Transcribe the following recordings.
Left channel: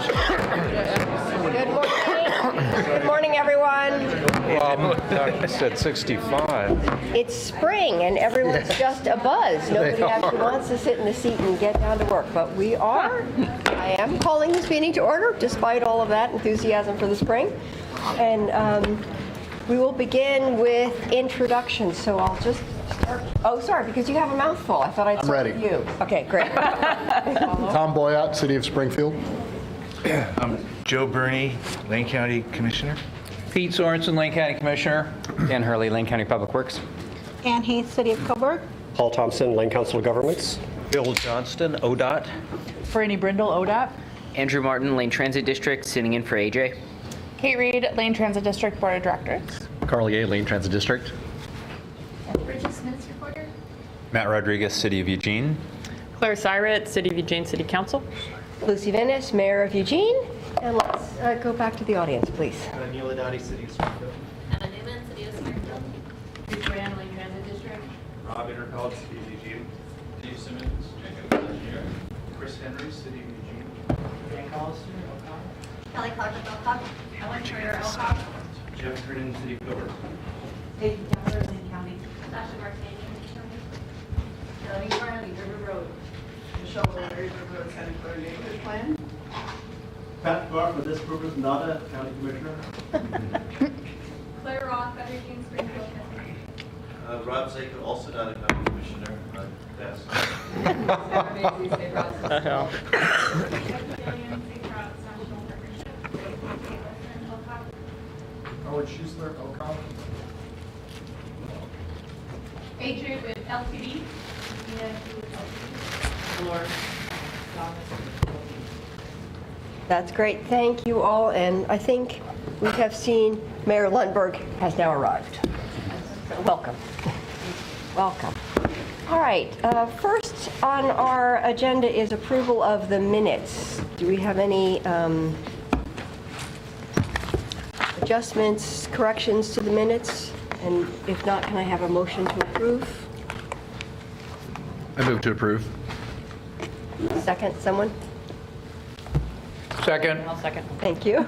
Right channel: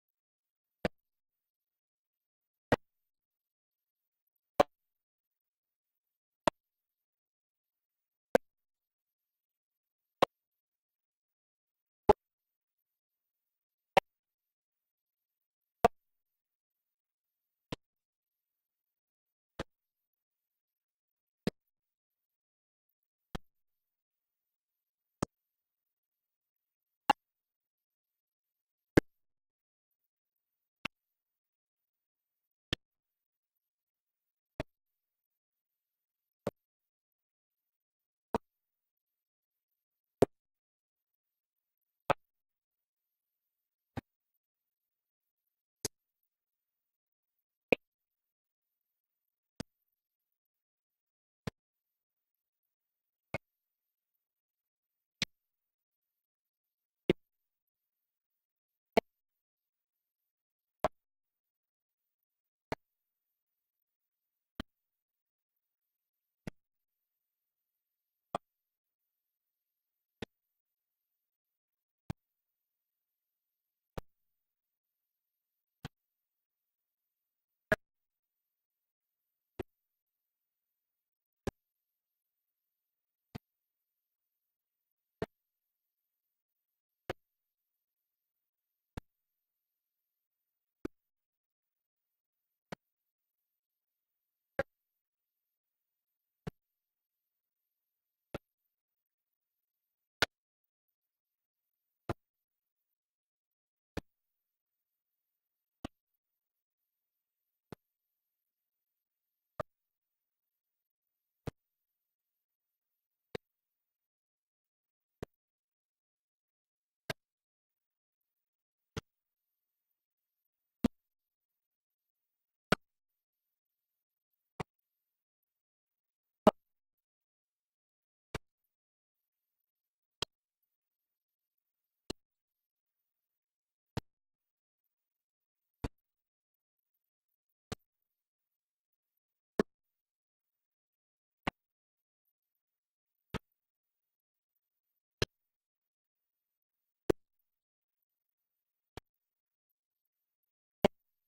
Good morning. Good morning, everyone. I said 65. It's spring and everyone's just abuzz. Nobody actually wants to sit in the seat and get down to work, but we are. I am calling this meeting to order despite all of that enthusiasm for the spring. And we will begin with introductions. So I'll just start. Oh, sorry, because you have a mouthful. I thought I'd start with you. Okay, great. Tom Boyott, City of Springfield. Joe Burney, Lane County Commissioner. Pete Sorensen, Lane County Commissioner. Dan Hurley, Lane County Public Works. Ann Heath, City of Coburg. Paul Thompson, Lane Council of Governments. Bill Johnston, ODOT. Franny Brindle, ODOT. Andrew Martin, Lane Transit District, sitting in for AJ. Kate Reed, Lane Transit District Board of Directors. Carl Ye, Lane Transit District. Bridget Smith, reporter. Matt Rodriguez, City of Eugene. Claire Syret, City of Eugene City Council. Lucy Venice, Mayor of Eugene. And let's go back to the audience, please. Neil Adati, City of Springfield. Emma Newman, City of Springfield. Bruce Graham, Lane Transit District. Rob Intercalled, City of Eugene. Dave Simmons, Jacob Engineer. Chris Henry, City of Eugene. Dan Collister, O'Connor. Kelly Clark of Elkhart. Ellen Schroeder, Elkhart. Jeff Kernan, City of Coburg. Katie Keller, Lane County. Sasha Martanian, Melanie Riley, River Road. Michelle Miller, River Road, County for a neighborhood plan. Pat Barr, for this purpose, not a county commissioner. Claire Roth, Better Eugene, Springfield. Rob Zaker, also not a county commissioner. Yes. Sarah Macy's, St. Ross. National Partnership. Elkhart. Howard Schuessler, Ocon. Adrian with LTD. That's great. Thank you all. And I think we have seen Mayor Lundberg has now arrived. So welcome. Welcome. All right. First on our agenda is approval of the minutes. Do we have any adjustments, corrections to the minutes? And if not, can I have a motion to approve? I move to approve. Second, someone? Second. I'll second. Thank you.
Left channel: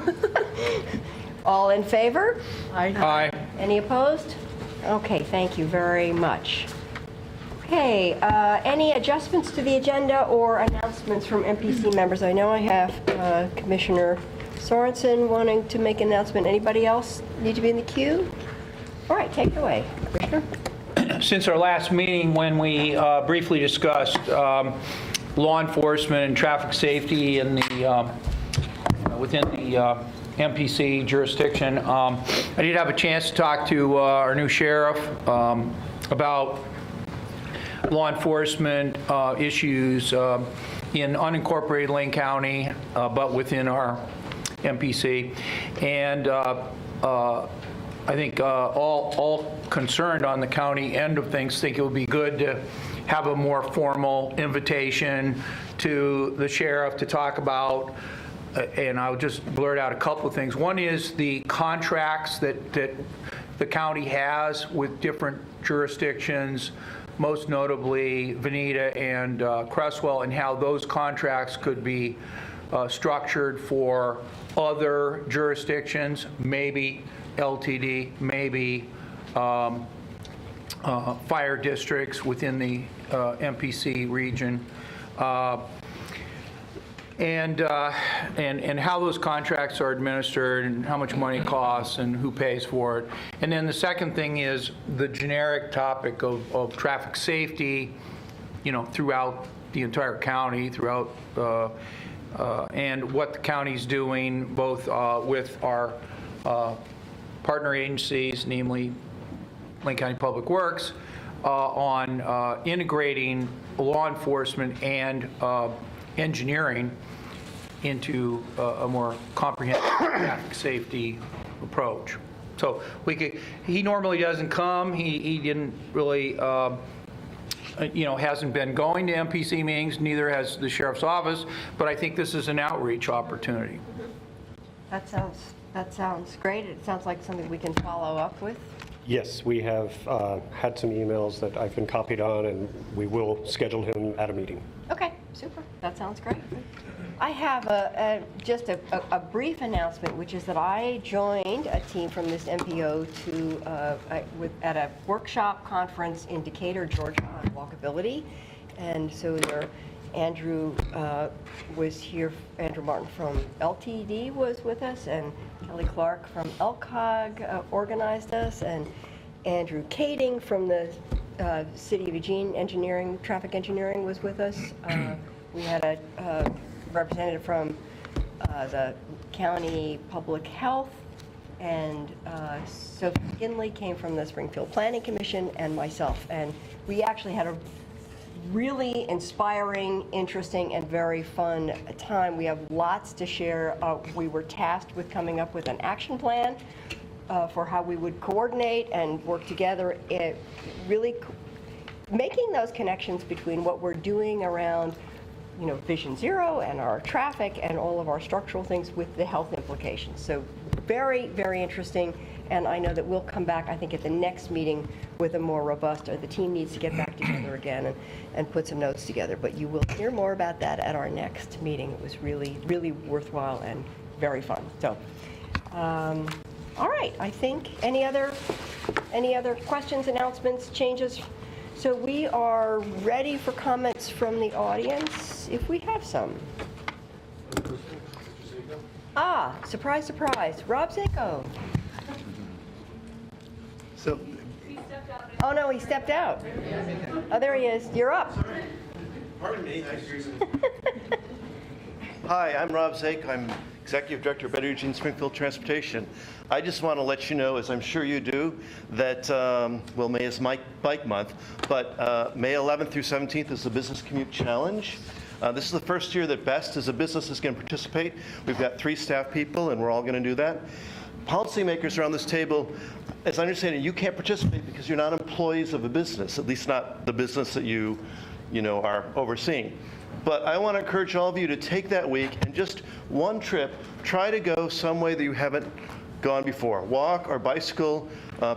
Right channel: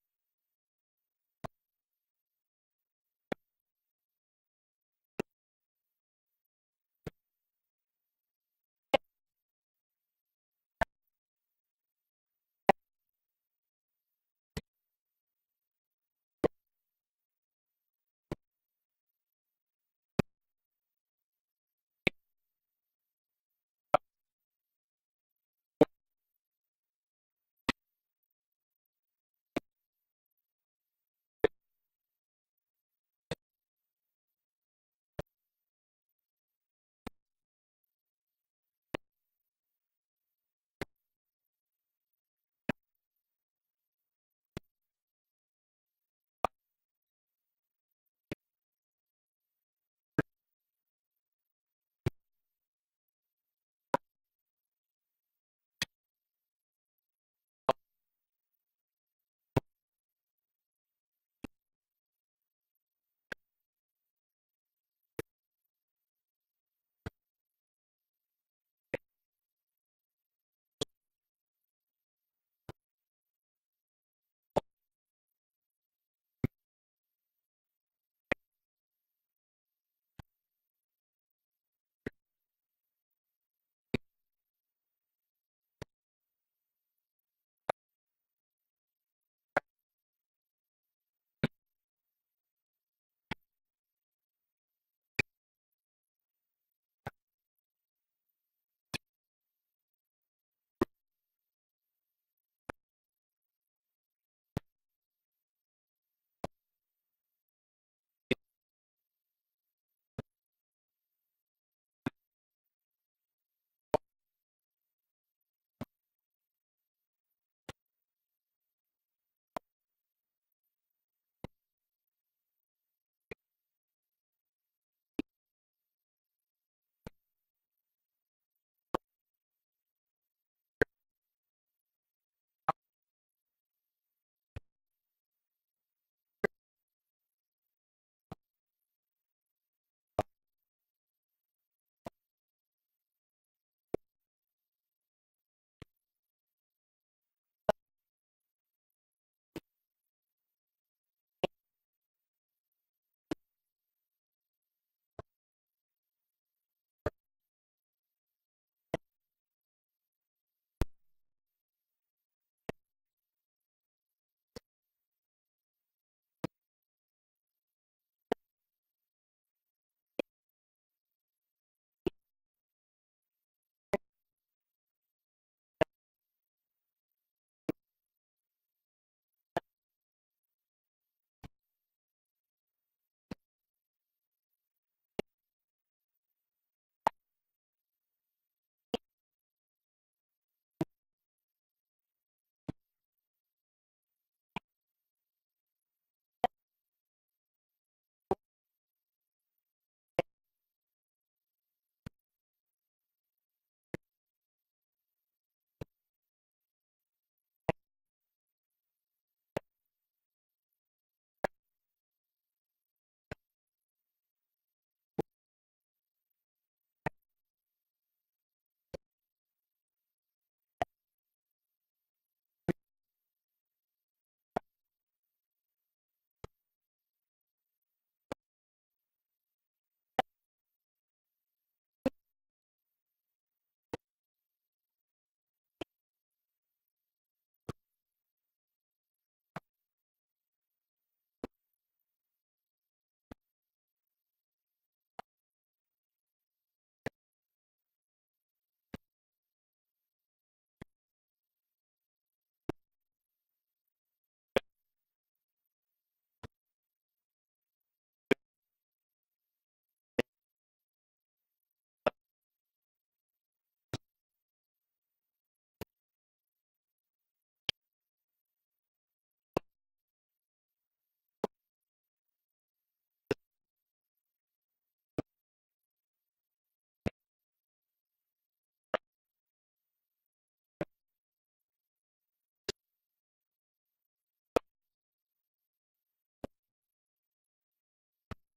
All in favor? Aye. Any opposed? Okay, thank you very much. Okay, any adjustments to the agenda or announcements from MPC members? I know I have Commissioner Sorensen wanting to make an announcement. Anybody else need to be in the queue? All right, take it away, Commissioner. Since our last meeting, when we briefly discussed law enforcement and traffic safety in the within the MPC jurisdiction, I did have a chance to talk to our new sheriff about law enforcement issues in unincorporated Lane County, but within our MPC. And I think all concerned on the county end of things think it would be good to have a more formal invitation to the sheriff to talk about, and I'll just blurt out a couple of things. One is the contracts that the county has with different jurisdictions, most notably Veneta and Cresswell, and how those contracts could be structured for other jurisdictions, maybe LTD, maybe fire districts within the MPC region, and how those contracts are administered and how much money it costs and who pays for it. And then the second thing is the generic topic of traffic safety, throughout the entire county, and what the county's doing, both with our partner agencies, namely Lane County Public Works, on integrating law enforcement and engineering into a more comprehensive traffic safety approach. So he normally doesn't come. He didn't really, hasn't been going to MPC meetings, neither has the sheriff's office, but I think this is an outreach opportunity. That sounds great. It sounds like something we can follow up with. Yes, we have had some emails that I've been copied on, and we will schedule him at a meeting. Okay, super. That sounds great. I have just a brief announcement, which is that I joined a team from this MPO at a workshop conference in Decatur, Georgia, on walkability. And so Andrew was here. Andrew Martin from LTD was with us, and Kelly Clark from LCOG organized us, and Andrew Kading from the City of Eugene Traffic Engineering was with us. We had a representative from the County Public Health, and Sophie Kinley came from the Springfield Planning Commission, and myself. And we actually had a really inspiring, interesting, and very fun time. We have lots to share. We were tasked with coming up with an action plan for how we would coordinate and work together. It really making those connections between what we're doing around, Vision Zero and our traffic and all of our structural things with the health implications. So very, very interesting. And I know that we'll come back, I think, at the next meeting with a more robust, or the team needs to get back together again and put some notes together. But you will hear more about that at our next meeting. It was really, really worthwhile and very fun. So, all right, I think any other questions, announcements, changes? So we are ready for comments from the audience, if we have some. Ah, surprise, surprise. Rob Zako. So, Oh, no, he stepped out. Oh, there he is. You're up. Pardon me. Hi, I'm Rob Zake. I'm Executive Director of Better Eugene Springfield Transportation. I just want to let you know, as I'm sure you do, that, May is Bike Month, but May 11th through 17th is the Business Commute Challenge. This is the first year that BEST as a business is going to participate. We've got 3 staff people, and we're all going to do that. Policymakers around this table, as I understand it, you can't participate because you're not employees of a business, at least not the business that you are overseeing. But I want to encourage all of you to take that week and just one trip, try to go some way that you haven't gone before. Walk or bicycle.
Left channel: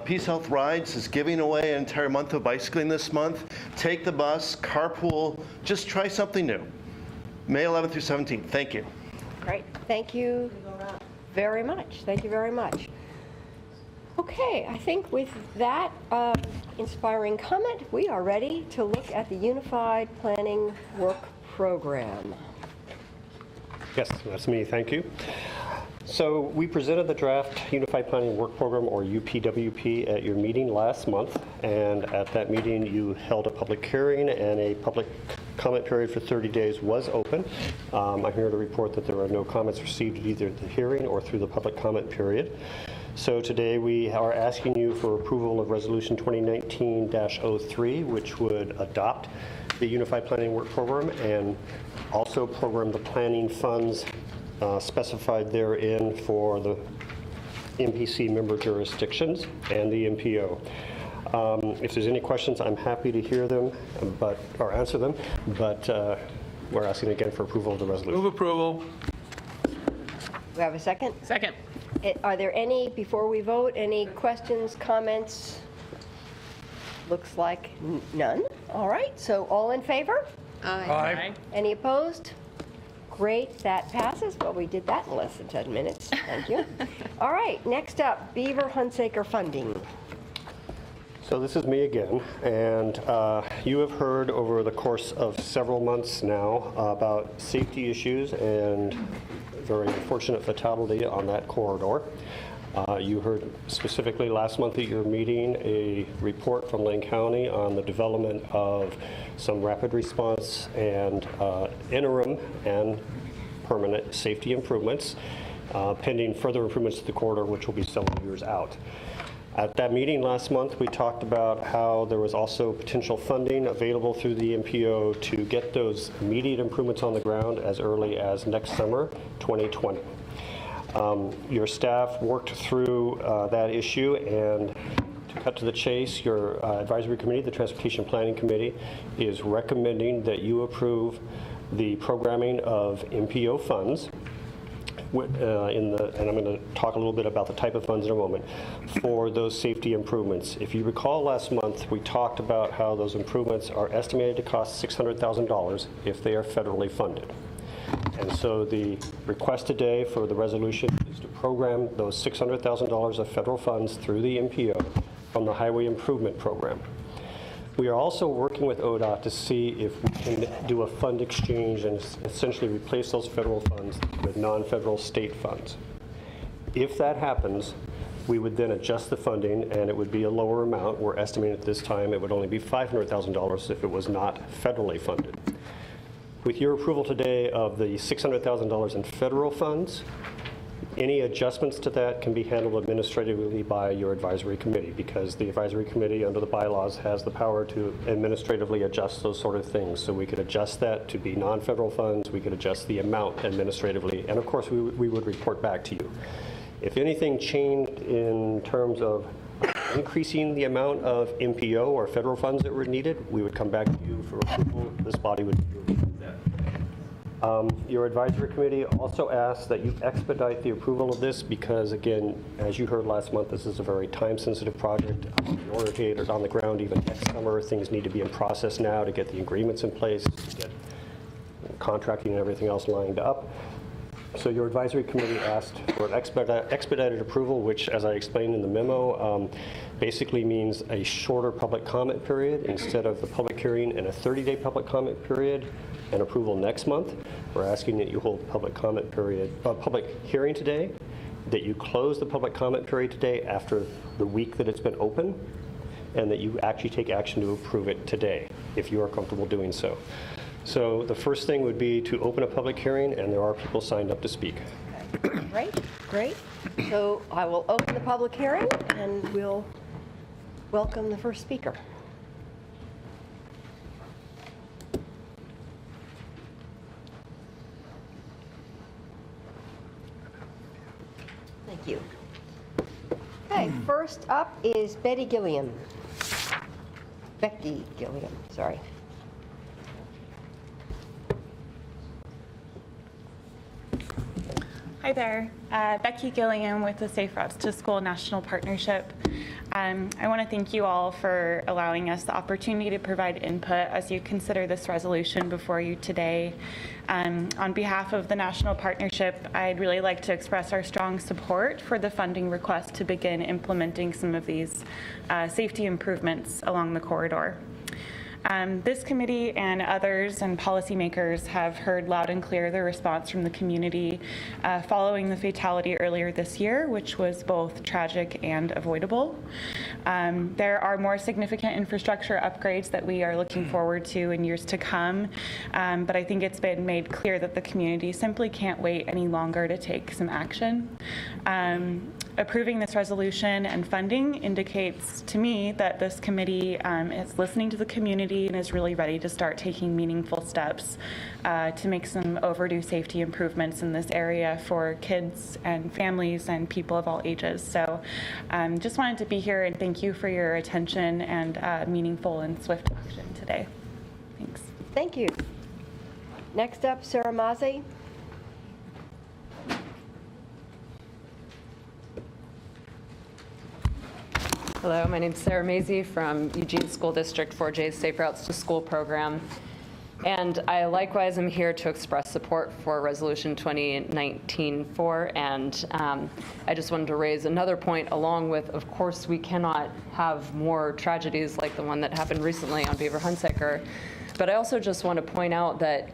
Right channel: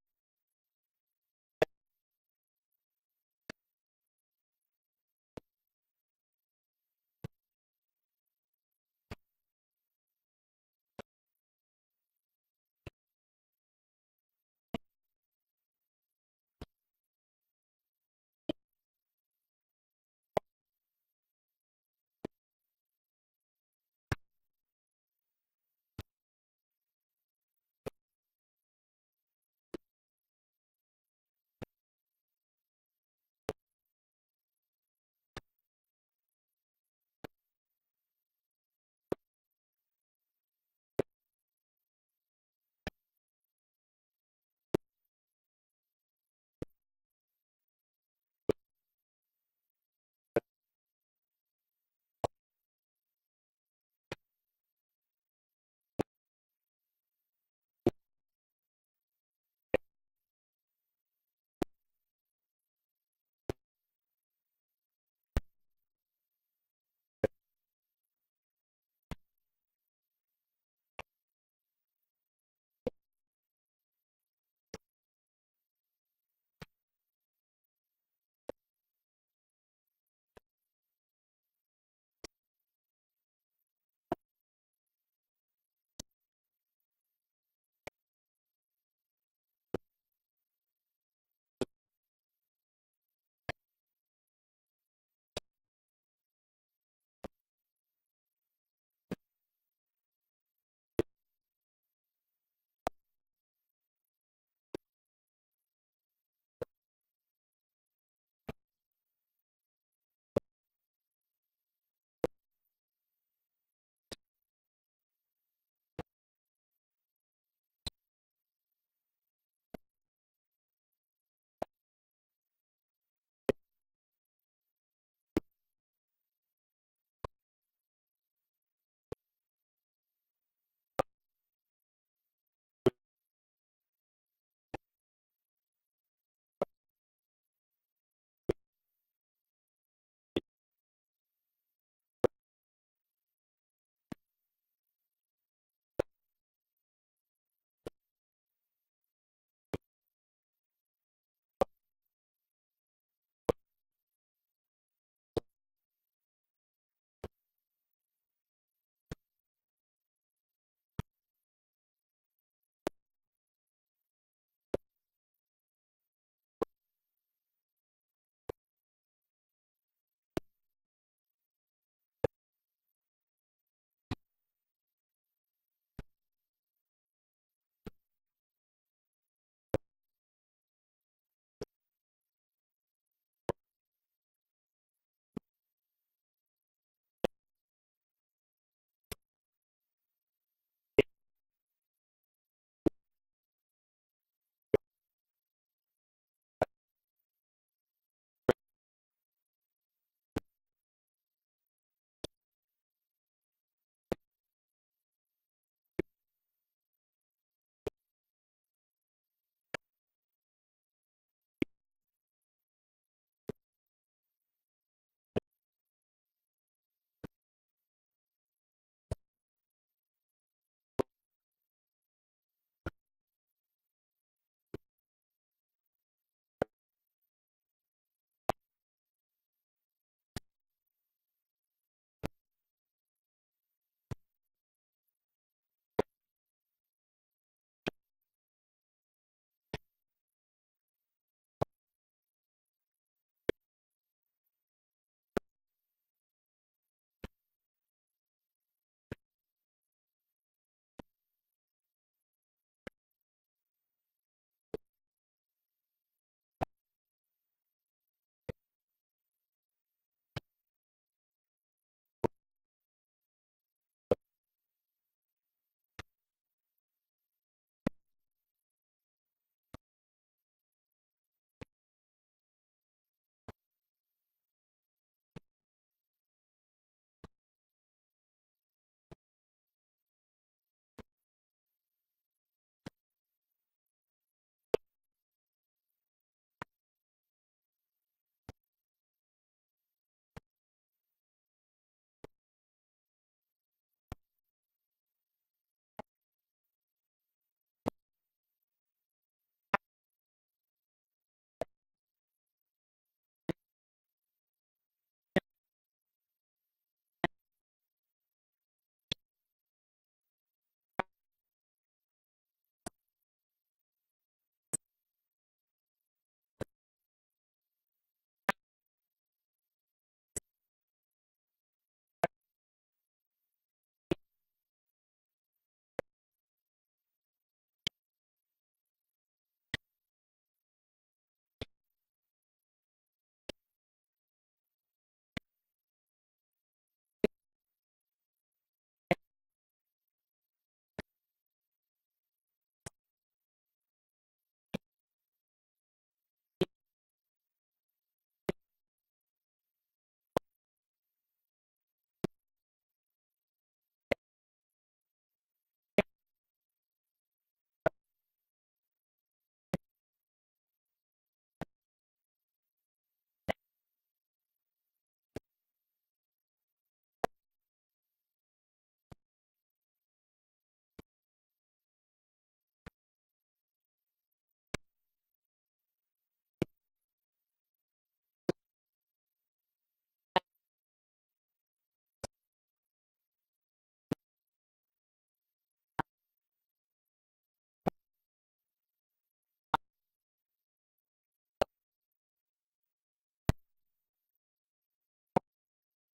Peace Health Rides is giving away an entire month of bicycling this month. Take the bus, carpool, just try something new. May 11th through 17th. Thank you. Great. Thank you very much. Thank you very much. Okay, I think with that inspiring comment, we are ready to look at the Unified Planning Work Program. Yes, that's me. Thank you. So we presented the draft Unified Planning Work Program, or UPWP, at your meeting last month, and at that meeting you held a public hearing, and a public comment period for 30 days was open. I'm here to report that there are no comments received at either the hearing or through the public comment period. So today we are asking you for approval of Resolution 2019-03, which would adopt the Unified Planning Work Program and also program the planning funds specified therein for the MPC member jurisdictions and the MPO. If there's any questions, I'm happy to hear them or answer them, but we're asking again for approval of the resolution. Move approval. Do we have a second? Second. Are there any, before we vote, any questions, comments? Looks like none. All right, so all in favor? Aye. Any opposed? Great, that passes. Well, we did that in less than 10 minutes. Thank you. All right, next up, Beaver Hunsaker funding. So this is me again, and you have heard over the course of several months now about safety issues and very unfortunate fatality on that corridor. You heard specifically last month at your meeting a report from Lane County on the development of some rapid response and interim and permanent safety improvements, pending further improvements to the corridor, which will be several years out. At that meeting last month, we talked about how there was also potential funding available through the MPO to get those immediate improvements on the ground as early as next summer, 2020. Your staff worked through that issue, and to cut to the chase, your advisory committee, the Transportation Planning Committee, is recommending that you approve the programming of MPO funds, and I'm going to talk a little bit about the type of funds in a moment, for those safety improvements. If you recall last month, we talked about how those improvements are estimated to cost $600,000 if they are federally funded. And so the request today for the resolution is to program those $600,000 of federal funds through the MPO from the Highway Improvement Program. We are also working with ODOT to see if we can do a fund exchange and essentially replace those federal funds with non-federal state funds. If that happens, we would then adjust the funding, and it would be a lower amount. We're estimating at this time it would only be $500,000 if it was not federally funded. With your approval today of the $600,000 in federal funds, any adjustments to that can be handled administratively by your advisory committee, because the advisory committee under the bylaws has the power to administratively adjust those sort of things. So we could adjust that to be non-federal funds, we could adjust the amount administratively, and of course we would report back to you. If anything changed in terms of increasing the amount of MPO or federal funds that were needed, we would come back to you for approval. This body would approve that. Your advisory committee also asked that you expedite the approval of this because, again, as you heard last month, this is a very time-sensitive project. In order to get it on the ground even next summer, things need to be in process now to get the agreements in place, to get contracting and everything else lined up. So your advisory committee asked for an expedited approval, which, as I explained in the memo, basically means a shorter public comment period. Instead of the public hearing and a 30-day public comment period and approval next month, we're asking that you hold public comment period, public hearing today, that you close the public comment period today after the week that it's been open, and that you actually take action to approve it today, if you are comfortable doing so. So the first thing would be to open a public hearing, and there are people signed up to speak. Great, great. So I will open the public hearing, and we'll welcome the first speaker. Thank you. Okay, first up is Becky Gilliam, sorry. Hi there, Becky Gilliam with the Safe Routes to School National Partnership. I want to thank you all for allowing us the opportunity to provide input as you consider this resolution before you today. On behalf of the National Partnership, I'd really like to express our strong support for the funding request to begin implementing some of these safety improvements along the corridor. This committee and others and policymakers have heard loud and clear the response from the community following the fatality earlier this year, which was both tragic and avoidable. There are more significant infrastructure upgrades that we are looking forward to in years to come, but I think it's been made clear that the community simply can't wait any longer to take some action. Approving this resolution and funding indicates to me that this committee is listening to the community and is really ready to start taking meaningful steps to make some overdue safety improvements in this area for kids and families and people of all ages. So just wanted to be here and thank you for your attention and meaningful and swift action today. Thanks. Thank you. Next up, Sarah Mazzi. Hello, my name is Sarah Mazey from Eugene School District 4J's Safe Routes to School program. And I likewise am here to express support for Resolution 2019-4. And I just wanted to raise another point along with, of course, we cannot have more tragedies like the one that happened recently on Beaver Hunsaker. But I also just want to point out that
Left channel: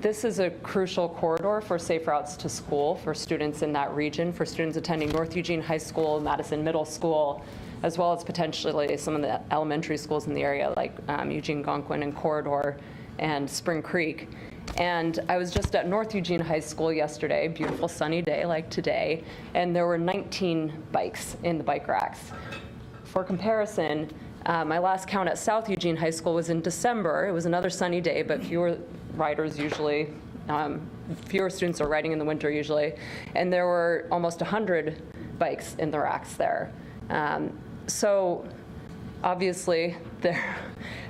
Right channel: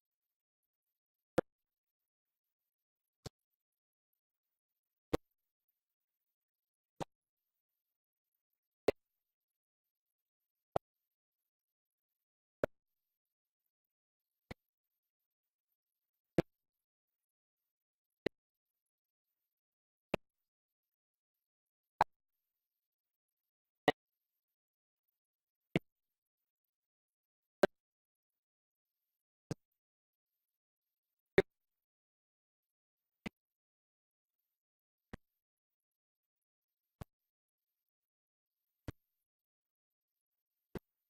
this is a crucial corridor for safe routes to school for students in that region, for students attending North Eugene High School, Madison Middle School, as well as potentially some of the elementary schools in the area like Eugene-Gonquin and Corridor and Spring Creek. And I was just at North Eugene High School yesterday, beautiful sunny day like today, and there were 19 bikes in the bike racks. For comparison, my last count at South Eugene High School was in December. It was another sunny day, but fewer riders usually, fewer students are riding in the winter usually, and there were almost 100 bikes in the racks there. So obviously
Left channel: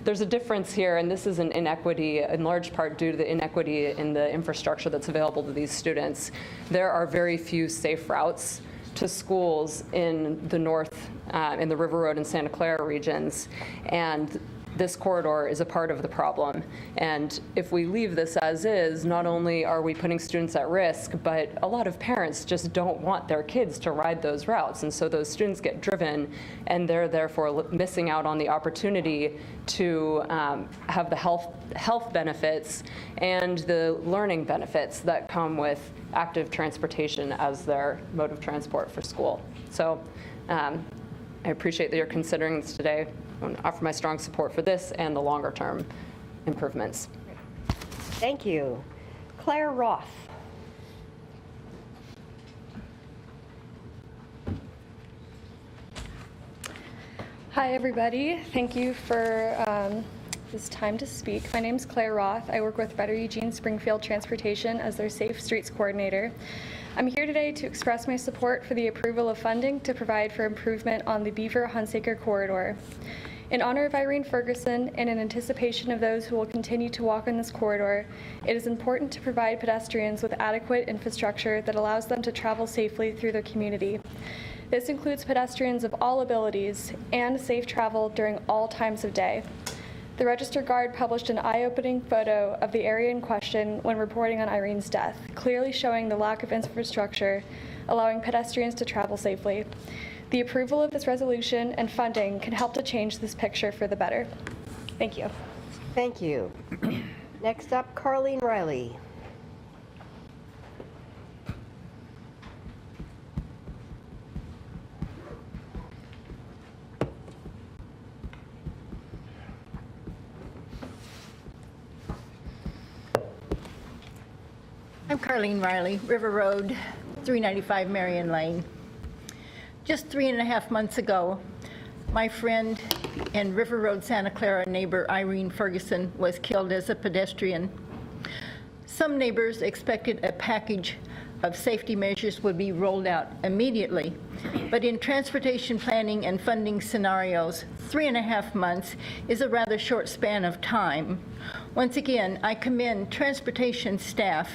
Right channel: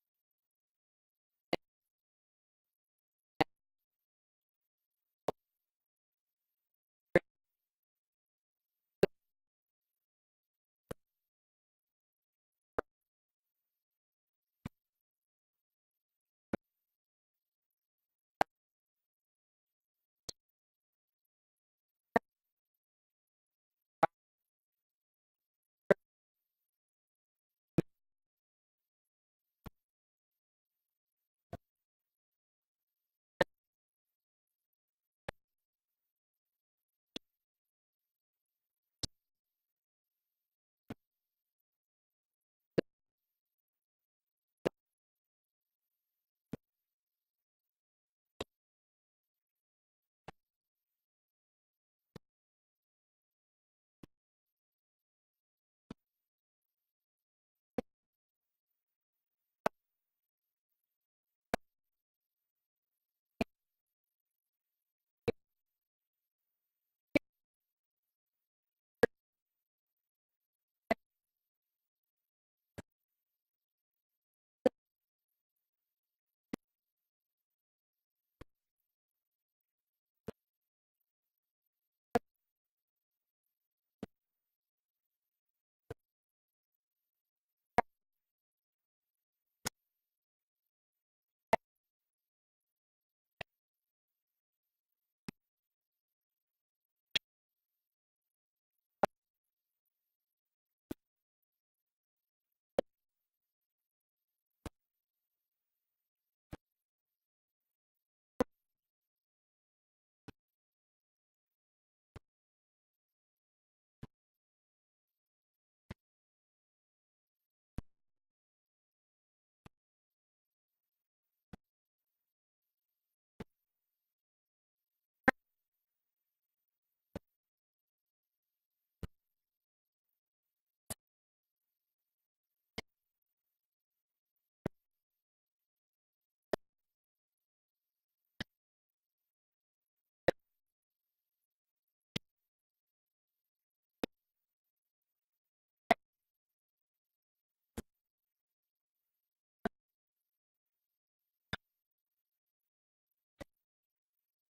there's a difference here, and this is an inequity in large part due to the inequity in the infrastructure that's available to these students. There are very few safe routes to schools in the north, in the River Road and Santa Clara regions, and this corridor is a part of the problem. And if we leave this as is, not only are we putting students at risk, but a lot of parents just don't want their kids to ride those routes. And so those students get driven, and they're therefore missing out on the opportunity to have the health benefits and the learning benefits that come with active transportation as their mode of transport for school. So I appreciate that you're considering this today. I want to offer my strong support for this and the longer-term improvements. Thank you. Claire Roth. Hi, everybody. Thank you for this time to speak. My name is Claire Roth. I work with Better Eugene Springfield Transportation as their Safe Streets Coordinator. I'm here today to express my support for the approval of funding to provide for improvement on the Beaver-Hunsaker corridor. In honor of Irene Ferguson and in anticipation of those who will continue to walk on this corridor, it is important to provide pedestrians with adequate infrastructure that allows them to travel safely through their community. This includes pedestrians of all abilities and safe travel during all times of day. The Register Guard published an eye-opening photo of the area in question when reporting on Irene's death, clearly showing the lack of infrastructure allowing pedestrians to travel safely. The approval of this resolution and funding can help to change this picture for the better. Thank you. Thank you. Next up, Carlene Riley. I'm Carlene Riley, River Road, 395 Marion Lane. Just 3.5 months ago, my friend and River Road Santa Clara neighbor Irene Ferguson was killed as a pedestrian. Some neighbors expected a package of safety measures would be rolled out immediately, but in transportation planning and funding scenarios, 3.5 months is a rather short span of time. Once again, I commend transportation staff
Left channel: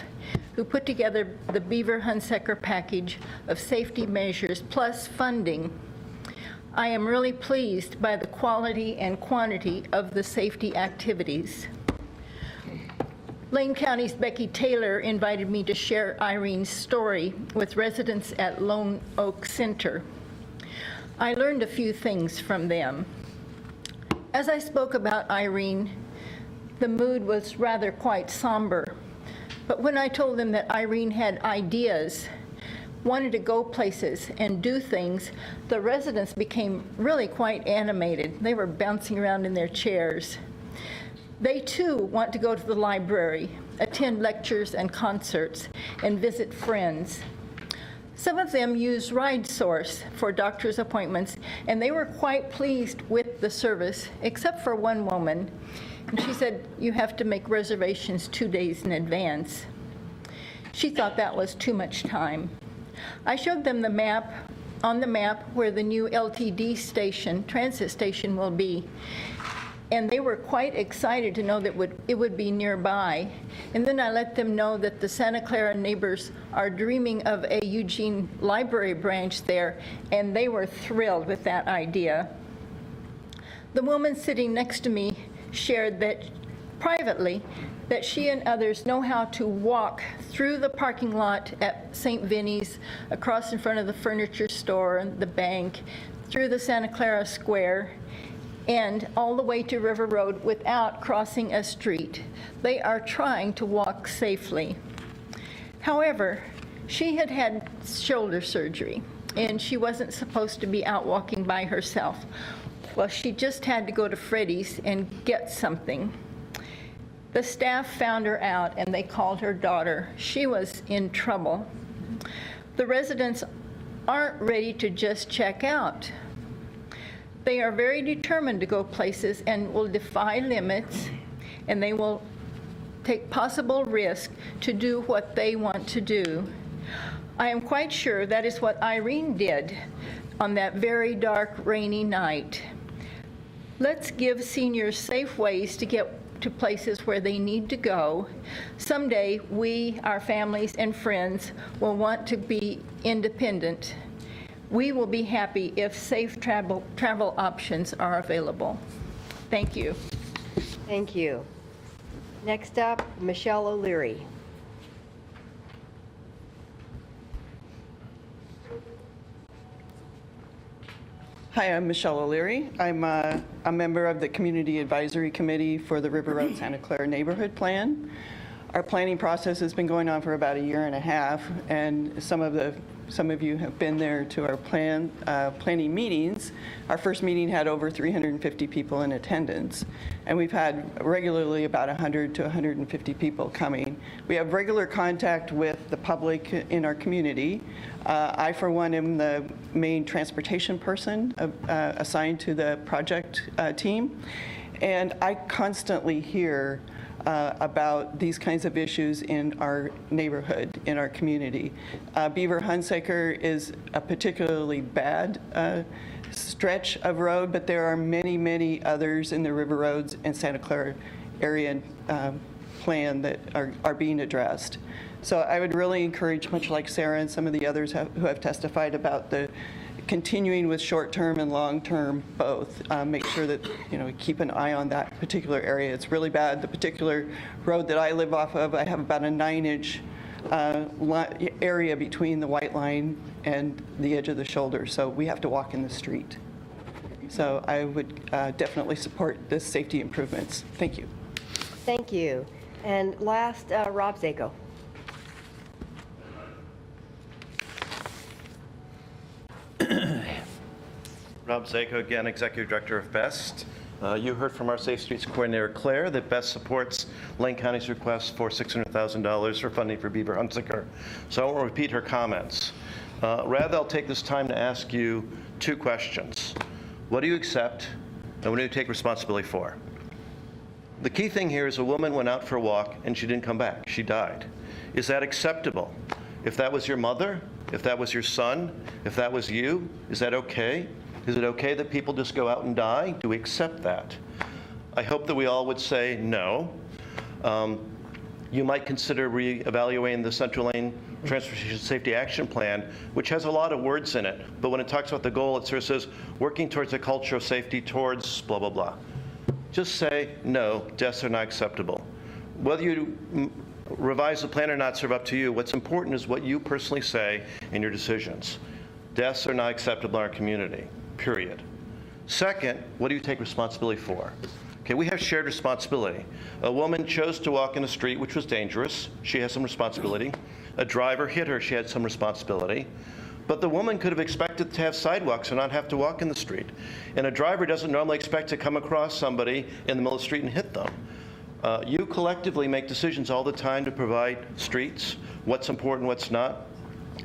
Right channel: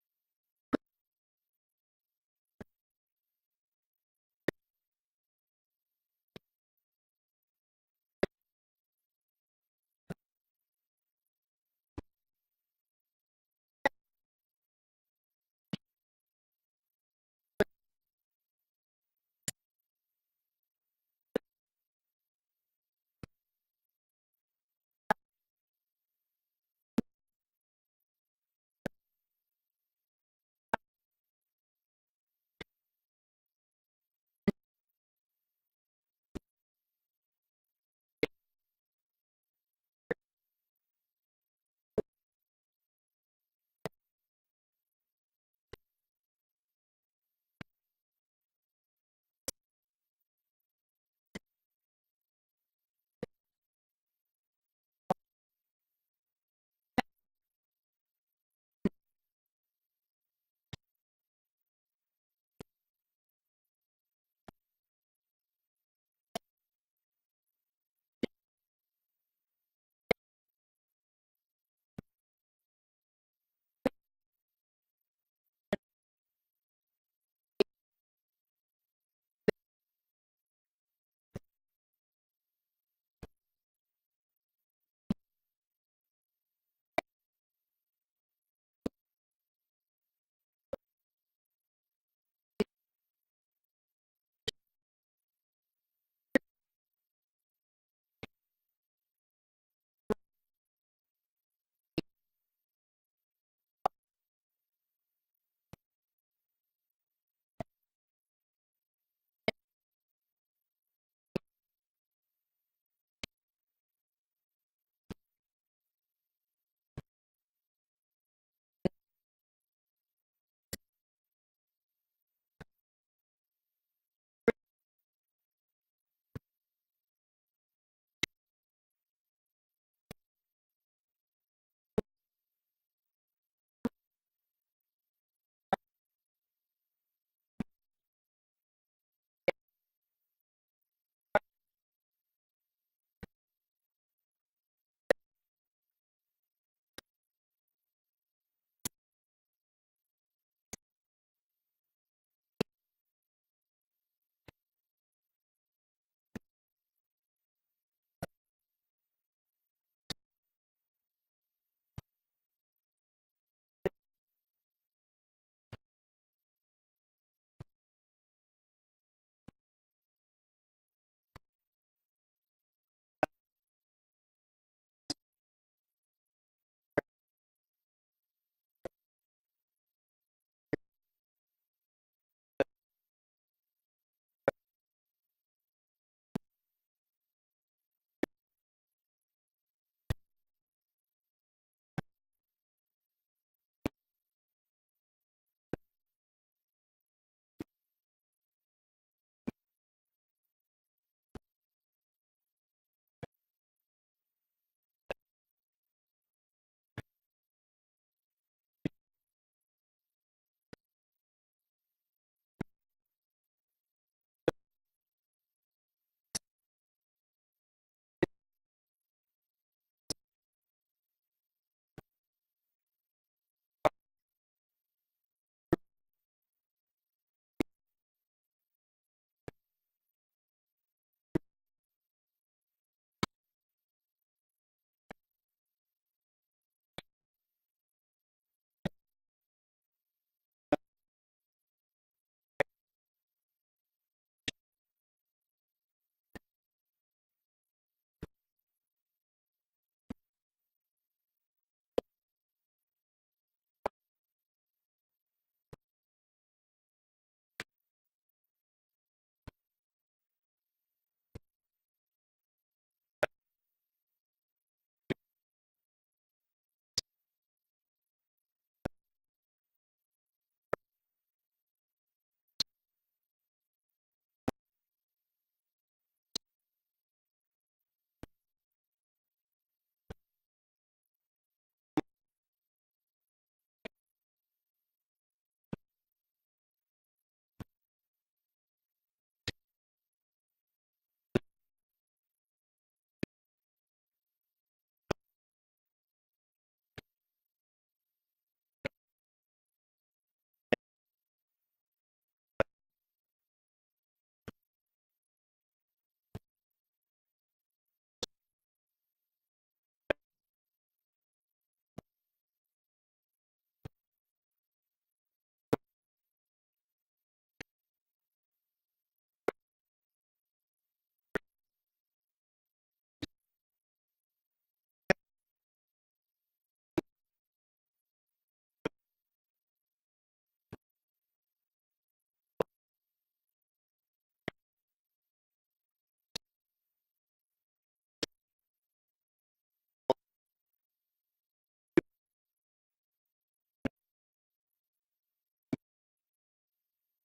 who put together the Beaver-Hunsaker package of safety measures plus funding. I am really pleased by the quality and quantity of the safety activities. Lane County's Becky Taylor invited me to share Irene's story with residents at Lone Oak Center. I learned a few things from them. As I spoke about Irene, the mood was rather quite somber. But when I told them that Irene had ideas, wanted to go places and do things, the residents became really quite animated. They were bouncing around in their chairs. They too want to go to the library, attend lectures and concerts, and visit friends. Some of them use RideSource for doctor's appointments, and they were quite pleased with the service, except for one woman. And she said, you have to make reservations 2 days in advance. She thought that was too much time. I showed them the map, on the map where the new LTD station, transit station will be. And they were quite excited to know that it would be nearby. And then I let them know that the Santa Clara neighbors are dreaming of a Eugene library branch there, and they were thrilled with that idea. The woman sitting next to me shared that privately that she and others know how to walk through the parking lot at St. Vinny's, across in front of the furniture store and the bank, through the Santa Clara Square, and all the way to River Road without crossing a street. They are trying to walk safely. However, she had had shoulder surgery, and she wasn't supposed to be out walking by herself. Well, she just had to go to Freddy's and get something. The staff found her out, and they called her daughter. She was in trouble. The residents aren't ready to just check out. They are very determined to go places and will defy limits, and they will take possible risk to do what they want to do. I am quite sure that is what Irene did on that very dark, rainy night. Let's give seniors safe ways to get to places where they need to go. Someday, we, our families and friends, will want to be independent. We will be happy if safe travel options are available. Thank you. Thank you. Next up, Michelle O'Leary. Hi, I'm Michelle O'Leary. I'm a member of the Community Advisory Committee for the River Road Santa Clara Neighborhood Plan. Our planning process has been going on for about a year and a half, and some of you have been there to our planning meetings. Our first meeting had over 350 people in attendance, and we've had regularly about 100 to 150 people coming. We have regular contact with the public in our community. I, for one, am the main transportation person assigned to the project team, and I constantly hear about these kinds of issues in our neighborhood, in our community. Beaver Hunsaker is a particularly bad stretch of road, but there are many, many others in the River Roads and Santa Clara area plan that are being addressed. So I would really encourage, much like Sarah and some of the others who have testified about the continuing with short-term and long-term both, make sure that we keep an eye on that particular area. It's really bad. The particular road that I live off of, I have about a 9-inch area between the white line and the edge of the shoulder, so we have to walk in the street. So I would definitely support the safety improvements. Thank you. Thank you. And last, Rob Zako. Rob Zako, again, Executive Director of BEST. You heard from our Safe Streets Coordinator, Claire, that BEST supports Lane County's request for $600,000 for funding for Beaver Hunsaker. So I won't repeat her comments. Rather, I'll take this time to ask you 2 questions. What do you accept, and what do you take responsibility for? The key thing here is a woman went out for a walk, and she didn't come back. She died. Is that acceptable? If that was your mother, if that was your son, if that was you, is that okay? Is it okay that people just go out and die? Do we accept that? I hope that we all would say no. You might consider reevaluating the Central Lane Transportation Safety Action Plan, which has a lot of words in it, but when it talks about the goal, it sort of says, working towards a culture of safety towards blah, blah, blah. Just say, no, deaths are not acceptable. Whether you revise the plan or not, serve up to you. What's important is what you personally say in your decisions. Deaths are not acceptable in our community, period. Second, what do you take responsibility for? Okay, we have shared responsibility. A woman chose to walk in the street, which was dangerous. She has some responsibility. A driver hit her. She had some responsibility. But the woman could have expected to have sidewalks and not have to walk in the street. And a driver doesn't normally expect to come across somebody in the middle of the street and hit them. You collectively make decisions all the time to provide streets, what's important, what's not.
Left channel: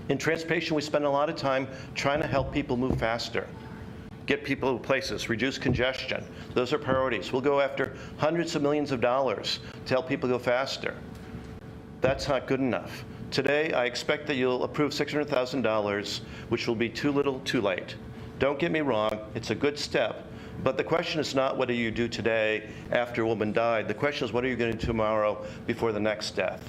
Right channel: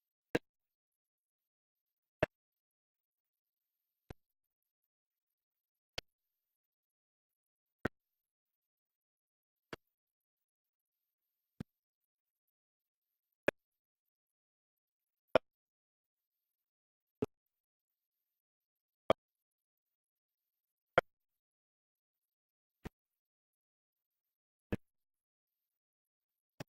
In transportation, we spend a lot of time trying to help people move faster, get people to places, reduce congestion. Those are priorities. We'll go after hundreds of millions of dollars to help people go faster. That's not good enough. Today, I expect that you'll approve $600,000, which will be too little, too late. Don't get me wrong, it's a good step. But the question is not what do you do today after a woman died. The question is what are you going to do tomorrow before the next death?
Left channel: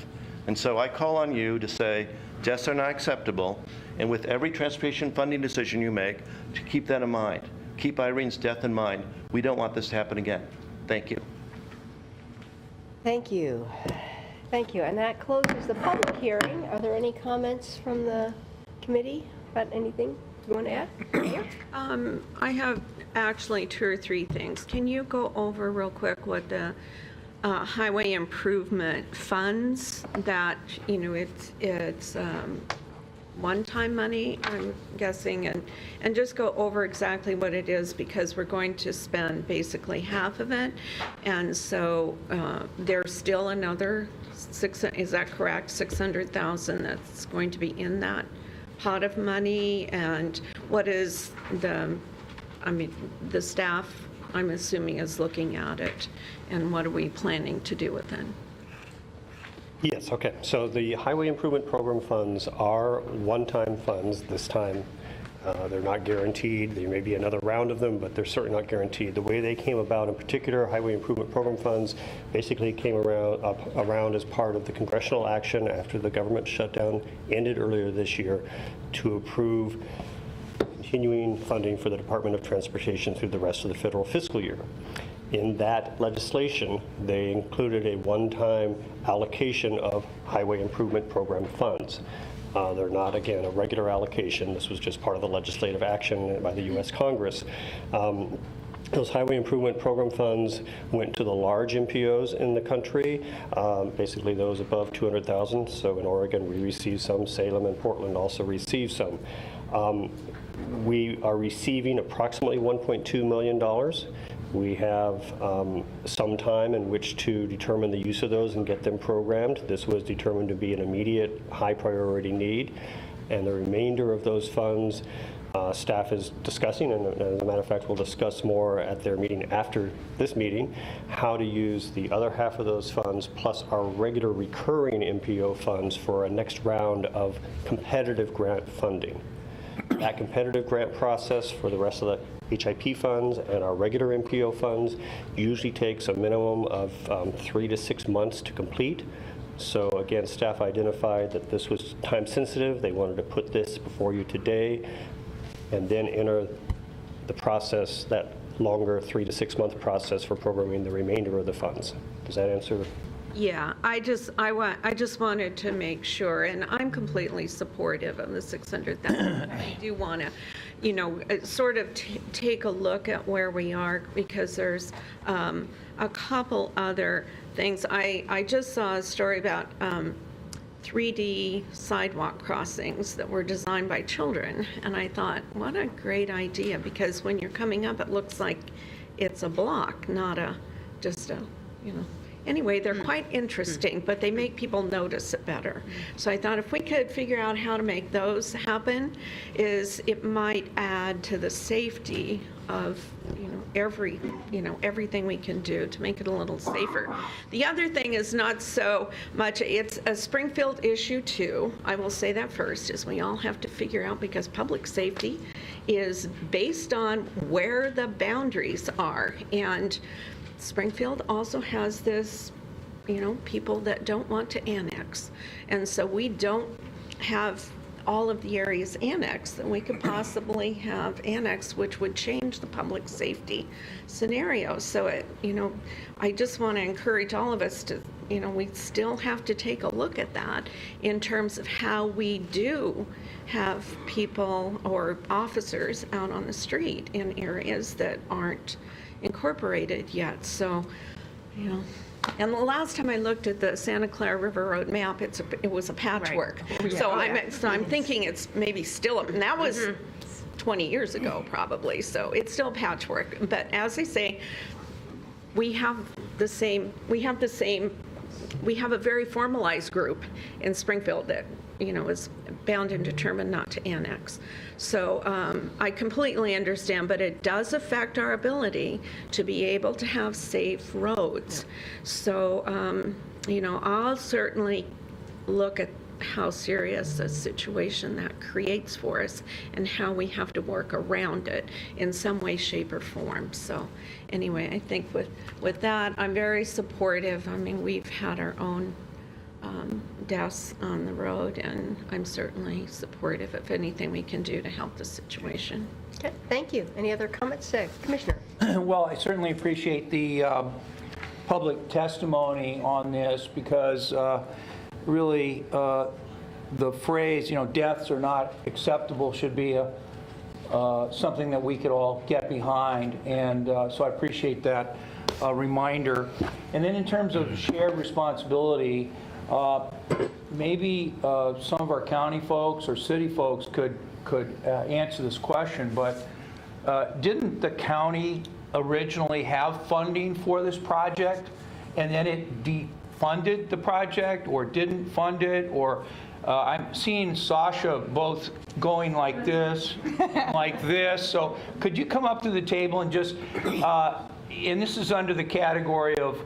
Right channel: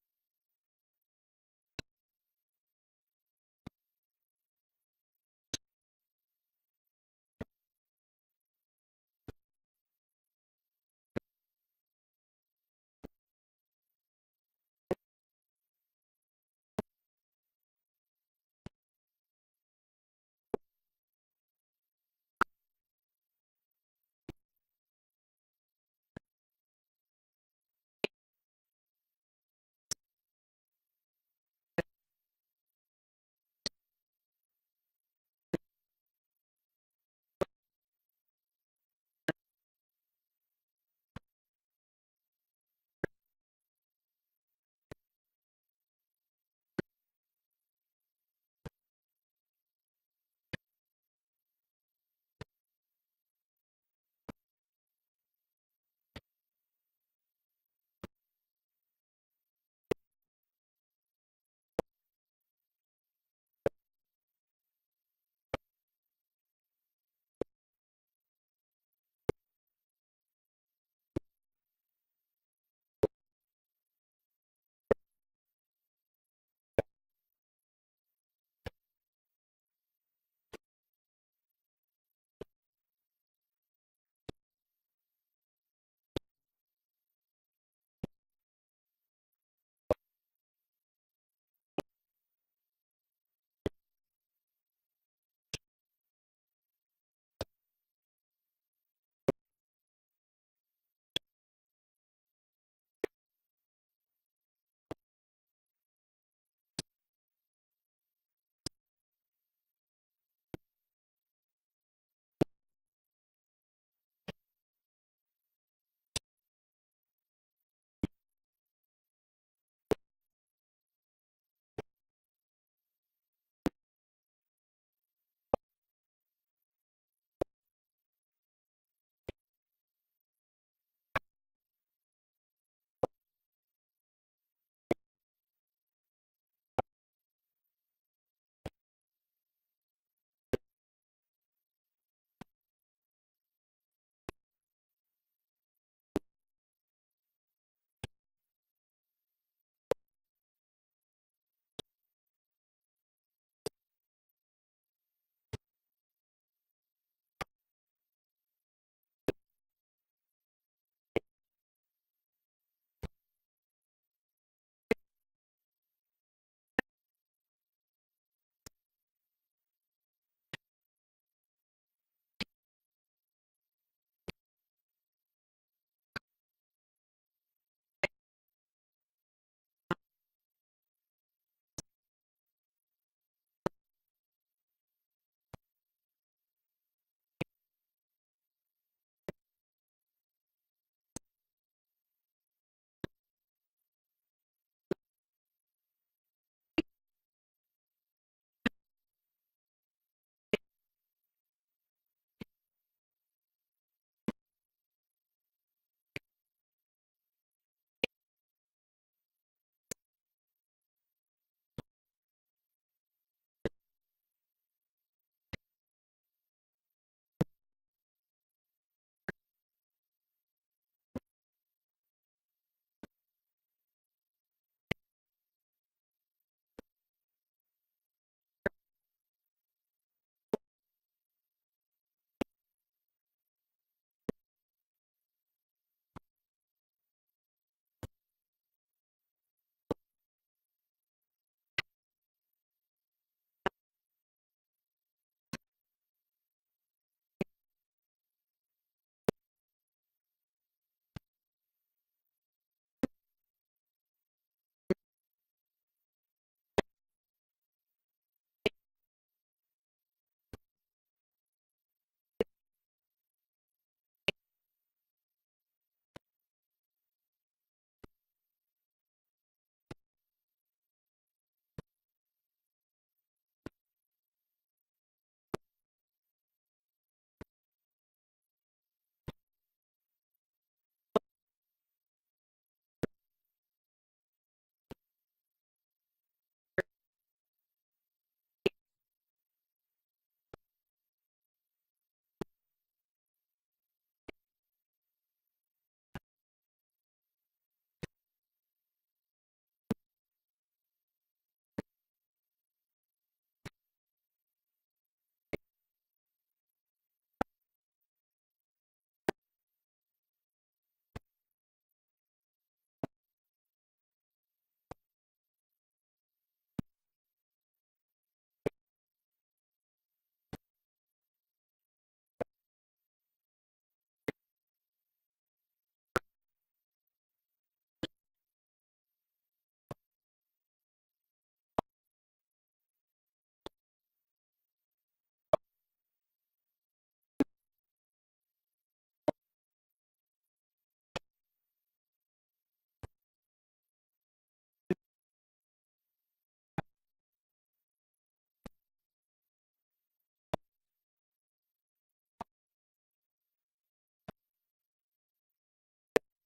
And so I call on you to say deaths are not acceptable, and with every transportation funding decision you make, to keep that in mind. Keep Irene's death in mind. We don't want this to happen again. Thank you. Thank you. Thank you. And that closes the public hearing. Are there any comments from the committee about anything you want to add? I have actually 2 or 3 things. Can you go over real quick what the highway improvement funds that, it's one-time money, I'm guessing, and just go over exactly what it is, because we're going to spend basically half of it. And so there's still another is that correct, 600,000 that's going to be in that pot of money? And what is the staff, I'm assuming, is looking at it, and what are we planning to do with it? Yes, okay. So the Highway Improvement Program funds are one-time funds this time. They're not guaranteed. There may be another round of them, but they're certainly not guaranteed. The way they came about, in particular, Highway Improvement Program funds basically came around as part of the congressional action after the government shutdown ended earlier this year to approve continuing funding for the Department of Transportation through the rest of the federal fiscal year. In that legislation, they included a one-time allocation of highway improvement program funds. They're not, again, a regular allocation. This was just part of the legislative action by the U.S. Congress. Those highway improvement program funds went to the large MPOs in the country, basically those above 200,000. So in Oregon, we received some. Salem and Portland also received some. We are receiving approximately $1.2 million. We have some time in which to determine the use of those and get them programmed. This was determined to be an immediate high priority need. And the remainder of those funds, staff is discussing, and as a matter of fact, we'll discuss more at their meeting after this meeting, how to use the other half of those funds plus our regular recurring MPO funds for a next round of competitive grant funding. That competitive grant process for the rest of the HIP funds and our regular MPO funds usually takes a minimum of 3 to 6 months to complete. So again, staff identified that this was time sensitive. They wanted to put this before you today and then enter the process, that longer 3 to 6 month process for programming the remainder of the funds. Does that answer? Yeah, I just wanted to make sure, and I'm completely supportive of the 600,000. I do want to, you know, sort of take a look at where we are, because there's a couple other things. I just saw a story about 3D sidewalk crossings that were designed by children, and I thought, what a great idea, because when you're coming up, it looks like it's a block, not just a, you know. Anyway, they're quite interesting, but they make people notice it better. So I thought if we could figure out how to make those happen, it might add to the safety of, everything we can do to make it a little safer. The other thing is not so much, it's a Springfield issue too. I will say that first, is we all have to figure out, because public safety is based on where the boundaries are. And Springfield also has this, people that don't want to annex. And so we don't have all of the areas annexed that we could possibly have annexed, which would change the public safety scenario. So, I just want to encourage all of us to, we still have to take a look at that in terms of how we do have people or officers out on the street in areas that aren't incorporated yet. So, and the last time I looked at the Santa Clara River Road map, it was a patchwork. Right. So I'm thinking it's maybe still, and that was 20 years ago probably, so it's still patchwork. But as I say, we have a very formalized group in Springfield that, is bound and determined not to annex. So I completely understand, but it does affect our ability to be able to have safe roads. So, I'll certainly look at how serious a situation that creates for us and how we have to work around it in some way, shape, or form. So anyway, I think with that, I'm very supportive. I mean, we've had our own deaths on the road, and I'm certainly supportive of anything we can do to help the situation. Okay, thank you. Any other comments? Commissioner? Well, I certainly appreciate the public testimony on this, because really the phrase, deaths are not acceptable should be something that we could all get behind. And so I appreciate that reminder. And then in terms of shared responsibility, maybe some of our county folks or city folks could answer this question, but didn't the county originally have funding for this project, and then it defunded the project or didn't fund it? Or I'm seeing Sasha both going like this, like this. So could you come up to the table and just, and this is under the category of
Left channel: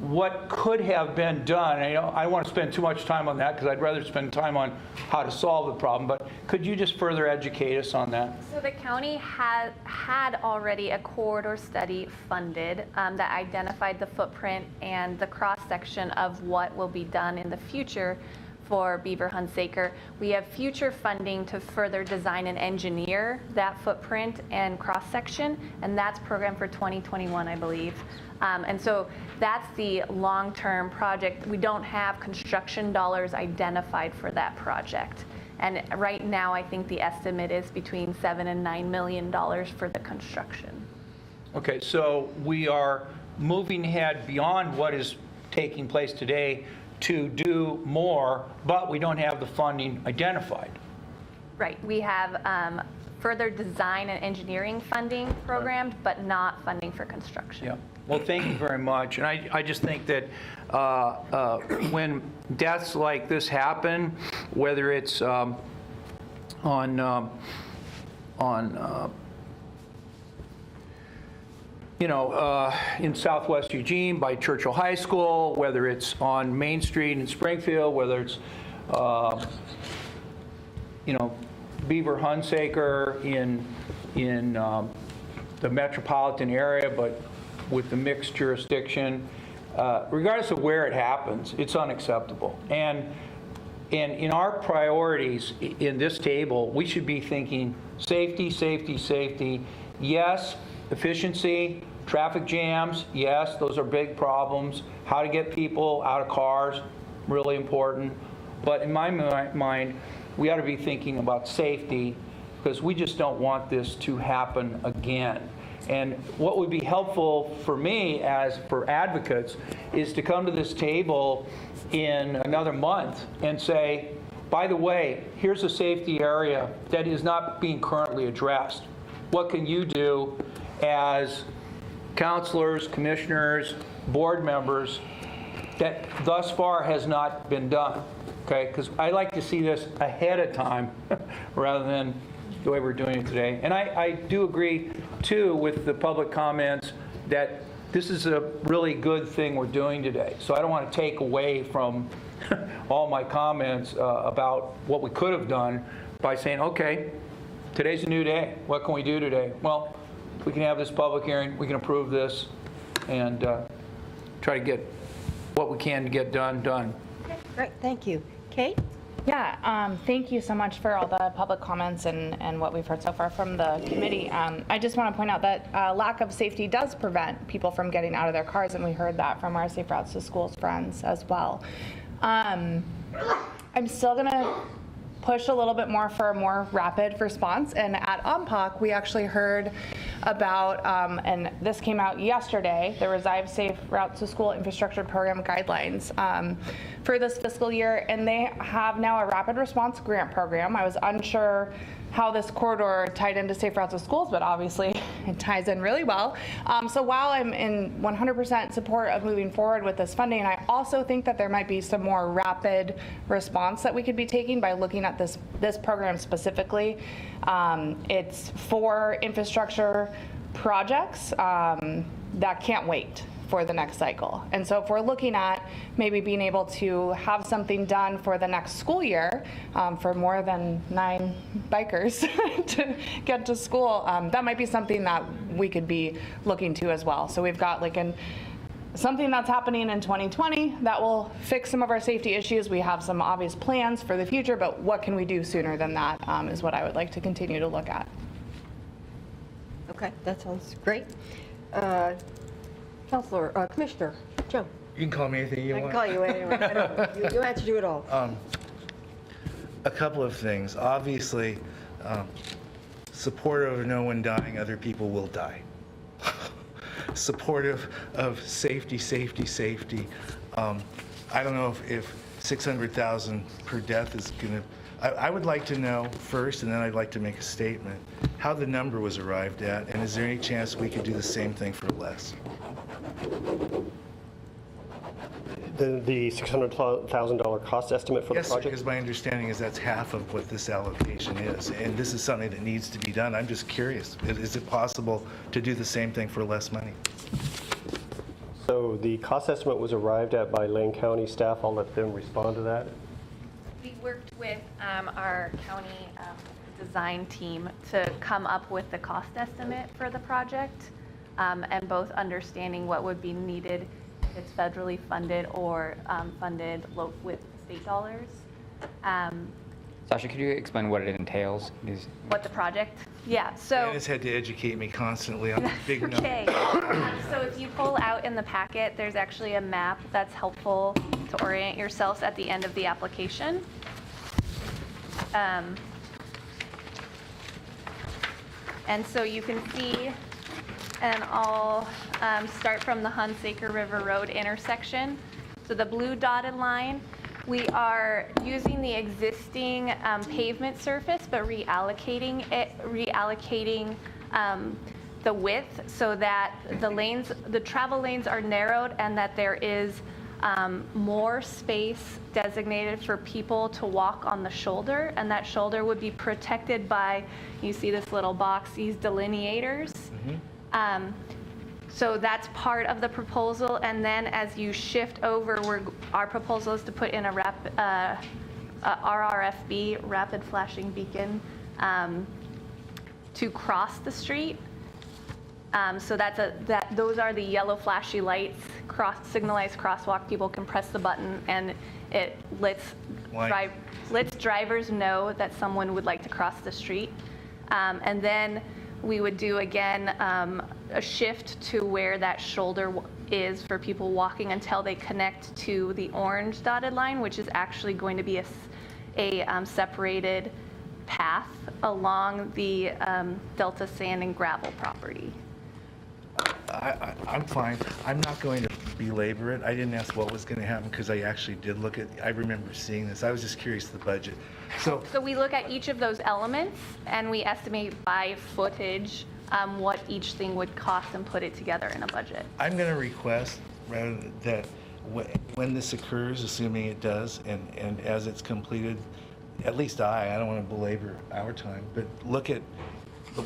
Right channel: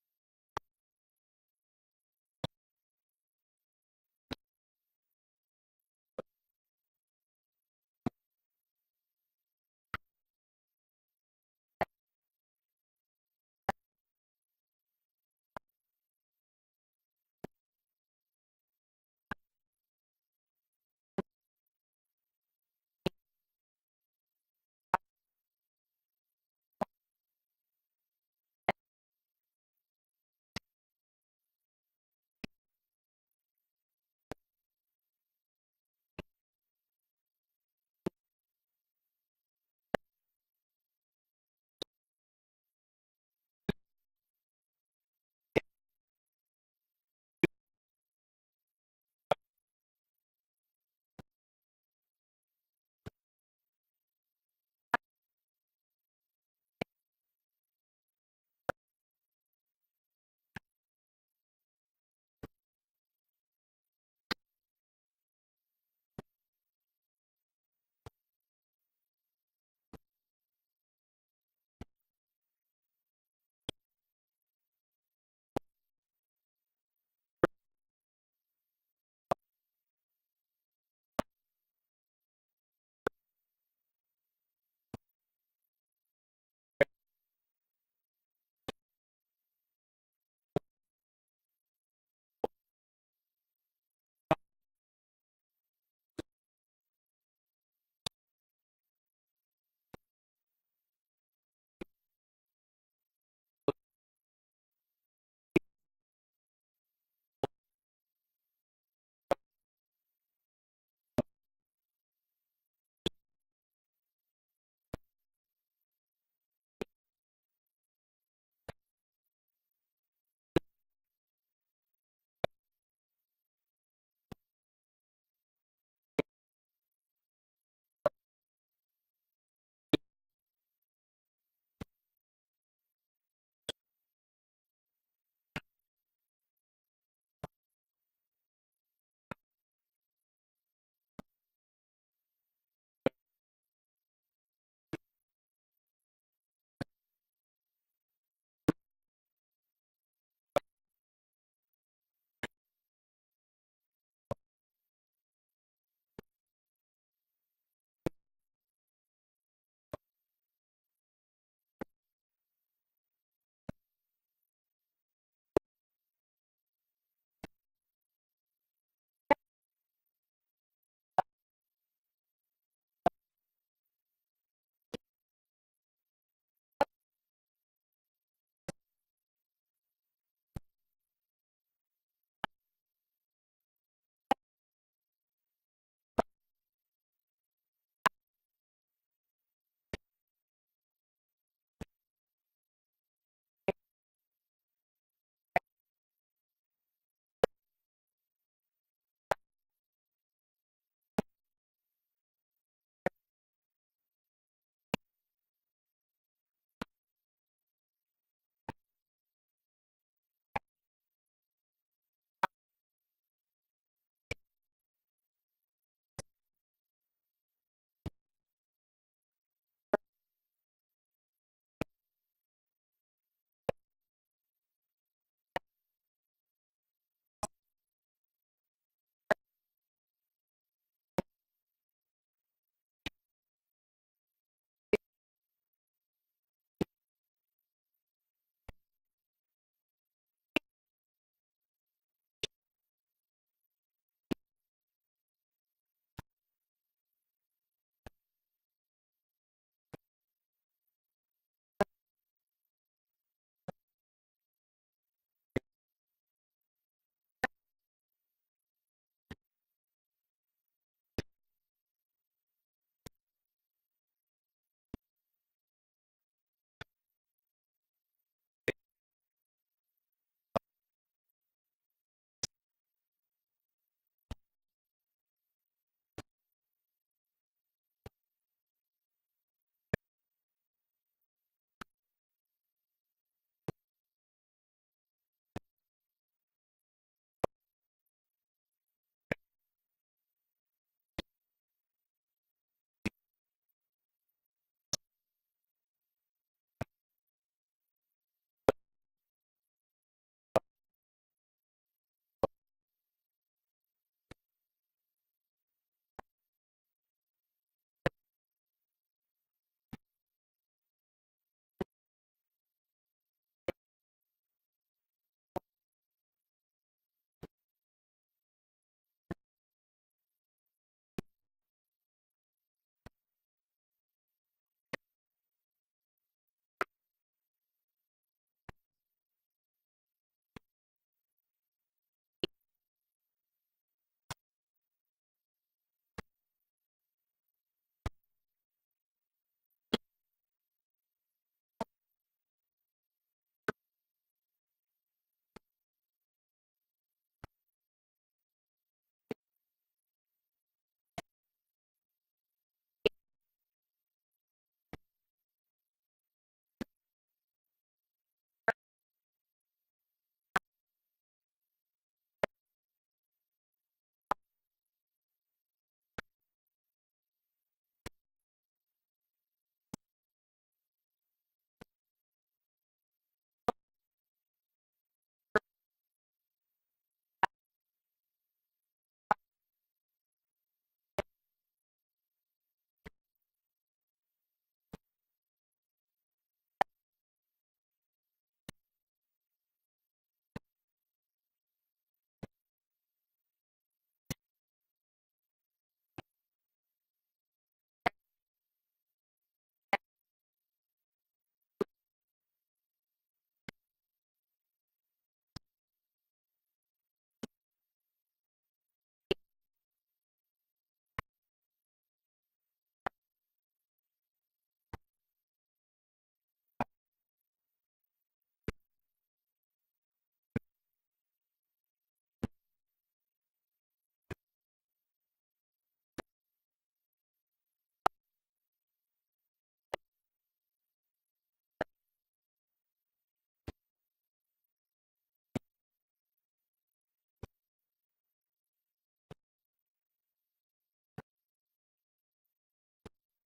what could have been done. I don't want to spend too much time on that, because I'd rather spend time on how to solve the problem, but could you just further educate us on that? So the county had already a corridor study funded that identified the footprint and the cross-section of what will be done in the future for Beaver Hunsaker. We have future funding to further design and engineer that footprint and cross-section, and that's programmed for 2021, I believe. And so that's the long-term project. We don't have construction dollars identified for that project. And right now, I think the estimate is between $7 and $9 million for the construction. Okay, so we are moving ahead beyond what is taking place today to do more, but we don't have the funding identified. Right. We have further design and engineering funding programmed, but not funding for construction. Yeah. Well, thank you very much. And I just think that when deaths like this happen, whether it's in Southwest Eugene by Churchill High School, whether it's on Main Street in Springfield, whether it's, Beaver Hunsaker in the metropolitan area, but with the mixed jurisdiction, regardless of where it happens, it's unacceptable. And in our priorities in this table, we should be thinking safety, safety, safety. Yes, efficiency, traffic jams, yes, those are big problems. How to get people out of cars, really important. But in my mind, we ought to be thinking about safety, because we just don't want this to happen again. And what would be helpful for me as for advocates is to come to this table in another month and say, by the way, here's a safety area that is not being currently addressed. What can you do as counselors, commissioners, board members that thus far has not been done? Okay, because I like to see this ahead of time rather than the way we're doing it today. And I do agree, too, with the public comments that this is a really good thing we're doing today. So I don't want to take away from all my comments about what we could have done by saying, okay, today's a new day. What can we do today? Well, we can have this public hearing, we can approve this, and try to get what we can to get done. Okay, great, thank you. Kate? Yeah, thank you so much for all the public comments and what we've heard so far from the committee. I just want to point out that lack of safety does prevent people from getting out of their cars, and we heard that from our Safe Routes to Schools friends as well. I'm still going to push a little bit more for a more rapid response, and at OMPOC we actually heard about, and this came out yesterday, the Revive Safe Routes to School Infrastructure Program guidelines for this fiscal year, and they have now a rapid response grant program. I was unsure how this corridor tied into Safe Routes to Schools, but obviously it ties in really well. So while I'm in 100% support of moving forward with this funding, I also think that there might be some more rapid response that we could be taking by looking at this program specifically. It's for infrastructure projects that can't wait for the next cycle. And so if we're looking at maybe being able to have something done for the next school year for more than 9 bikers to get to school, that might be something that we could be looking to as well. So we've got like something that's happening in 2020 that will fix some of our safety issues. We have some obvious plans for the future, but what can we do sooner than that is what I would like to continue to look at. Okay, that sounds great. Counselor, Commissioner Joe. You can call me anything you want. I can call you anyway. I know. You answer to it all. A couple of things. Obviously, supportive of no one dying, other people will die. Supportive of safety, safety, safety. I don't know if 600,000 per death is going to. I would like to know first, and then I'd like to make a statement, how the number was arrived at, and is there any chance we could do the same thing for less? The $600,000 cost estimate for the Yes, project? because my understanding is that's half of what this allocation is, and this is something that needs to be done. I'm just curious, is it possible to do the same thing for less money? So the cost estimate was arrived at by Lane County staff. I'll let them respond to that. We worked with our county design team to come up with the cost estimate for the project, and both understanding what would be needed if it's federally funded or funded with state dollars. Sasha, could you explain what it entails? What the project? Yeah, so. Janice had to educate me constantly on the big numbers. Okay. So if you pull out in the packet, there's actually a map that's helpful to orient yourselves at the end of the application. And so you can see, and I'll start from the Hunsaker River Road intersection. So the blue dotted line, we are using the existing pavement surface, but reallocating the width so that the travel lanes are narrowed and that there is more space designated for people to walk on the shoulder, and that shoulder would be protected by, you see this little box, these delineators. So that's part of the proposal, and then as you shift over, our proposal is to put in a RRFB, rapid flashing beacon, to cross the street. So those are the yellow flashy lights, signalized crosswalk. People can press the button and it lets drivers know that someone would like to cross the street. And then we would do again a shift to where that shoulder is for people walking until they connect to the orange dotted line, which is actually going to be a separated path along the Delta Sand and Gravel property. I'm fine. I'm not going to belabor it. I didn't ask what was going to happen because I actually did look at, I remember seeing this. I was just curious the budget. So we look at each of those elements and we estimate by footage what each thing would cost and put it together in a budget. I'm going to request rather that when this occurs, assuming it does, and as it's completed, at least I don't want to belabor our time, but look at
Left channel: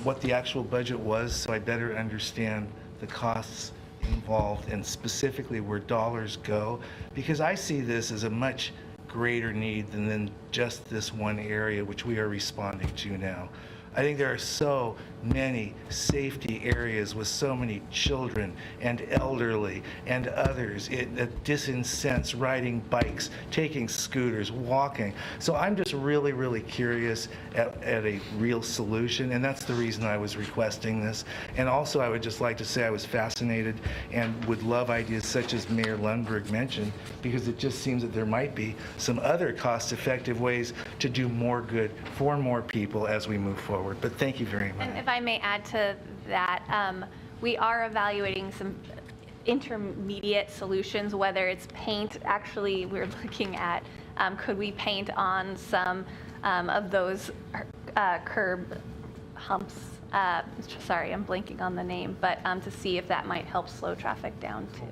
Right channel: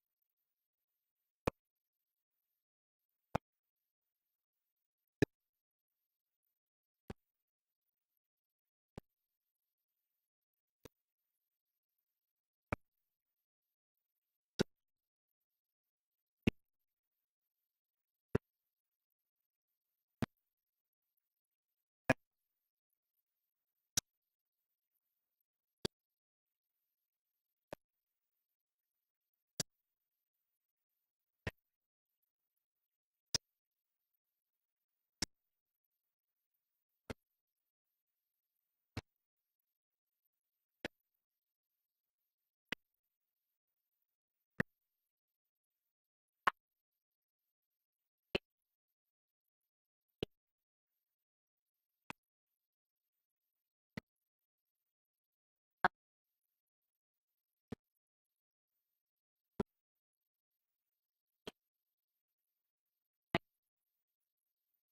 what the actual budget was so I better understand the costs involved and specifically where dollars go, because I see this as a much greater need than just this one area which we are responding to now. I think there are so many safety areas with so many children and elderly and others that disincents riding bikes, taking scooters, walking. So I'm just really, really curious at a real solution, and that's the reason I was requesting this. And also I would just like to say I was fascinated and would love ideas such as Mayor Lundberg mentioned, because it just seems that there might be some other cost-effective ways to do more good for more people as we move forward. But thank you very much. And if I may add to that, we are evaluating some intermediate solutions, whether it's paint. Actually, we're looking at could we paint on some of those curb humps. Sorry, I'm blanking on the name, but to see if that might help slow traffic down too.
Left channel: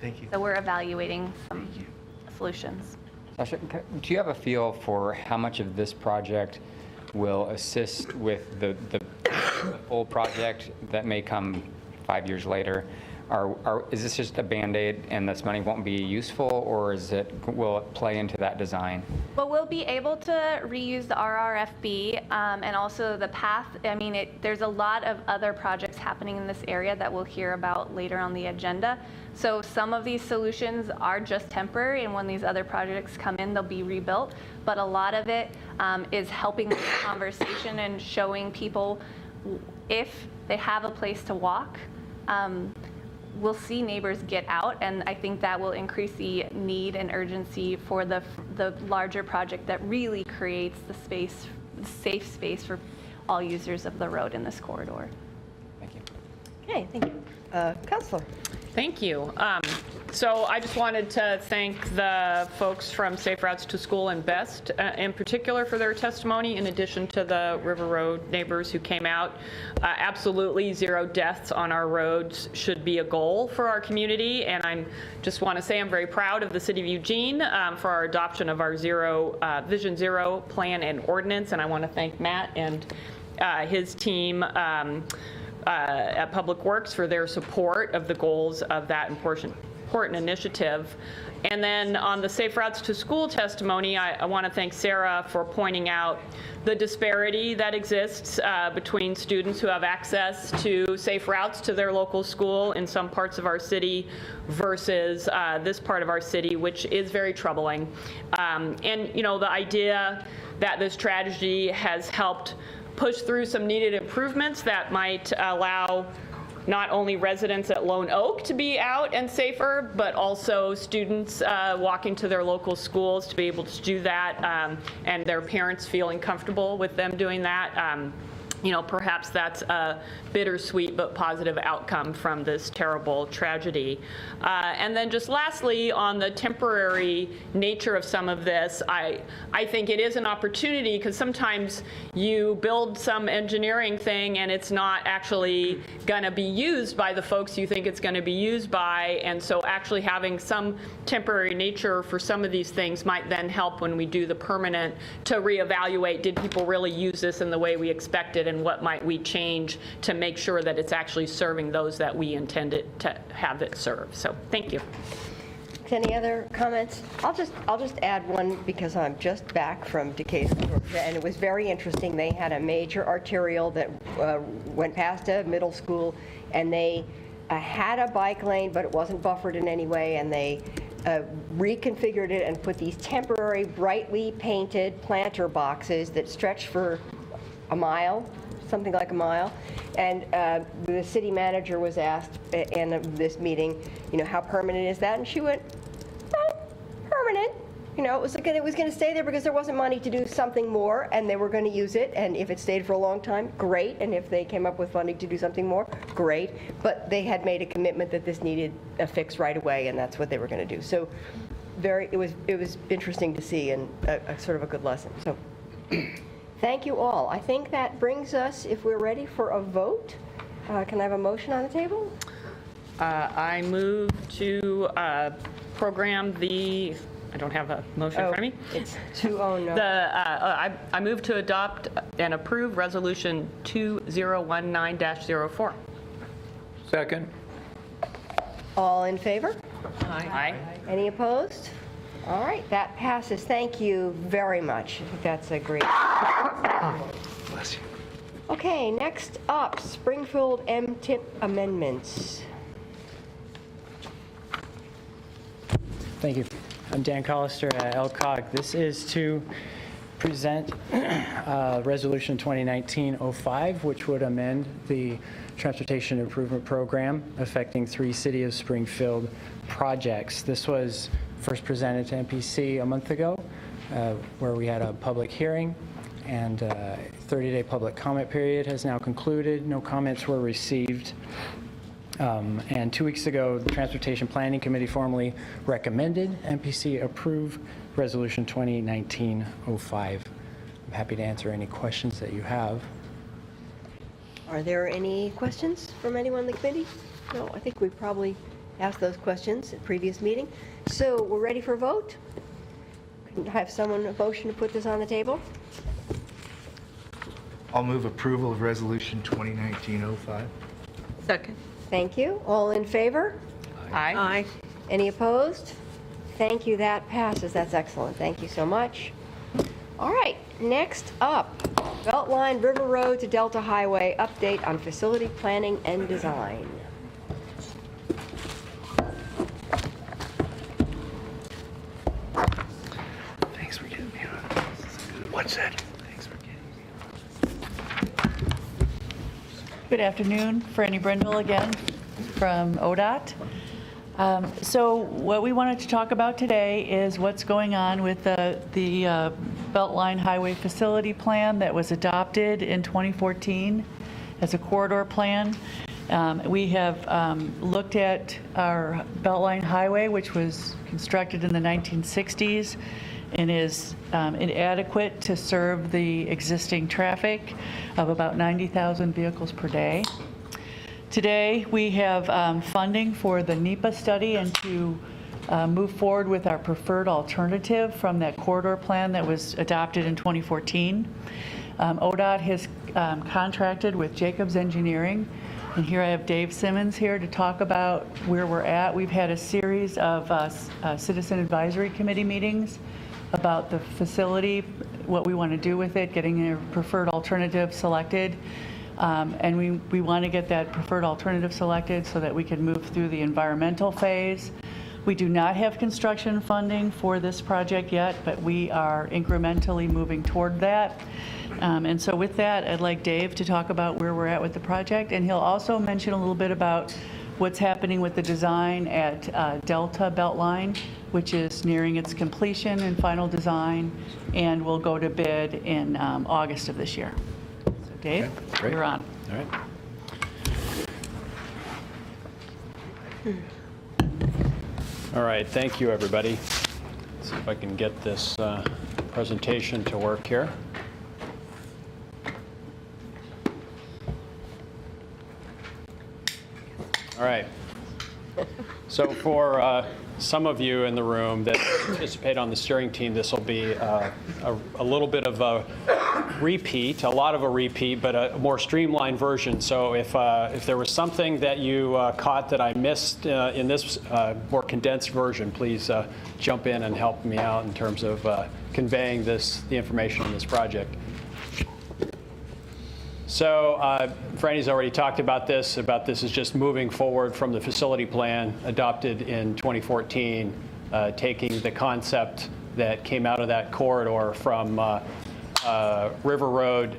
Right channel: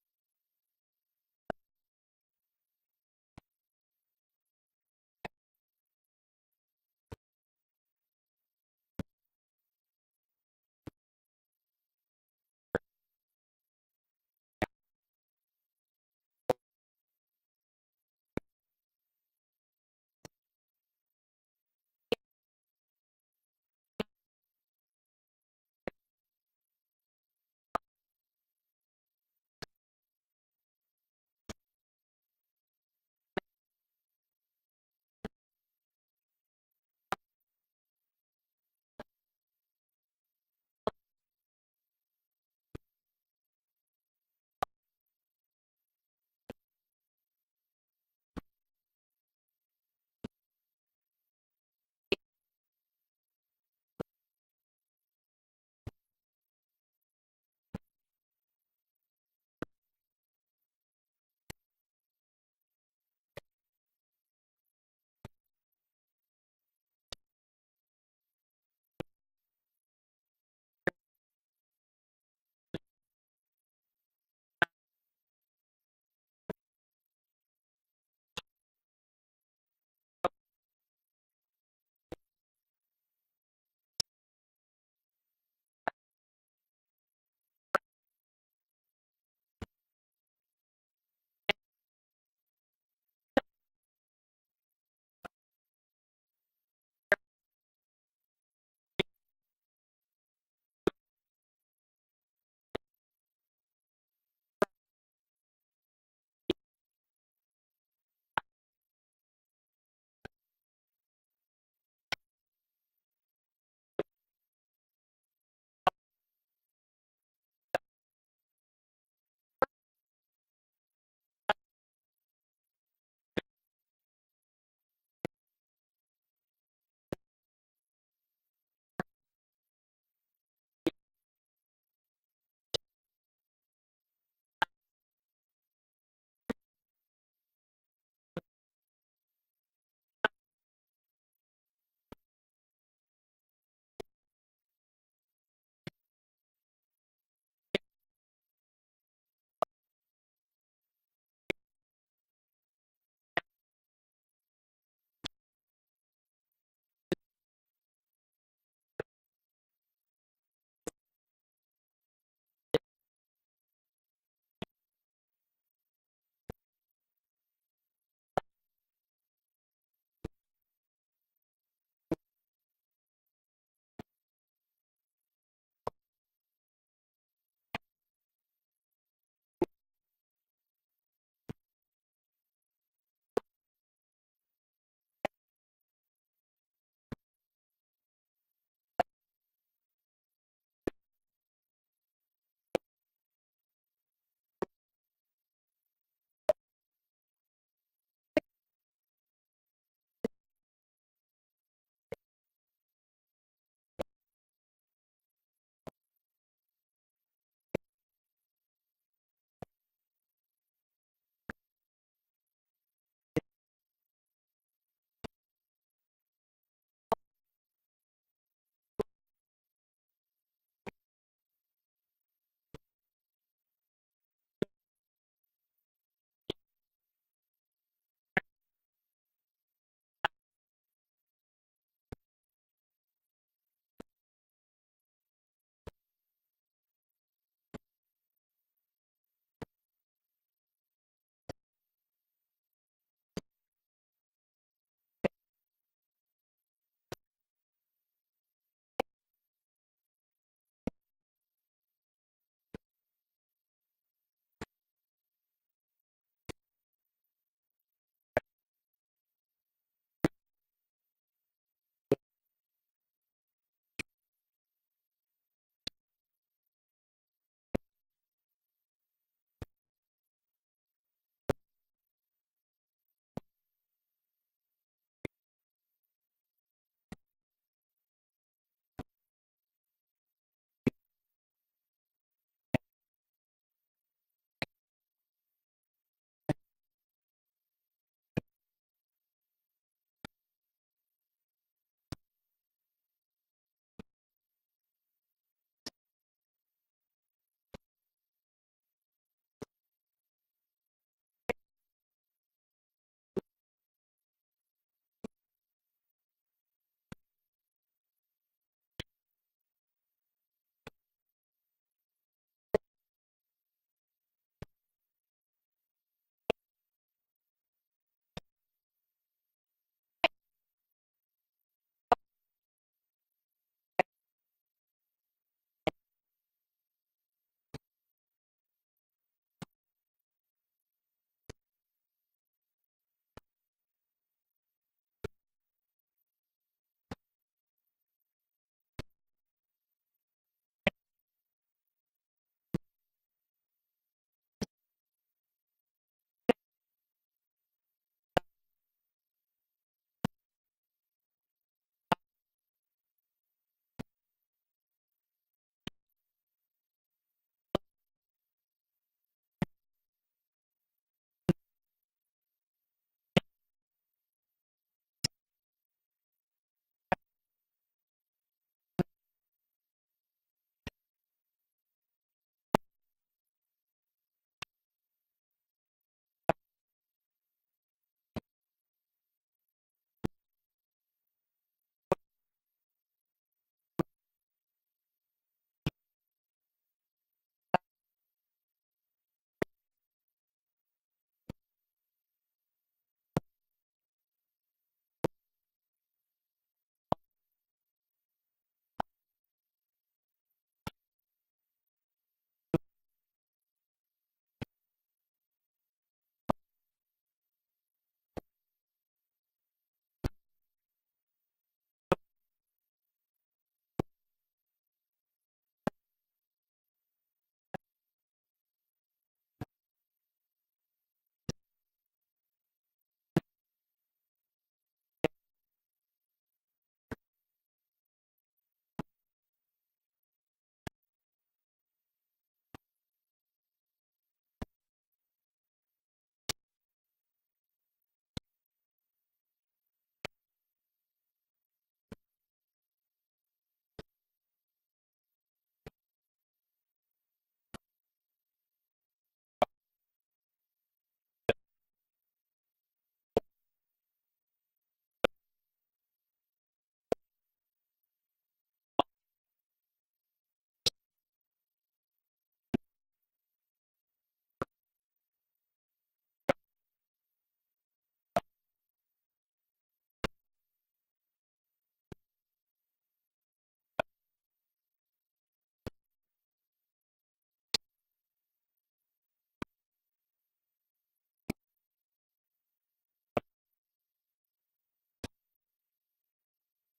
Thank you. So we're evaluating some solutions. Sasha, do you have a feel for how much of this project will assist with the full project that may come 5 years later? Is this just a Band-Aid and this money won't be useful, or will it play into that design? Well, we'll be able to reuse the RRFB and also the path. I mean, there's a lot of other projects happening in this area that we'll hear about later on the agenda. So some of these solutions are just temporary, and when these other projects come in, they'll be rebuilt. But a lot of it is helping with the conversation and showing people if they have a place to walk, we'll see neighbors get out, and I think that will increase the need and urgency for the larger project that really creates the safe space for all users of the road in this corridor. Thank you. Okay, thank you. Councilor. Thank you. So I just wanted to thank the folks from Safe Routes to School and BEST in particular for their testimony, in addition to the River Road neighbors who came out. Absolutely, 0 deaths on our roads should be a goal for our community, and I just want to say I'm very proud of the City of Eugene for our adoption of our Vision Zero plan and ordinance, and I want to thank Matt and his team at Public Works for their support of the goals of that important initiative. And then on the Safe Routes to School testimony, I want to thank Sarah for pointing out the disparity that exists between students who have access to safe routes to their local school in some parts of our city versus this part of our city, which is very troubling. And, you know, the idea that this tragedy has helped push through some needed improvements that might allow not only residents at Lone Oak to be out and safer, but also students walking to their local schools to be able to do that, and their parents feeling comfortable with them doing that. You know, perhaps that's a bittersweet but positive outcome from this terrible tragedy. And then just lastly, on the temporary nature of some of this, I think it is an opportunity, because sometimes you build some engineering thing and it's not actually going to be used by the folks you think it's going to be used by. And so actually having some temporary nature for some of these things might then help when we do the permanent to reevaluate, did people really use this in the way we expected, and what might we change to make sure that it's actually serving those that we intended to have it serve. So thank you. Any other comments? I'll just add one, because I'm just back from Decatur, Georgia, and it was very interesting. They had a major arterial that went past a middle school, and they had a bike lane, but it wasn't buffered in any way, and they reconfigured it and put these temporary brightly painted planter boxes that stretched for a mile, something like a mile. And the city manager was asked in this meeting, you know, how permanent is that? And she went, permanent. You know, it was going to stay there because there wasn't money to do something more, and they were going to use it. And if it stayed for a long time, great. And if they came up with funding to do something more, great. But they had made a commitment that this needed a fix right away, and that's what they were going to do. So, it was interesting to see, and a sort of a good lesson. So, thank you all. I think that brings us, if we're ready for a vote, can I have a motion on the table? I move to program the, I don't have a motion in front of me. It's 209. I move to adopt and approve Resolution 2019-04. Second. All in favor? Aye. Any opposed? All right, that passes. Thank you very much. That's a great. Bless you. Okay, next up, Springfield MTIP amendments. Thank you. I'm Dan Collister at LCOG. This is to present Resolution 2019-05, which would amend the Transportation Improvement Program affecting 3 City of Springfield projects. This was first presented to MPC a month ago, where we had a public hearing, and 30-day public comment period has now concluded. No comments were received. And 2 weeks ago, the Transportation Planning Committee formally recommended MPC approve Resolution 2019-05. I'm happy to answer any questions that you have. Are there any questions from anyone in the committee? No, I think we probably asked those questions at previous meeting. So we're ready for a vote? Can I have someone a motion to put this on the table? I'll move approval of Resolution 2019-05. Second. Thank you. All in favor? Aye. Aye. Any opposed? Thank you. That passes. That's excellent. Thank you so much. All right. Next up, Beltline River Road to Delta Highway update on facility planning and design. Thanks for getting me on. What's that? Thanks for getting me on. Good afternoon, Franny Brindle again from ODOT. So what we wanted to talk about today is what's going on with the Beltline Highway Facility Plan that was adopted in 2014 as a corridor plan. We have looked at our Beltline Highway, which was constructed in the 1960s and is inadequate to serve the existing traffic of about 90,000 vehicles per day. Today, we have funding for the NEPA study and to move forward with our preferred alternative from that corridor plan that was adopted in 2014. ODOT has contracted with Jacobs Engineering And here I have Dave Simmons here to talk about where we're at. We've had a series of Citizen Advisory Committee meetings about the facility, what we want to do with it, getting a preferred alternative selected. And we want to get that preferred alternative selected so that we can move through the environmental phase. We do not have construction funding for this project yet, but we are incrementally moving toward that. And so with that, I'd like Dave to talk about where we're at with the project, and he'll also mention a little bit about what's happening with the design at Delta Beltline, which is nearing its completion and final design, and will go to bid in August of this year. So Dave, great. you're on. All right. All right, thank you, everybody. Let's see if I can get this presentation to work here. All right. So for some of you in the room that participate on the steering team, this will be a little bit of a repeat, a lot of a repeat, but a more streamlined version. So if there was something that you caught that I missed in this more condensed version, please jump in and help me out in terms of conveying the information on this project. So Franny's already talked about this is just moving forward from the facility plan adopted in 2014, taking the concept that came out of that corridor from River Road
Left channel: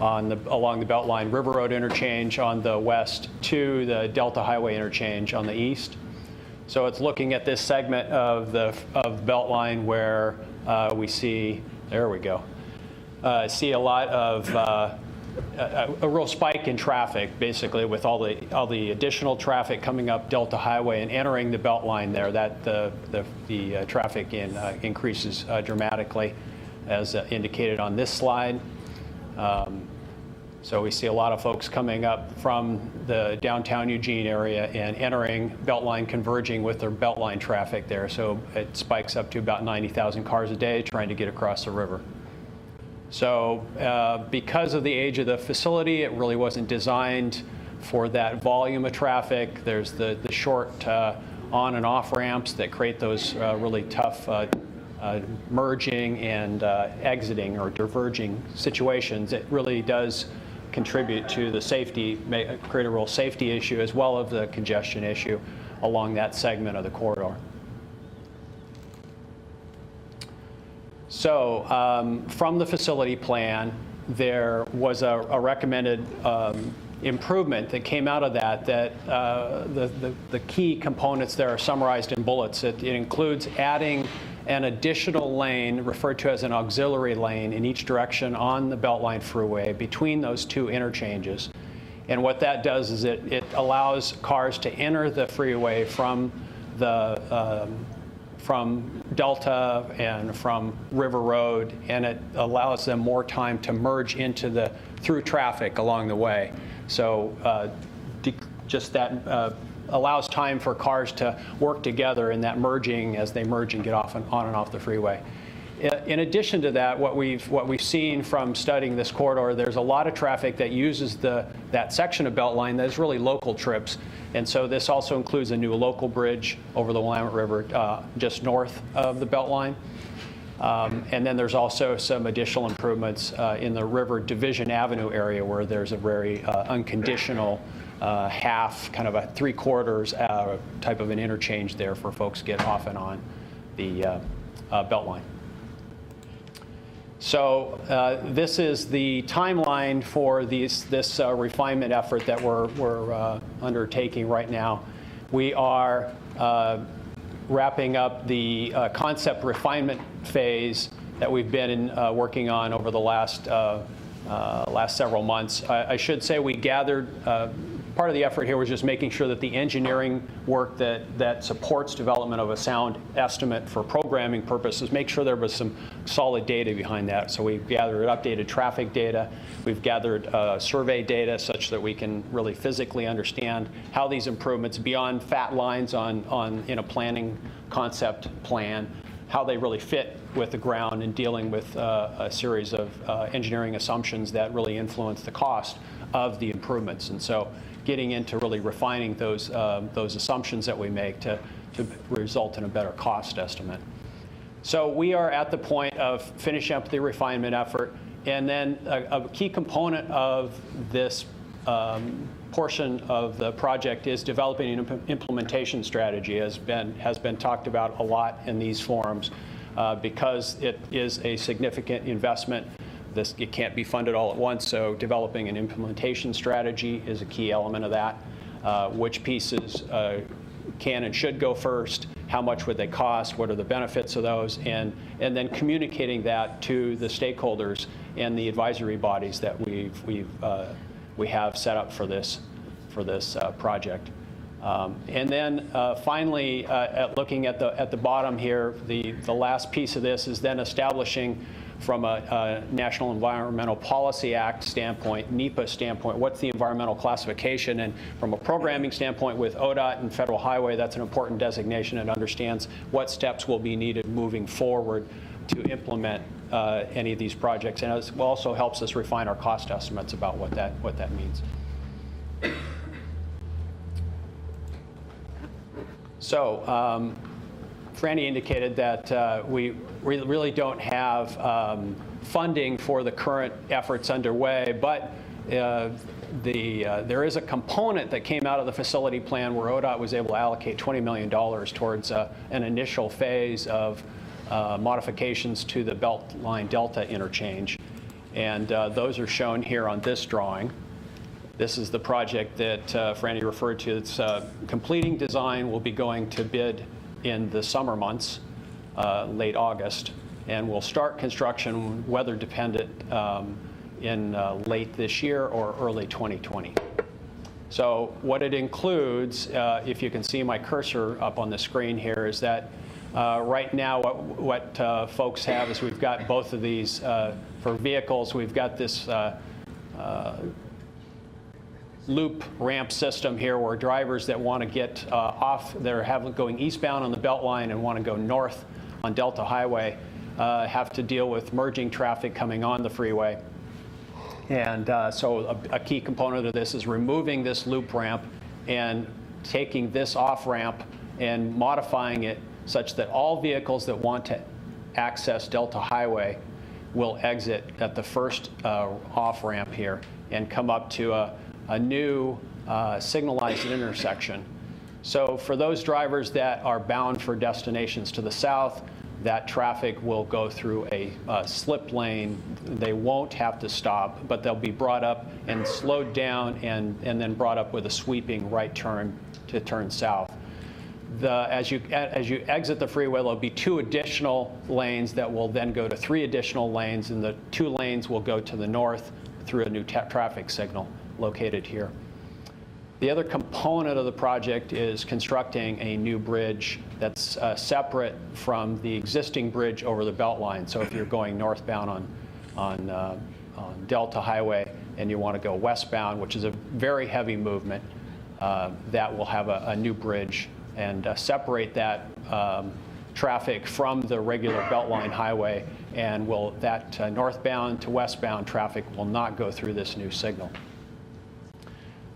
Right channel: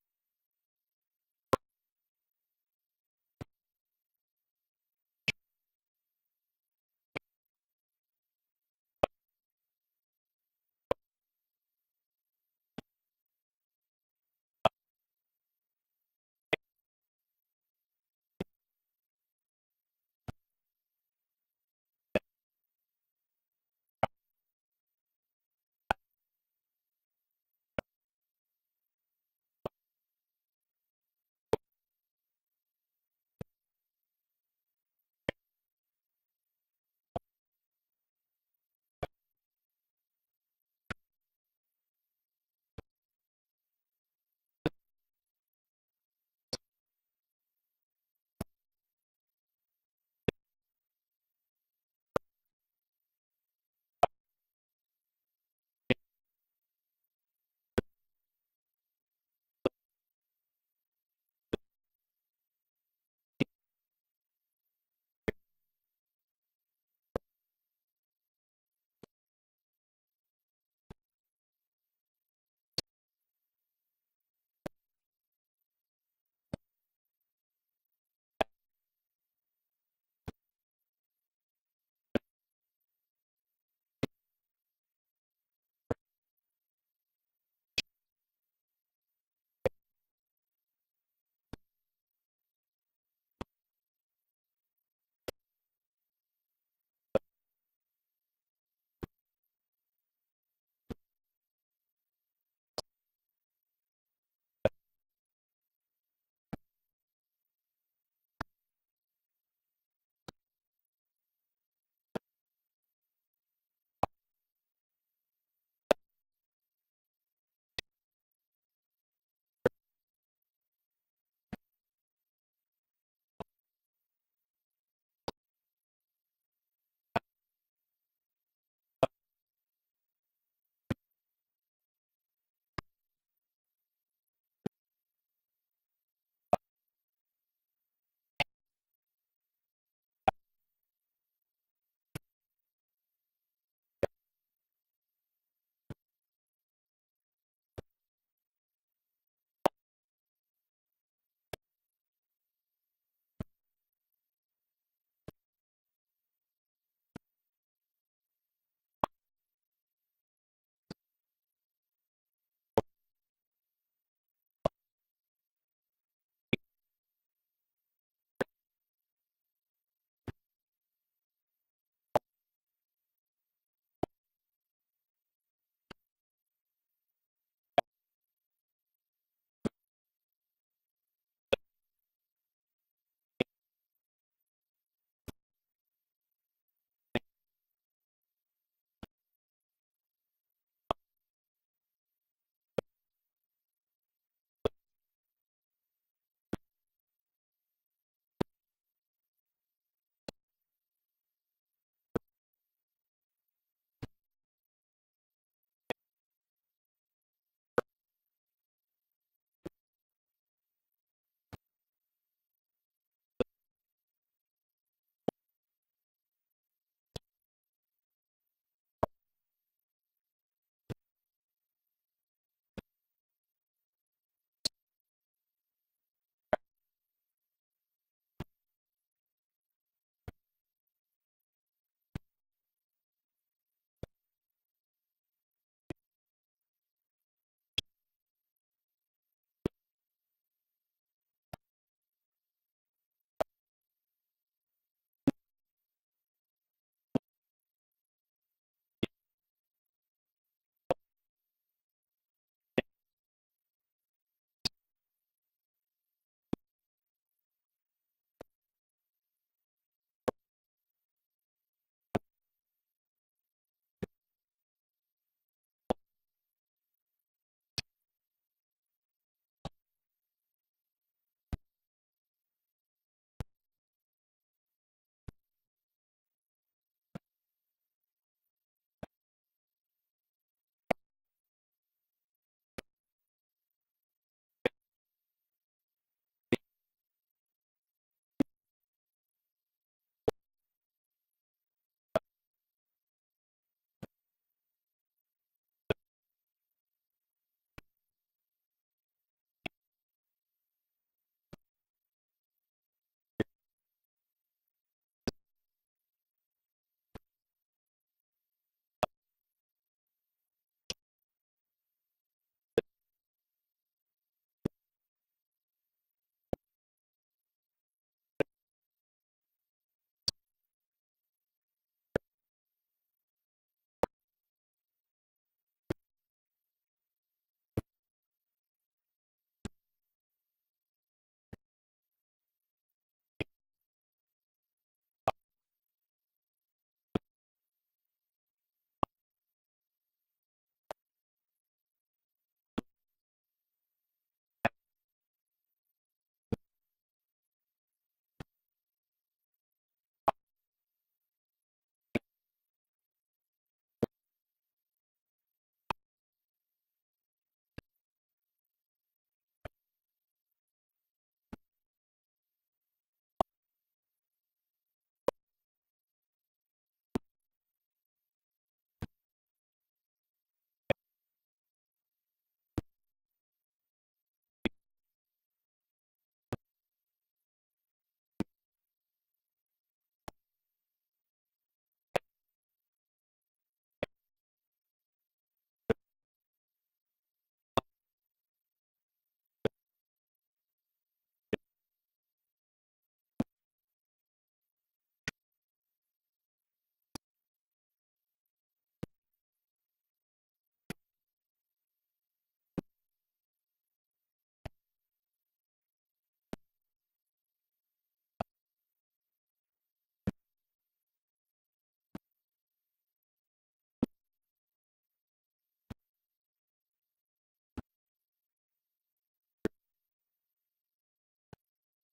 along the Beltline, River Road interchange on the west to the Delta Highway interchange on the east. So it's looking at this segment of Beltline where we see, there we go, see a lot of a real spike in traffic, basically, with all the additional traffic coming up Delta Highway and entering the Beltline there. That the traffic increases dramatically, as indicated on this slide. So we see a lot of folks coming up from the downtown Eugene area and entering Beltline, converging with their Beltline traffic there. So it spikes up to about 90,000 cars a day trying to get across the river. So because of the age of the facility, it really wasn't designed for that volume of traffic. There's the short on and off ramps that create those really tough merging and exiting or diverging situations. It really does contribute to the safety, create a real safety issue as well as the congestion issue along that segment of the corridor. So from the facility plan, there was a recommended improvement that came out of that the key components there are summarized in bullets. It includes adding an additional lane referred to as an auxiliary lane in each direction on the Beltline Freeway between those two interchanges. And what that does is it allows cars to enter the freeway from Delta and from River Road, and it allows them more time to merge into through traffic along the way. So just that allows time for cars to work together in that merging as they merge and get off and on and off the freeway. In addition to that, what we've seen from studying this corridor, there's a lot of traffic that uses that section of Beltline that is really local trips. And so this also includes a new local bridge over the Willamette River just north of the Beltline. And then there's also some additional improvements in the River Division Avenue area where there's a very unconditional half, kind of a 3/4 type of an interchange there for folks to get off and on the Beltline. So this is the timeline for this refinement effort that we're undertaking right now. We are wrapping up the concept refinement phase that we've been working on over the last several months. I should say we gathered, part of the effort here was just making sure that the engineering work that supports development of a sound estimate for programming purposes, make sure there was some solid data behind that. So we've gathered updated traffic data. We've gathered survey data such that we can really physically understand how these improvements beyond fat lines in a planning concept plan, how they really fit with the ground and dealing with a series of engineering assumptions that really influence the cost of the improvements. And so getting into really refining those assumptions that we make to result in a better cost estimate. So we are at the point of finishing up the refinement effort, and then a key component of this portion of the project is developing an implementation strategy, has been talked about a lot in these forums, because it is a significant investment. It can't be funded all at once, so developing an implementation strategy is a key element of that. Which pieces can and should go first, how much would they cost, what are the benefits of those, and then communicating that to the stakeholders and the advisory bodies that we have set up for this project. And then finally, looking at the bottom here, the last piece of this is then establishing, from a National Environmental Policy Act standpoint, NEPA standpoint, what's the environmental classification? And from a programming standpoint with ODOT and Federal Highway, that's an important designation. It understands what steps will be needed moving forward to implement any of these projects, and it also helps us refine our cost estimates about what that means. So Franny indicated that we really don't have funding for the current efforts underway, but there is a component that came out of the facility plan where ODOT was able to allocate $20 million towards an initial phase of modifications to the Beltline Delta interchange. And those are shown here on this drawing. This is the project that Franny referred to. It's completing design will be going to bid in the summer months, late August, and we'll start construction, weather dependent, in late this year or early 2020. So what it includes, if you can see my cursor up on the screen here, is that right now what folks have is we've got both of these for vehicles. We've got this loop ramp system here where drivers that want to get off, they're going eastbound on the Beltline and want to go north on Delta Highway, have to deal with merging traffic coming on the freeway. And so a key component of this is removing this loop ramp and taking this off ramp and modifying it such that all vehicles that want to access Delta Highway will exit at the first off ramp here and come up to a new signalized intersection. So for those drivers that are bound for destinations to the south, that traffic will go through a slip lane. They won't have to stop, but they'll be brought up and slowed down and then brought up with a sweeping right turn to turn south. As you exit the freeway, there'll be 2 additional lanes that will then go to 3 additional lanes, and the 2 lanes will go to the north through a new traffic signal located here. The other component of the project is constructing a new bridge that's separate from the existing bridge over the Beltline. So if you're going northbound on Delta Highway and you want to go westbound, which is a very heavy movement, that will have a new bridge and separate that traffic from the regular Beltline highway, and that northbound to westbound traffic will not go through this new signal.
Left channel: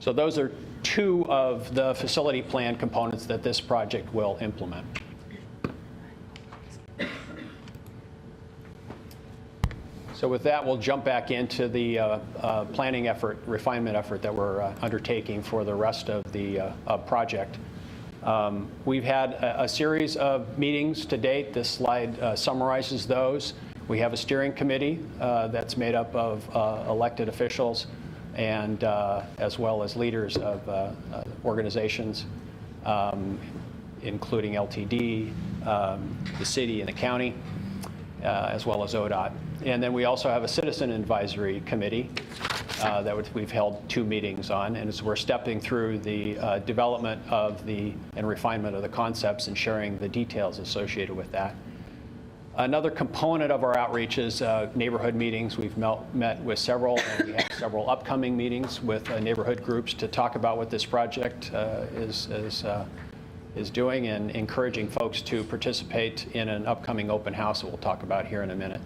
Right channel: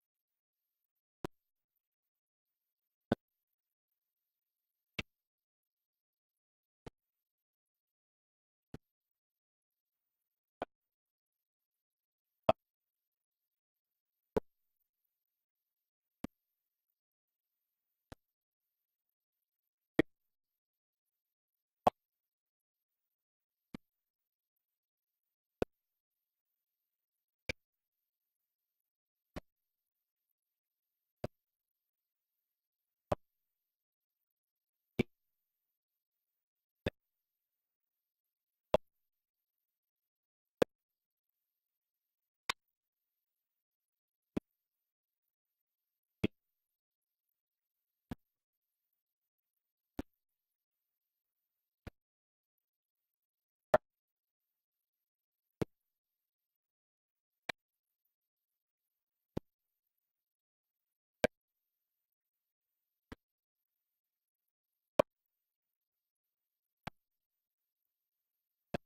So those are 2 of the facility plan components that this project will implement. So with that, we'll jump back into the planning effort, refinement effort that we're undertaking for the rest of the project. We've had a series of meetings to date. This slide summarizes those. We have a steering committee that's made up of elected officials and as well as leaders of organizations, including LTD, the city and the county, as well as ODOT. And then we also have a citizen advisory committee that we've held 2 meetings on, and we're stepping through the development of and refinement of the concepts and sharing the details associated with that. Another component of our outreach is neighborhood meetings. We've met with several, and we have several upcoming meetings with neighborhood groups to talk about what this project is doing, and encouraging folks to participate in an upcoming open house that we'll talk about here in a minute.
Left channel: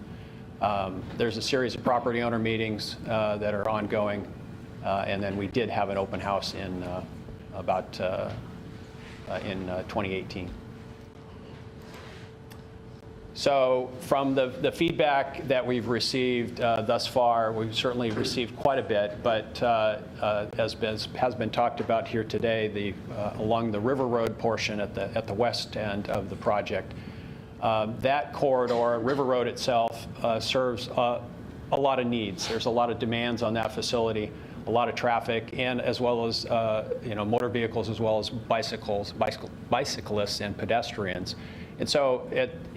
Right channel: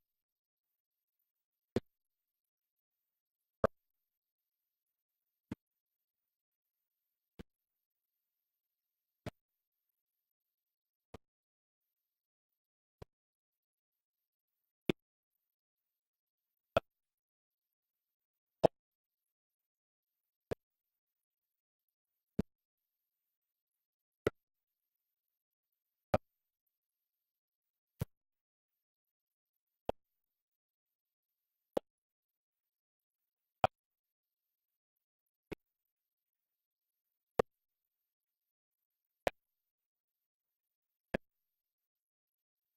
There's a series of property owner meetings that are ongoing And then we did have an open house in in 2018. So from the feedback that we've received thus far, we've certainly received quite a bit, but as has been talked about here today, along the River Road portion at the west end of the project, that corridor, River Road itself, serves a lot of needs. There's a lot of demands on that facility, a lot of traffic, and as well as motor vehicles, as well as bicyclists and pedestrians. And so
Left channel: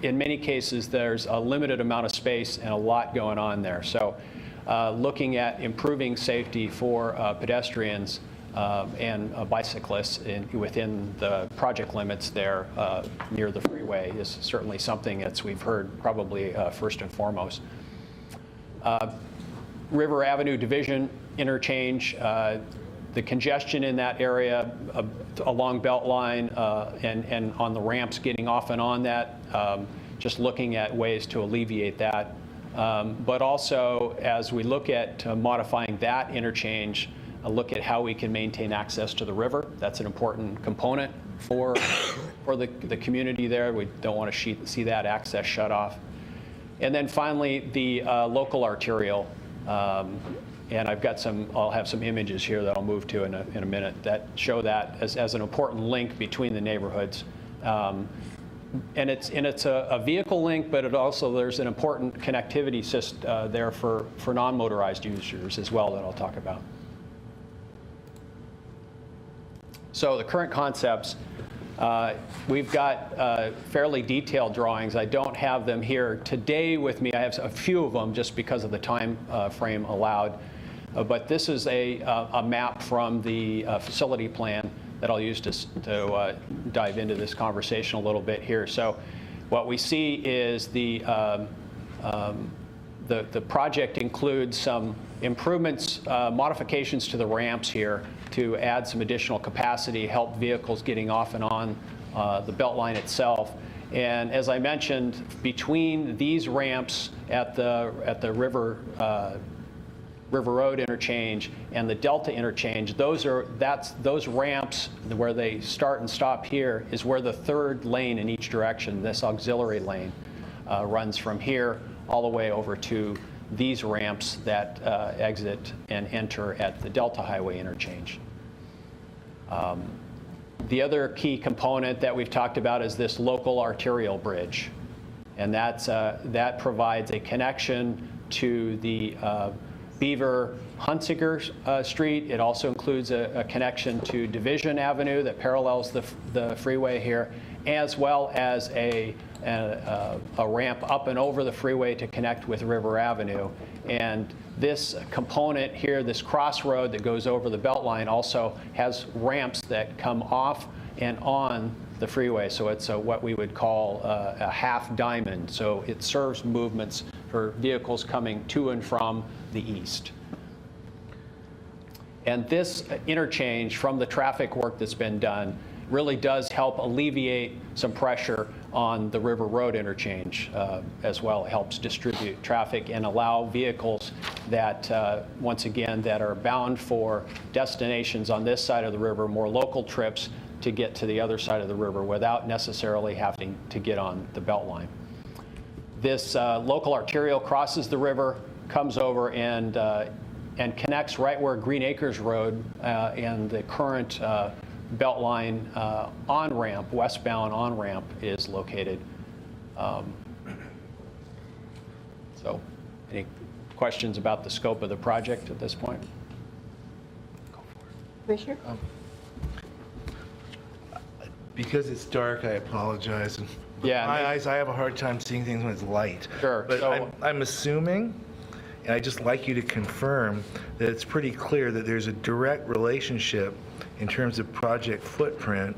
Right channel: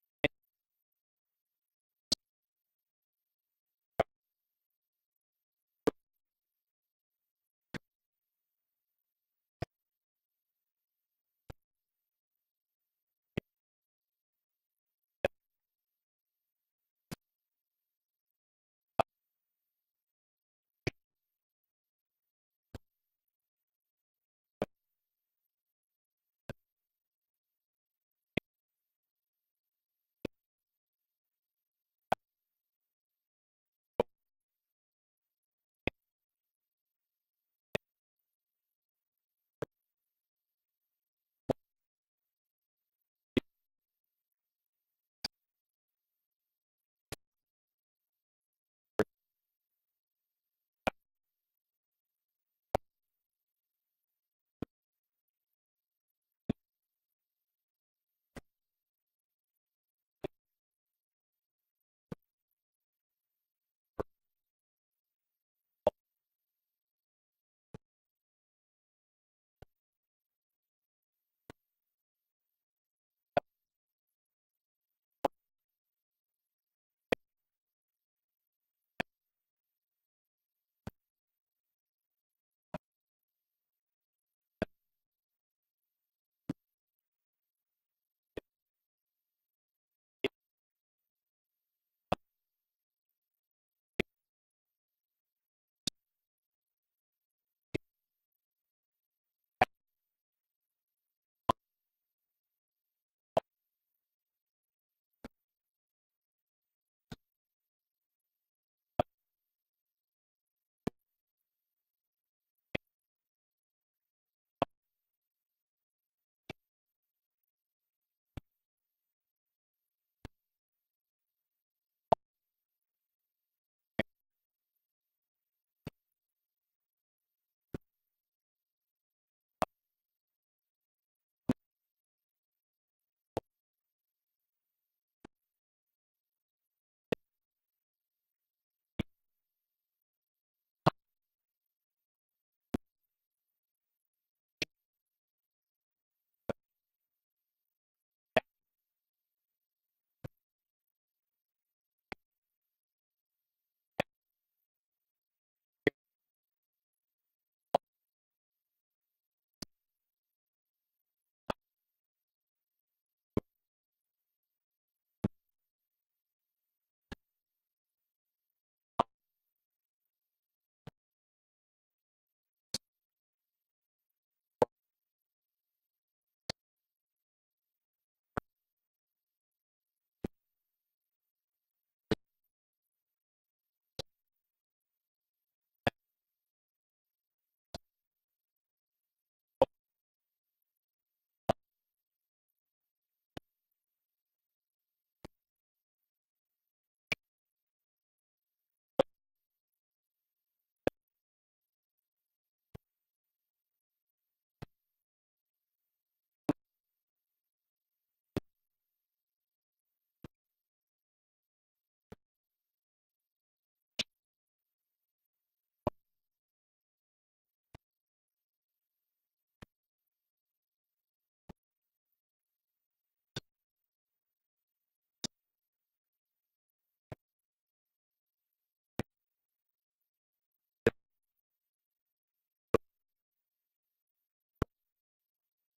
in many cases, there's a limited amount of space and a lot going on there. So looking at improving safety for pedestrians and bicyclists within the project limits there near the freeway is certainly something that we've heard probably first and foremost. River Avenue Division interchange, the congestion in that area along Beltline and on the ramps getting off and on that, just looking at ways to alleviate that. But also, as we look at modifying that interchange, look at how we can maintain access to the river. That's an important component for the community there. We don't want to see that access shut off. And then finally, the local arterial. And I'll have some images here that I'll move to in a minute that show that as an important link between the neighborhoods. And it's a vehicle link, but there's an important connectivity system there for non-motorized users as well that I'll talk about. So the current concepts, we've got fairly detailed drawings. I don't have them here today with me. I have a few of them just because of the time frame allowed. But this is a map from the facility plan that I'll use to dive into this conversation a little bit here. So what we see is the project includes some improvements, modifications to the ramps here to add some additional capacity, help vehicles getting off and on the Beltline itself. And as I mentioned, between these ramps at the River Road interchange and the Delta interchange, those ramps where they start and stop here is where the third lane in each direction, this auxiliary lane, runs from here all the way over to these ramps that exit and enter at the Delta Highway interchange. The other key component that we've talked about is this local arterial bridge. And that provides a connection to the Beaver Hunsicker Street. It also includes a connection to Division Avenue that parallels the freeway here, as well as a ramp up and over the freeway to connect with River Avenue. And this component here, this crossroad that goes over the Beltline, also has ramps that come off and on the freeway. So it's what we would call a half diamond. So it serves movements for vehicles coming to and from the east. And this interchange, from the traffic work that's been done, really does help alleviate some pressure on the River Road interchange as well. It helps distribute traffic and allow vehicles that, once again, that are bound for destinations on this side of the river, more local trips, to get to the other side of the river without necessarily having to get on the Beltline. This local arterial crosses the river, comes over and connects right where Green Acres Road and the current Beltline on-ramp, westbound on-ramp, is located. So any questions about the scope of the project at this point? Commissioner? Because it's dark, I apologize. And Yeah, my eyes, I have a hard time seeing things when it's light. Sure. But So- I'm assuming, and I'd just like you to confirm, that it's pretty clear that there's a direct relationship in terms of project footprint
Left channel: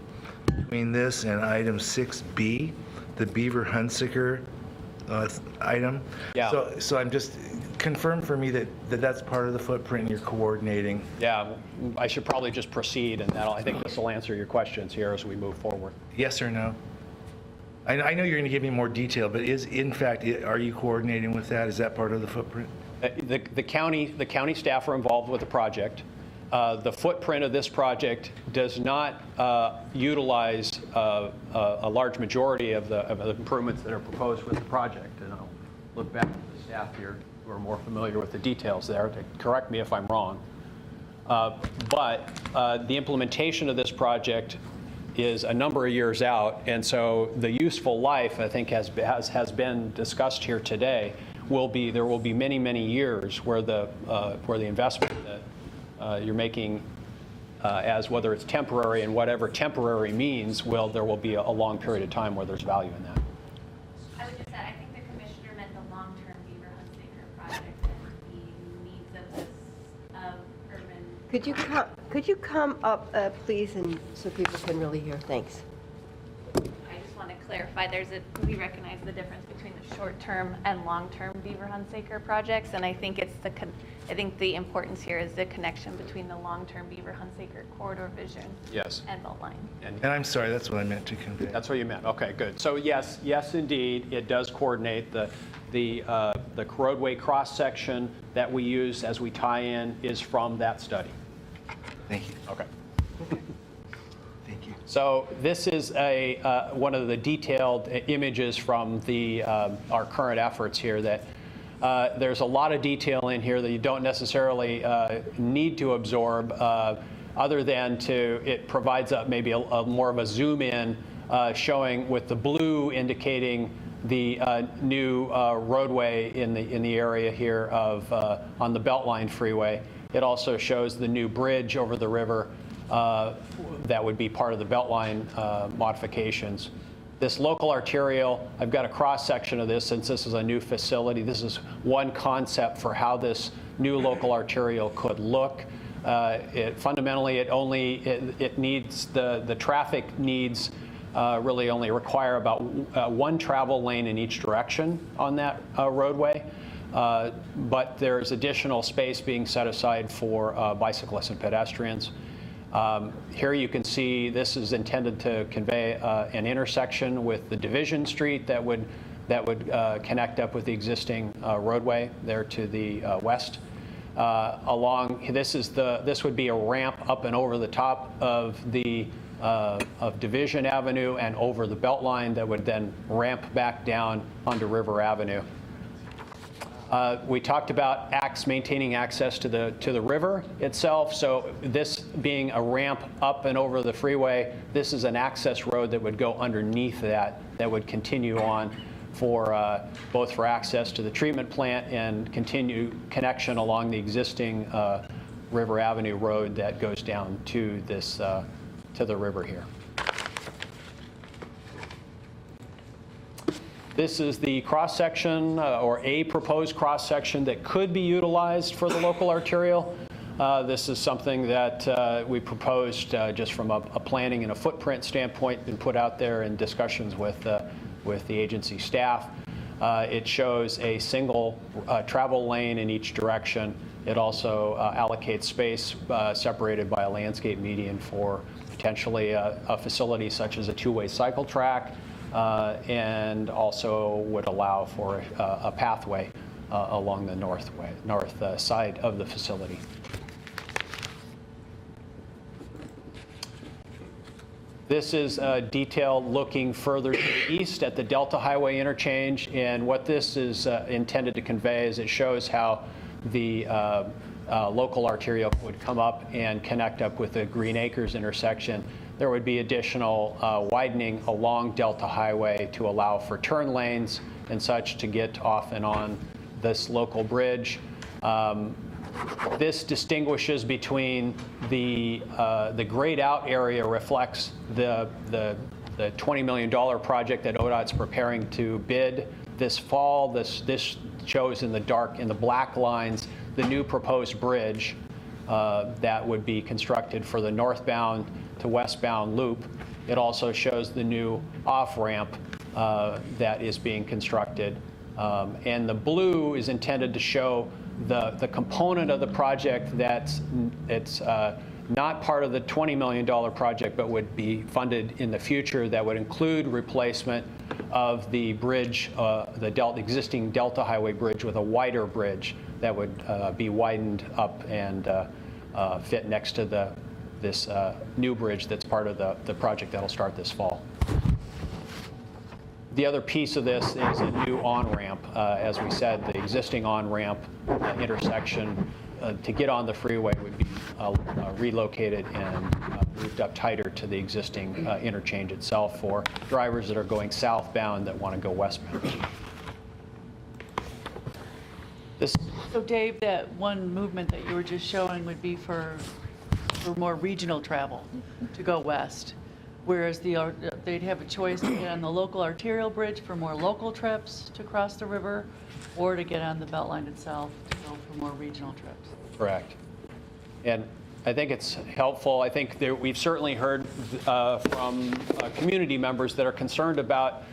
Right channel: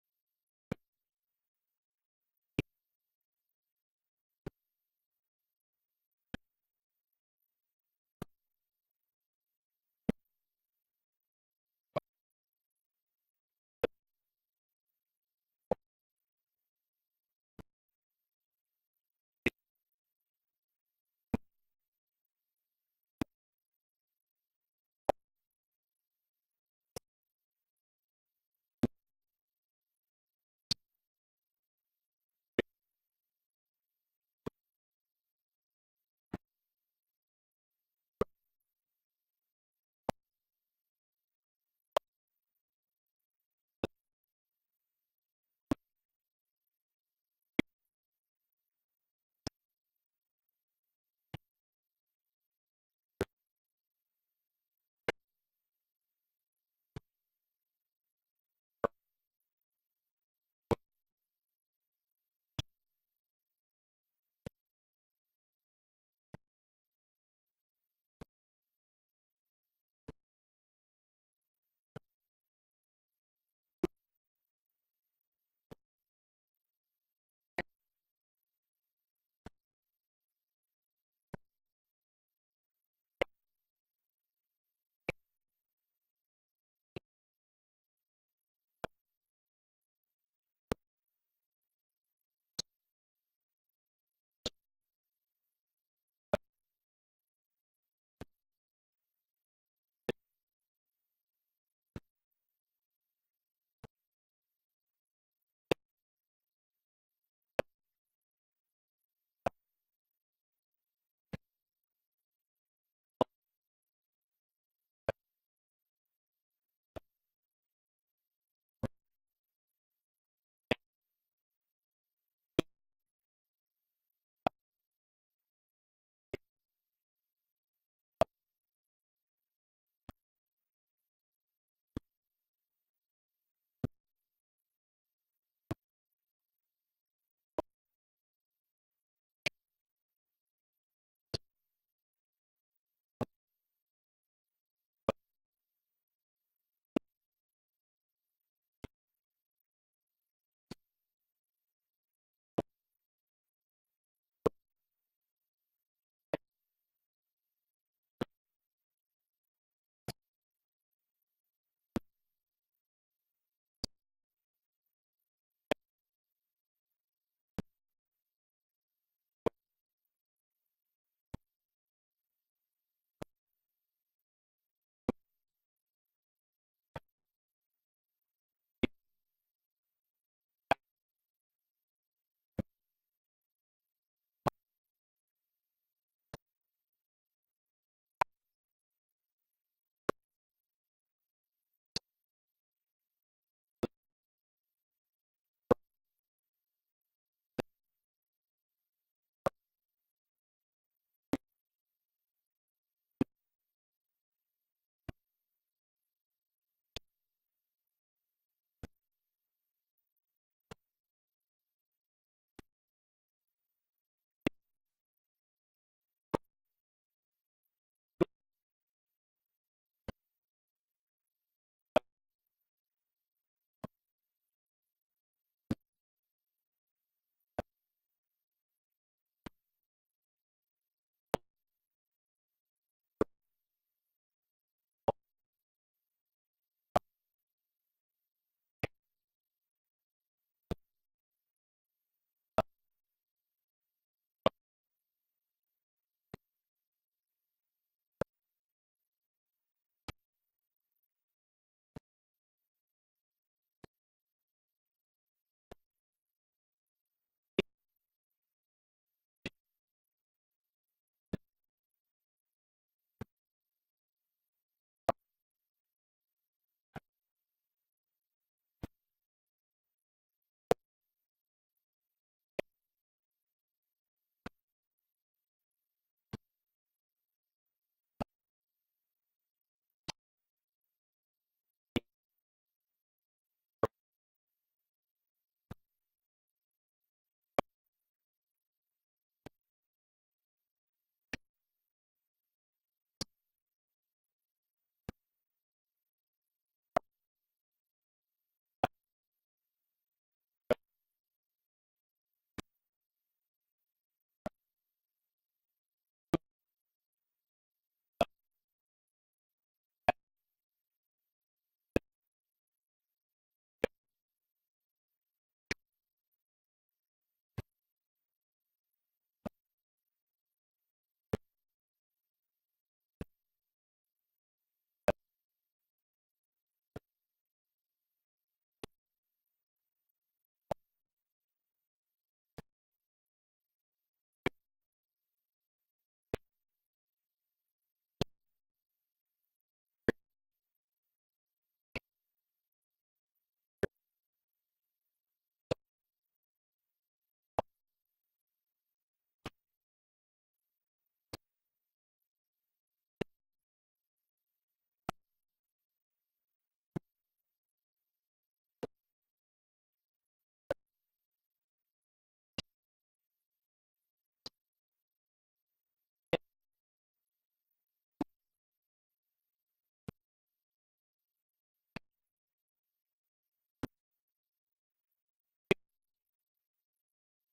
between this and item 6B, the Beaver Hunsicker item. Yeah. So I'm just, confirm for me that that's part of the footprint and you're coordinating. Yeah, I should probably just proceed, and I think this will answer your questions here as we move forward. Yes or no? I know you're going to give me more detail, but in fact, are you coordinating with that? Is that part of the footprint? The county staff are involved with the project. the footprint of this project does not utilize a large majority of the improvements that are proposed with the project. And I'll look back at the staff here who are more familiar with the details there to correct me if I'm wrong. But the implementation of this project is a number of years out, and so the useful life, I think, has been discussed here today. There will be many, many years where the investment that you're making, as whether it's temporary and whatever temporary means, there will be a long period of time where there's value in that. I would just add, I think the commissioner meant the long-term Beaver Hunt Saker project and the needs of this, of urban. Could you come up, please, and so people can really hear? Thanks. I just want to clarify, we recognize the difference between the short-term and long-term Beaver Hunt Saker projects, and I think I think the importance here is the connection between the long-term Beaver Hunt Saker corridor vision. Yes. And Beltline. And I'm sorry, that's what I meant to convey. That's what you meant. Okay, good. So yes, indeed, it does coordinate. The roadway cross-section that we use as we tie in is from that study. Thank you. Okay. Thank you. So this is one of the detailed images from our current efforts here. That there's a lot of detail in here that you don't necessarily need to absorb, other than it provides maybe a more of a zoom in, showing with the blue indicating the new roadway in the area here on the Beltline freeway. It also shows the new bridge over the river that would be part of the Beltline modifications. This local arterial, I've got a cross-section of this since this is a new facility. This is one concept for how this new local arterial could look. Fundamentally, it needs, the traffic needs really only require about one travel lane in each direction on that roadway. But there's additional space being set aside for bicyclists and pedestrians. Here you can see this is intended to convey an intersection with the Division Street that would connect up with the existing roadway there to the west. This would be a ramp up and over the top of Division Avenue and over the Beltline that would then ramp back down onto River Avenue. We talked about maintaining access to the river itself. So this being a ramp up and over the freeway, this is an access road that would go underneath that would continue on for both for access to the treatment plant and continue connection along the existing River Avenue road that goes down to the river here. This is the cross-section or a proposed cross-section that could be utilized for the local arterial. This is something that we proposed just from a planning and a footprint standpoint and put out there in discussions with the agency staff. It shows a single travel lane in each direction. It also allocates space separated by a landscape median for potentially a facility such as a two-way cycle track, and also would allow for a pathway along the north side of the facility. This is detailed looking further to the east at the Delta Highway interchange, and what this is intended to convey is it shows how the local arterial would come up and connect up with the Green Acres intersection. There would be additional widening along Delta Highway to allow for turn lanes and such to get off and on this local bridge. This distinguishes between the grayed out area reflects the $20 million project that ODOT's preparing to bid this fall. This shows in the black lines the new proposed bridge that would be constructed for the northbound to westbound loop. It also shows the new off-ramp that is being constructed. And the blue is intended to show the component of the project that's not part of the $20 million project, but would be funded in the future, that would include replacement of the bridge, the existing Delta Highway bridge with a wider bridge that would be widened up and fit next to this new bridge that's part of the project that'll start this fall. The other piece of this is a new on-ramp. As we said, the existing on-ramp intersection to get on the freeway would be relocated and moved up tighter to the existing interchange itself for drivers that are going southbound that want to go westbound. So Dave, that one movement that you were just showing would be for more regional travel to go west, whereas they'd have a choice to get on the local arterial bridge for more local trips to cross the river, or to get on the Beltline itself to go for more regional trips. Correct. And I think it's helpful. I think we've certainly heard from community members that are concerned about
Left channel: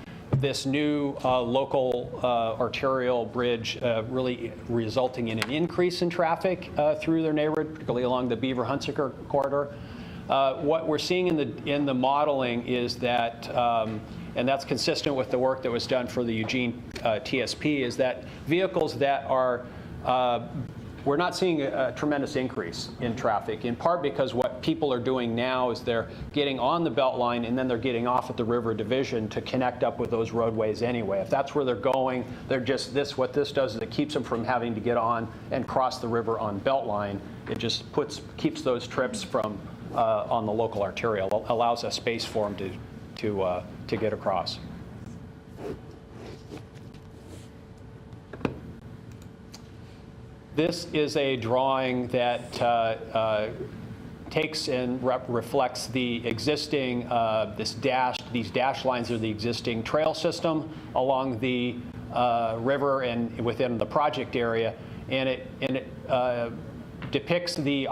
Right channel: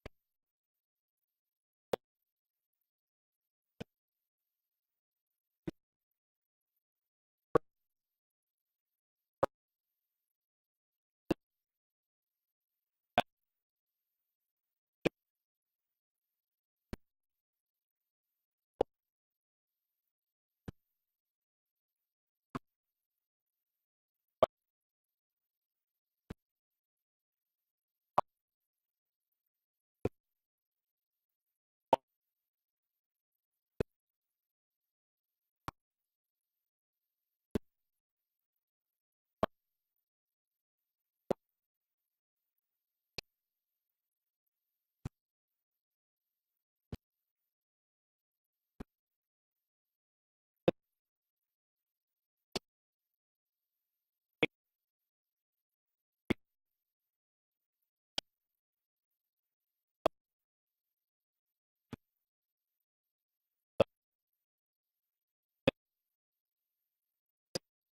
this new local arterial bridge really resulting in an increase in traffic through their neighborhood, particularly along the Beaver-Hunsaker corridor. What we're seeing in the modeling is that, and that's consistent with the work that was done for the Eugene TSP, is that vehicles that are we're not seeing a tremendous increase in traffic, in part because what people are doing now is they're getting on the Beltline and then they're getting off at the river division to connect up with those roadways anyway. If that's where they're going, they're just what this does is it keeps them from having to get on and cross the river on Beltline. It just keeps those trips from on the local arterial, allows a space for them to get across. This is a drawing that takes and reflects the existing, these dash lines are the existing trail system along the river and within the project area, and it depicts the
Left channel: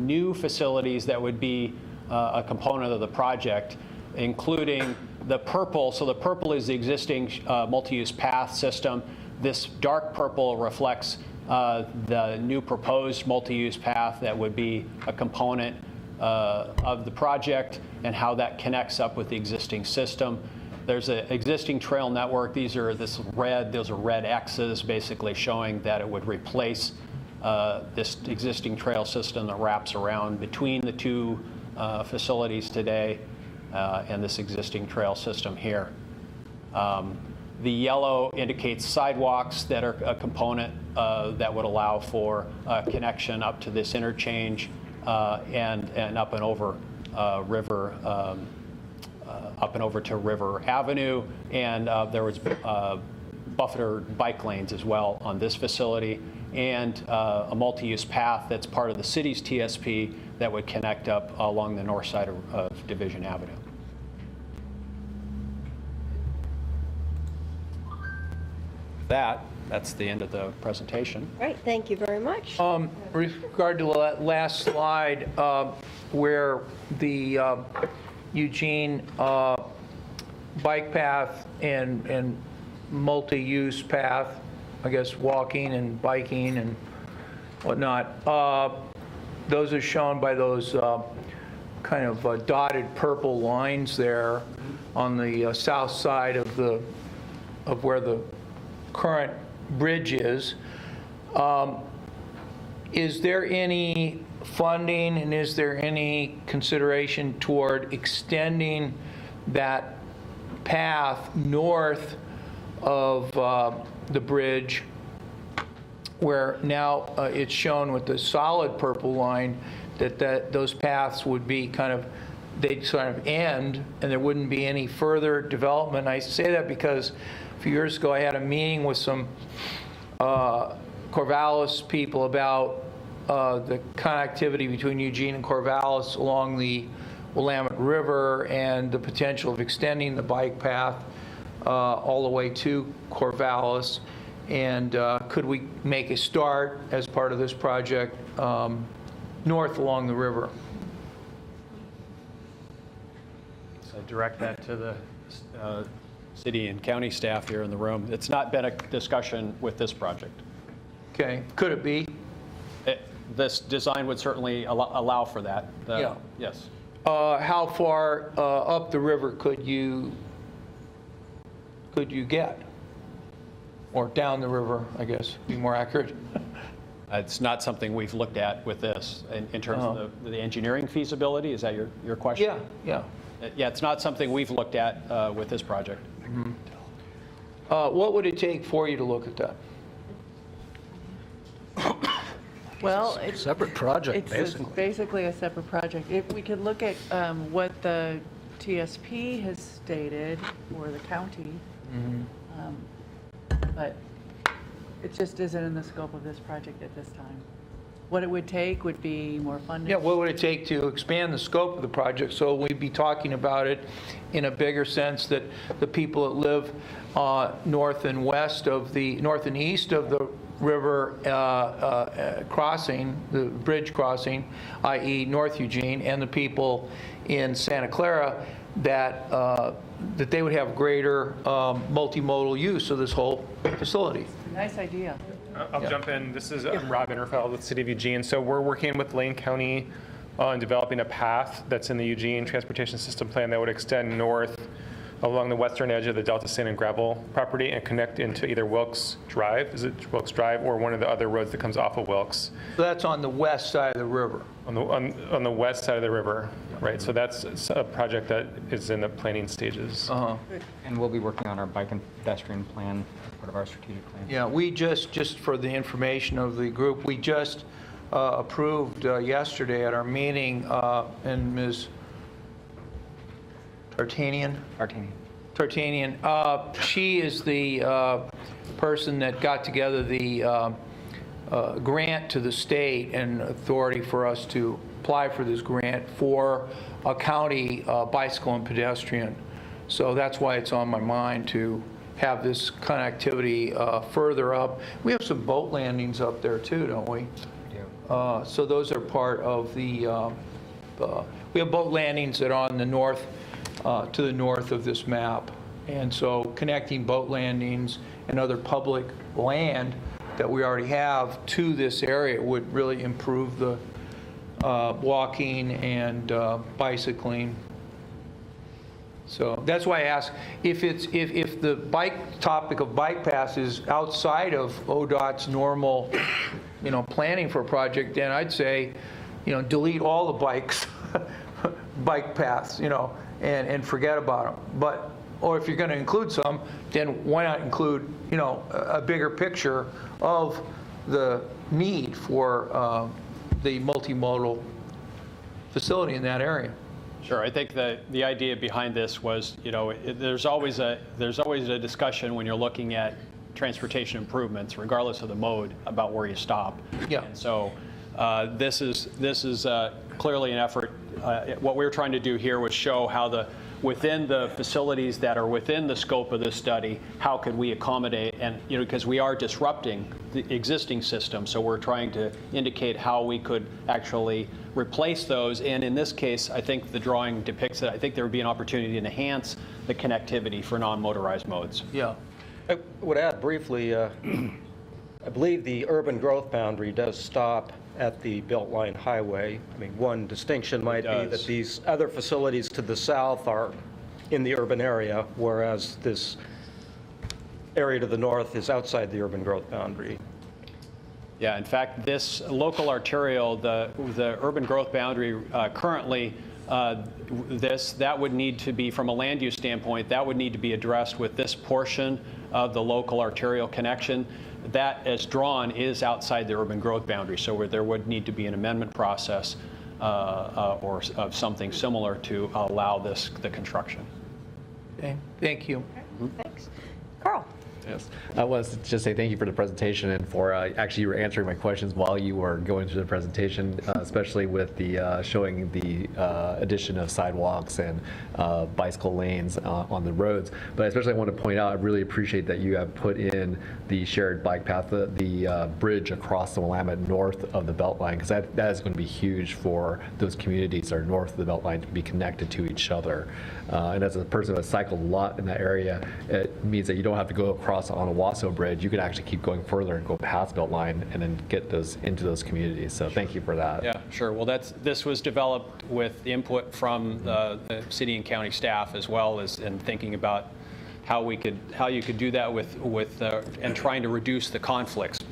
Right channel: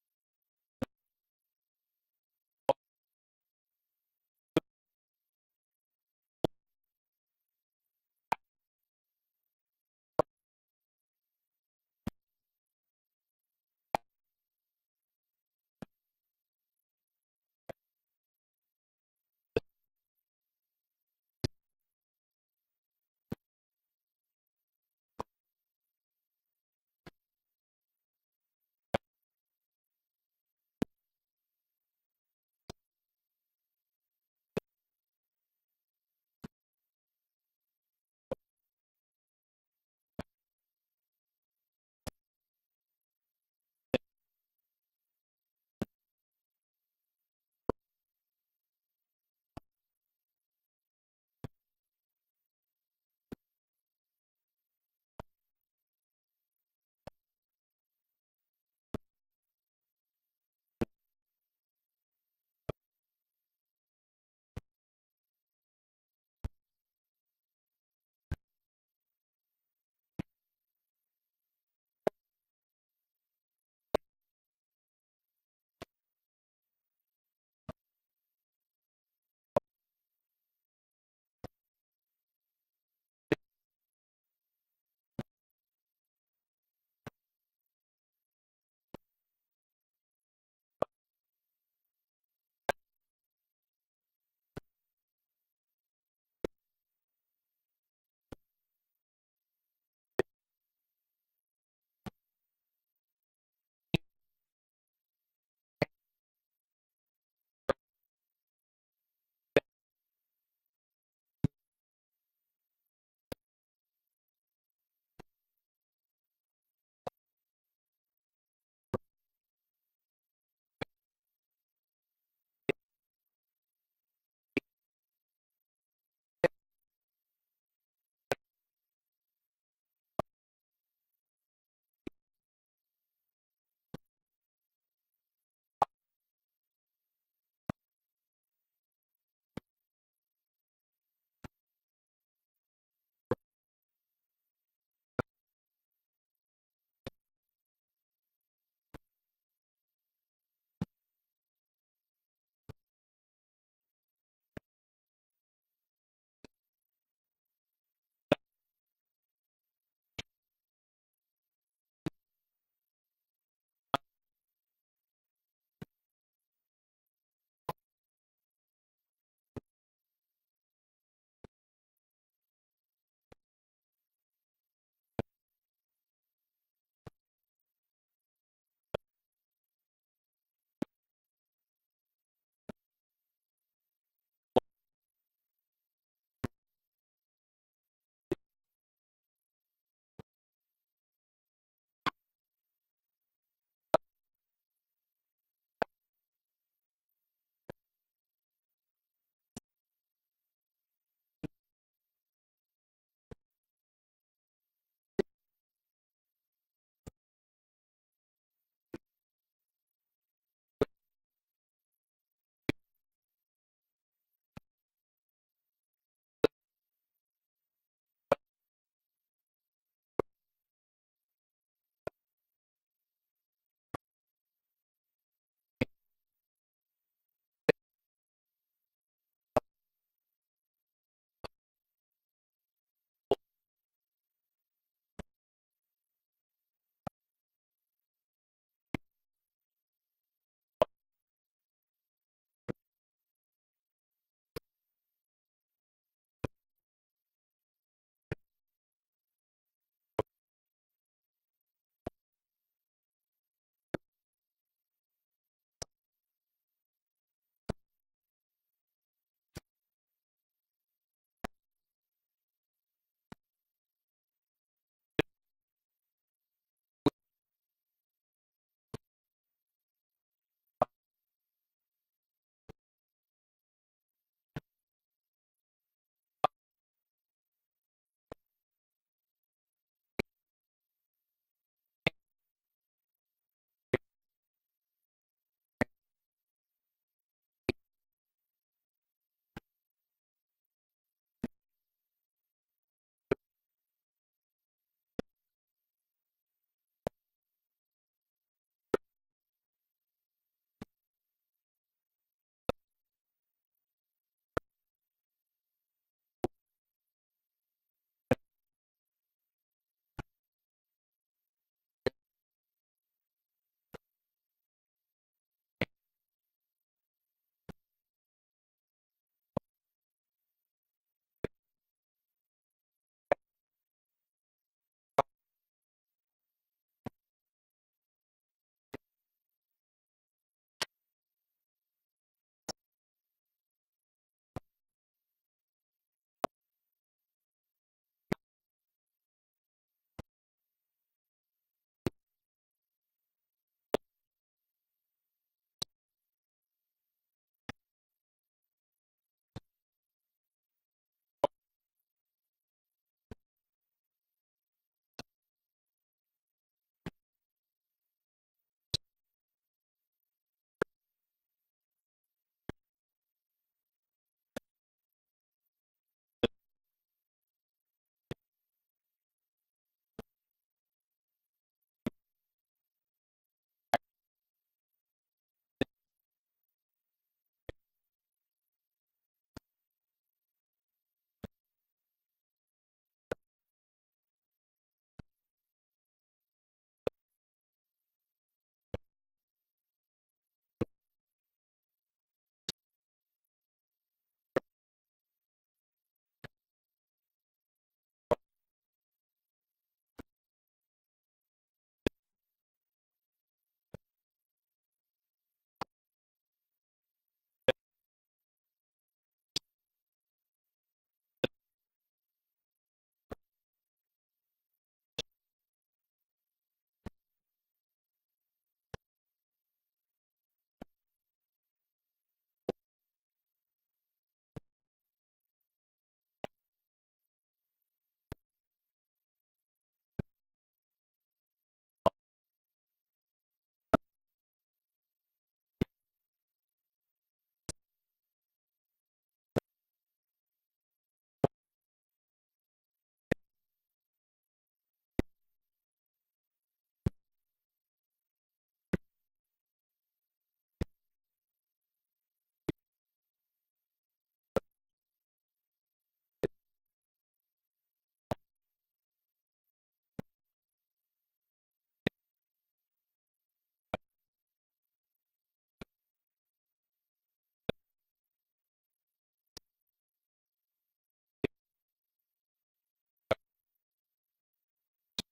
new facilities that would be a component of the project, including the purple. So the purple is the existing multi-use path system. This dark purple reflects the new proposed multi-use path that would be a component of the project and how that connects up with the existing system. There's an existing trail network. Those are red X's basically showing that it would replace this existing trail system that wraps around between the two facilities today and this existing trail system here. The yellow indicates sidewalks that are a component that would allow for connection up to this interchange and up and over river, up and over to River Avenue. And there was buffered bike lanes as well on this facility, and a multi-use path that's part of the city's TSP that would connect up along the north side of Division Avenue. That's the end of the presentation. Right, thank you very much. With regard to that last slide, where the Eugene bike path and multi-use path, I guess walking and biking and whatnot, those are shown by those kind of dotted purple lines there on the south side of where the current bridge is. Is there any funding and is there any consideration toward extending that path north of the bridge, where now it's shown with the solid purple line that those paths would be they'd sort of end and there wouldn't be any further development? I say that because a few years ago I had a meeting with some Corvallis people about the connectivity between Eugene and Corvallis along the Willamette River and the potential of extending the bike path all the way to Corvallis. And could we make a start as part of this project north along the river? So direct that to the city and county staff here in the room. It's not been a discussion with this project. Okay, could it be? This design would certainly allow for that. Yeah. Yes. How far up the river could you get? Or down the river, I guess, be more accurate. It's not something we've looked at with this in terms of the engineering feasibility. Is that your question? Yeah. Yeah, it's not something we've looked at with this project. What would it take for you to look at that? Well, it's Separate project, it's basically a separate project. If we could look at what the TSP has stated, or the county, but it just isn't in the scope of this project at this time. What it would take would be more funding. Yeah, what would it take to expand the scope of the project? So we'd be talking about it in a bigger sense, that the people that live north and east of the river crossing, the bridge crossing, i.e. North Eugene, and the people in Santa Clara, that they would have greater multimodal use of this whole facility. Nice idea. I'll jump in. This is Rob Interfeld with the City of Eugene. So we're working with Lane County on developing a path that's in the Eugene Transportation System Plan that would extend north along the western edge of the Delta Sand and Gravel property and connect into either Wilkes Drive, is it Wilkes Drive, or one of the other roads that comes off of Wilkes. So that's on the west side of the river. On the west side of the river, right? So that's a project that is in the planning stages. And we'll be working on our bike and pedestrian plan as part of our strategic plan. Yeah, we just for the information of the group, we just approved yesterday at our meeting, and Ms. Tartanian, she is the person that got together the grant to the state and authority for us to apply for this grant for a county bicycle and pedestrian. So that's why it's on my mind to have this connectivity further up. We have some boat landings up there too, don't we? So those are part of the, we have boat landings that are on the north, to the north of this map. And so connecting boat landings and other public land that we already have to this area would really improve the walking and bicycling. So that's why I ask, if the topic of bike paths is outside of ODOT's normal, planning for a project, then I'd say, delete all the bike paths, and forget about them. Or if you're going to include some, then why not include, a bigger picture of the need for the multimodal facility in that area. Sure. I think the idea behind this was, there's always a discussion when you're looking at transportation improvements, regardless of the mode, about where you stop. Yeah. And so this is clearly an effort. What we were trying to do here was show how within the facilities that are within the scope of this study, how could we accommodate, and because we are disrupting the existing system, so we're trying to indicate how we could actually replace those. And in this case, I think the drawing depicts it. I think there would be an opportunity to enhance the connectivity for non-motorized modes. Yeah. I would add briefly, I believe the urban growth boundary does stop at the Beltline Highway. I mean, one distinction might be that these other facilities to the south are in the urban area, whereas this area to the north is outside the urban growth boundary. Yeah, in fact, this local arterial, the urban growth boundary currently, that would need to be, from a land use standpoint, that would need to be addressed with this portion of the local arterial connection. That, as drawn, is outside the urban growth boundary, so there would need to be an amendment process or of something similar to allow the construction. Okay, thank you. Thanks. Carl. Yes. I wanted to just say thank you for the presentation and for actually you were answering my questions while you were going through the presentation, especially with the showing the addition of sidewalks and bicycle lanes on the roads. But especially I want to point out, I really appreciate that you have put in the shared bike path, the bridge across the Willamette north of the Beltline, because that is going to be huge for those communities that are north of the Beltline to be connected to each other. And as a person that's cycled a lot in that area, it means that you don't have to go across on a Owasso Bridge. You can actually keep going further and go past Beltline and then get those into those communities. So thank you for that. Yeah, sure. Well, this was developed with input from the city and county staff, as well as in thinking about how you could do that and trying to reduce the conflicts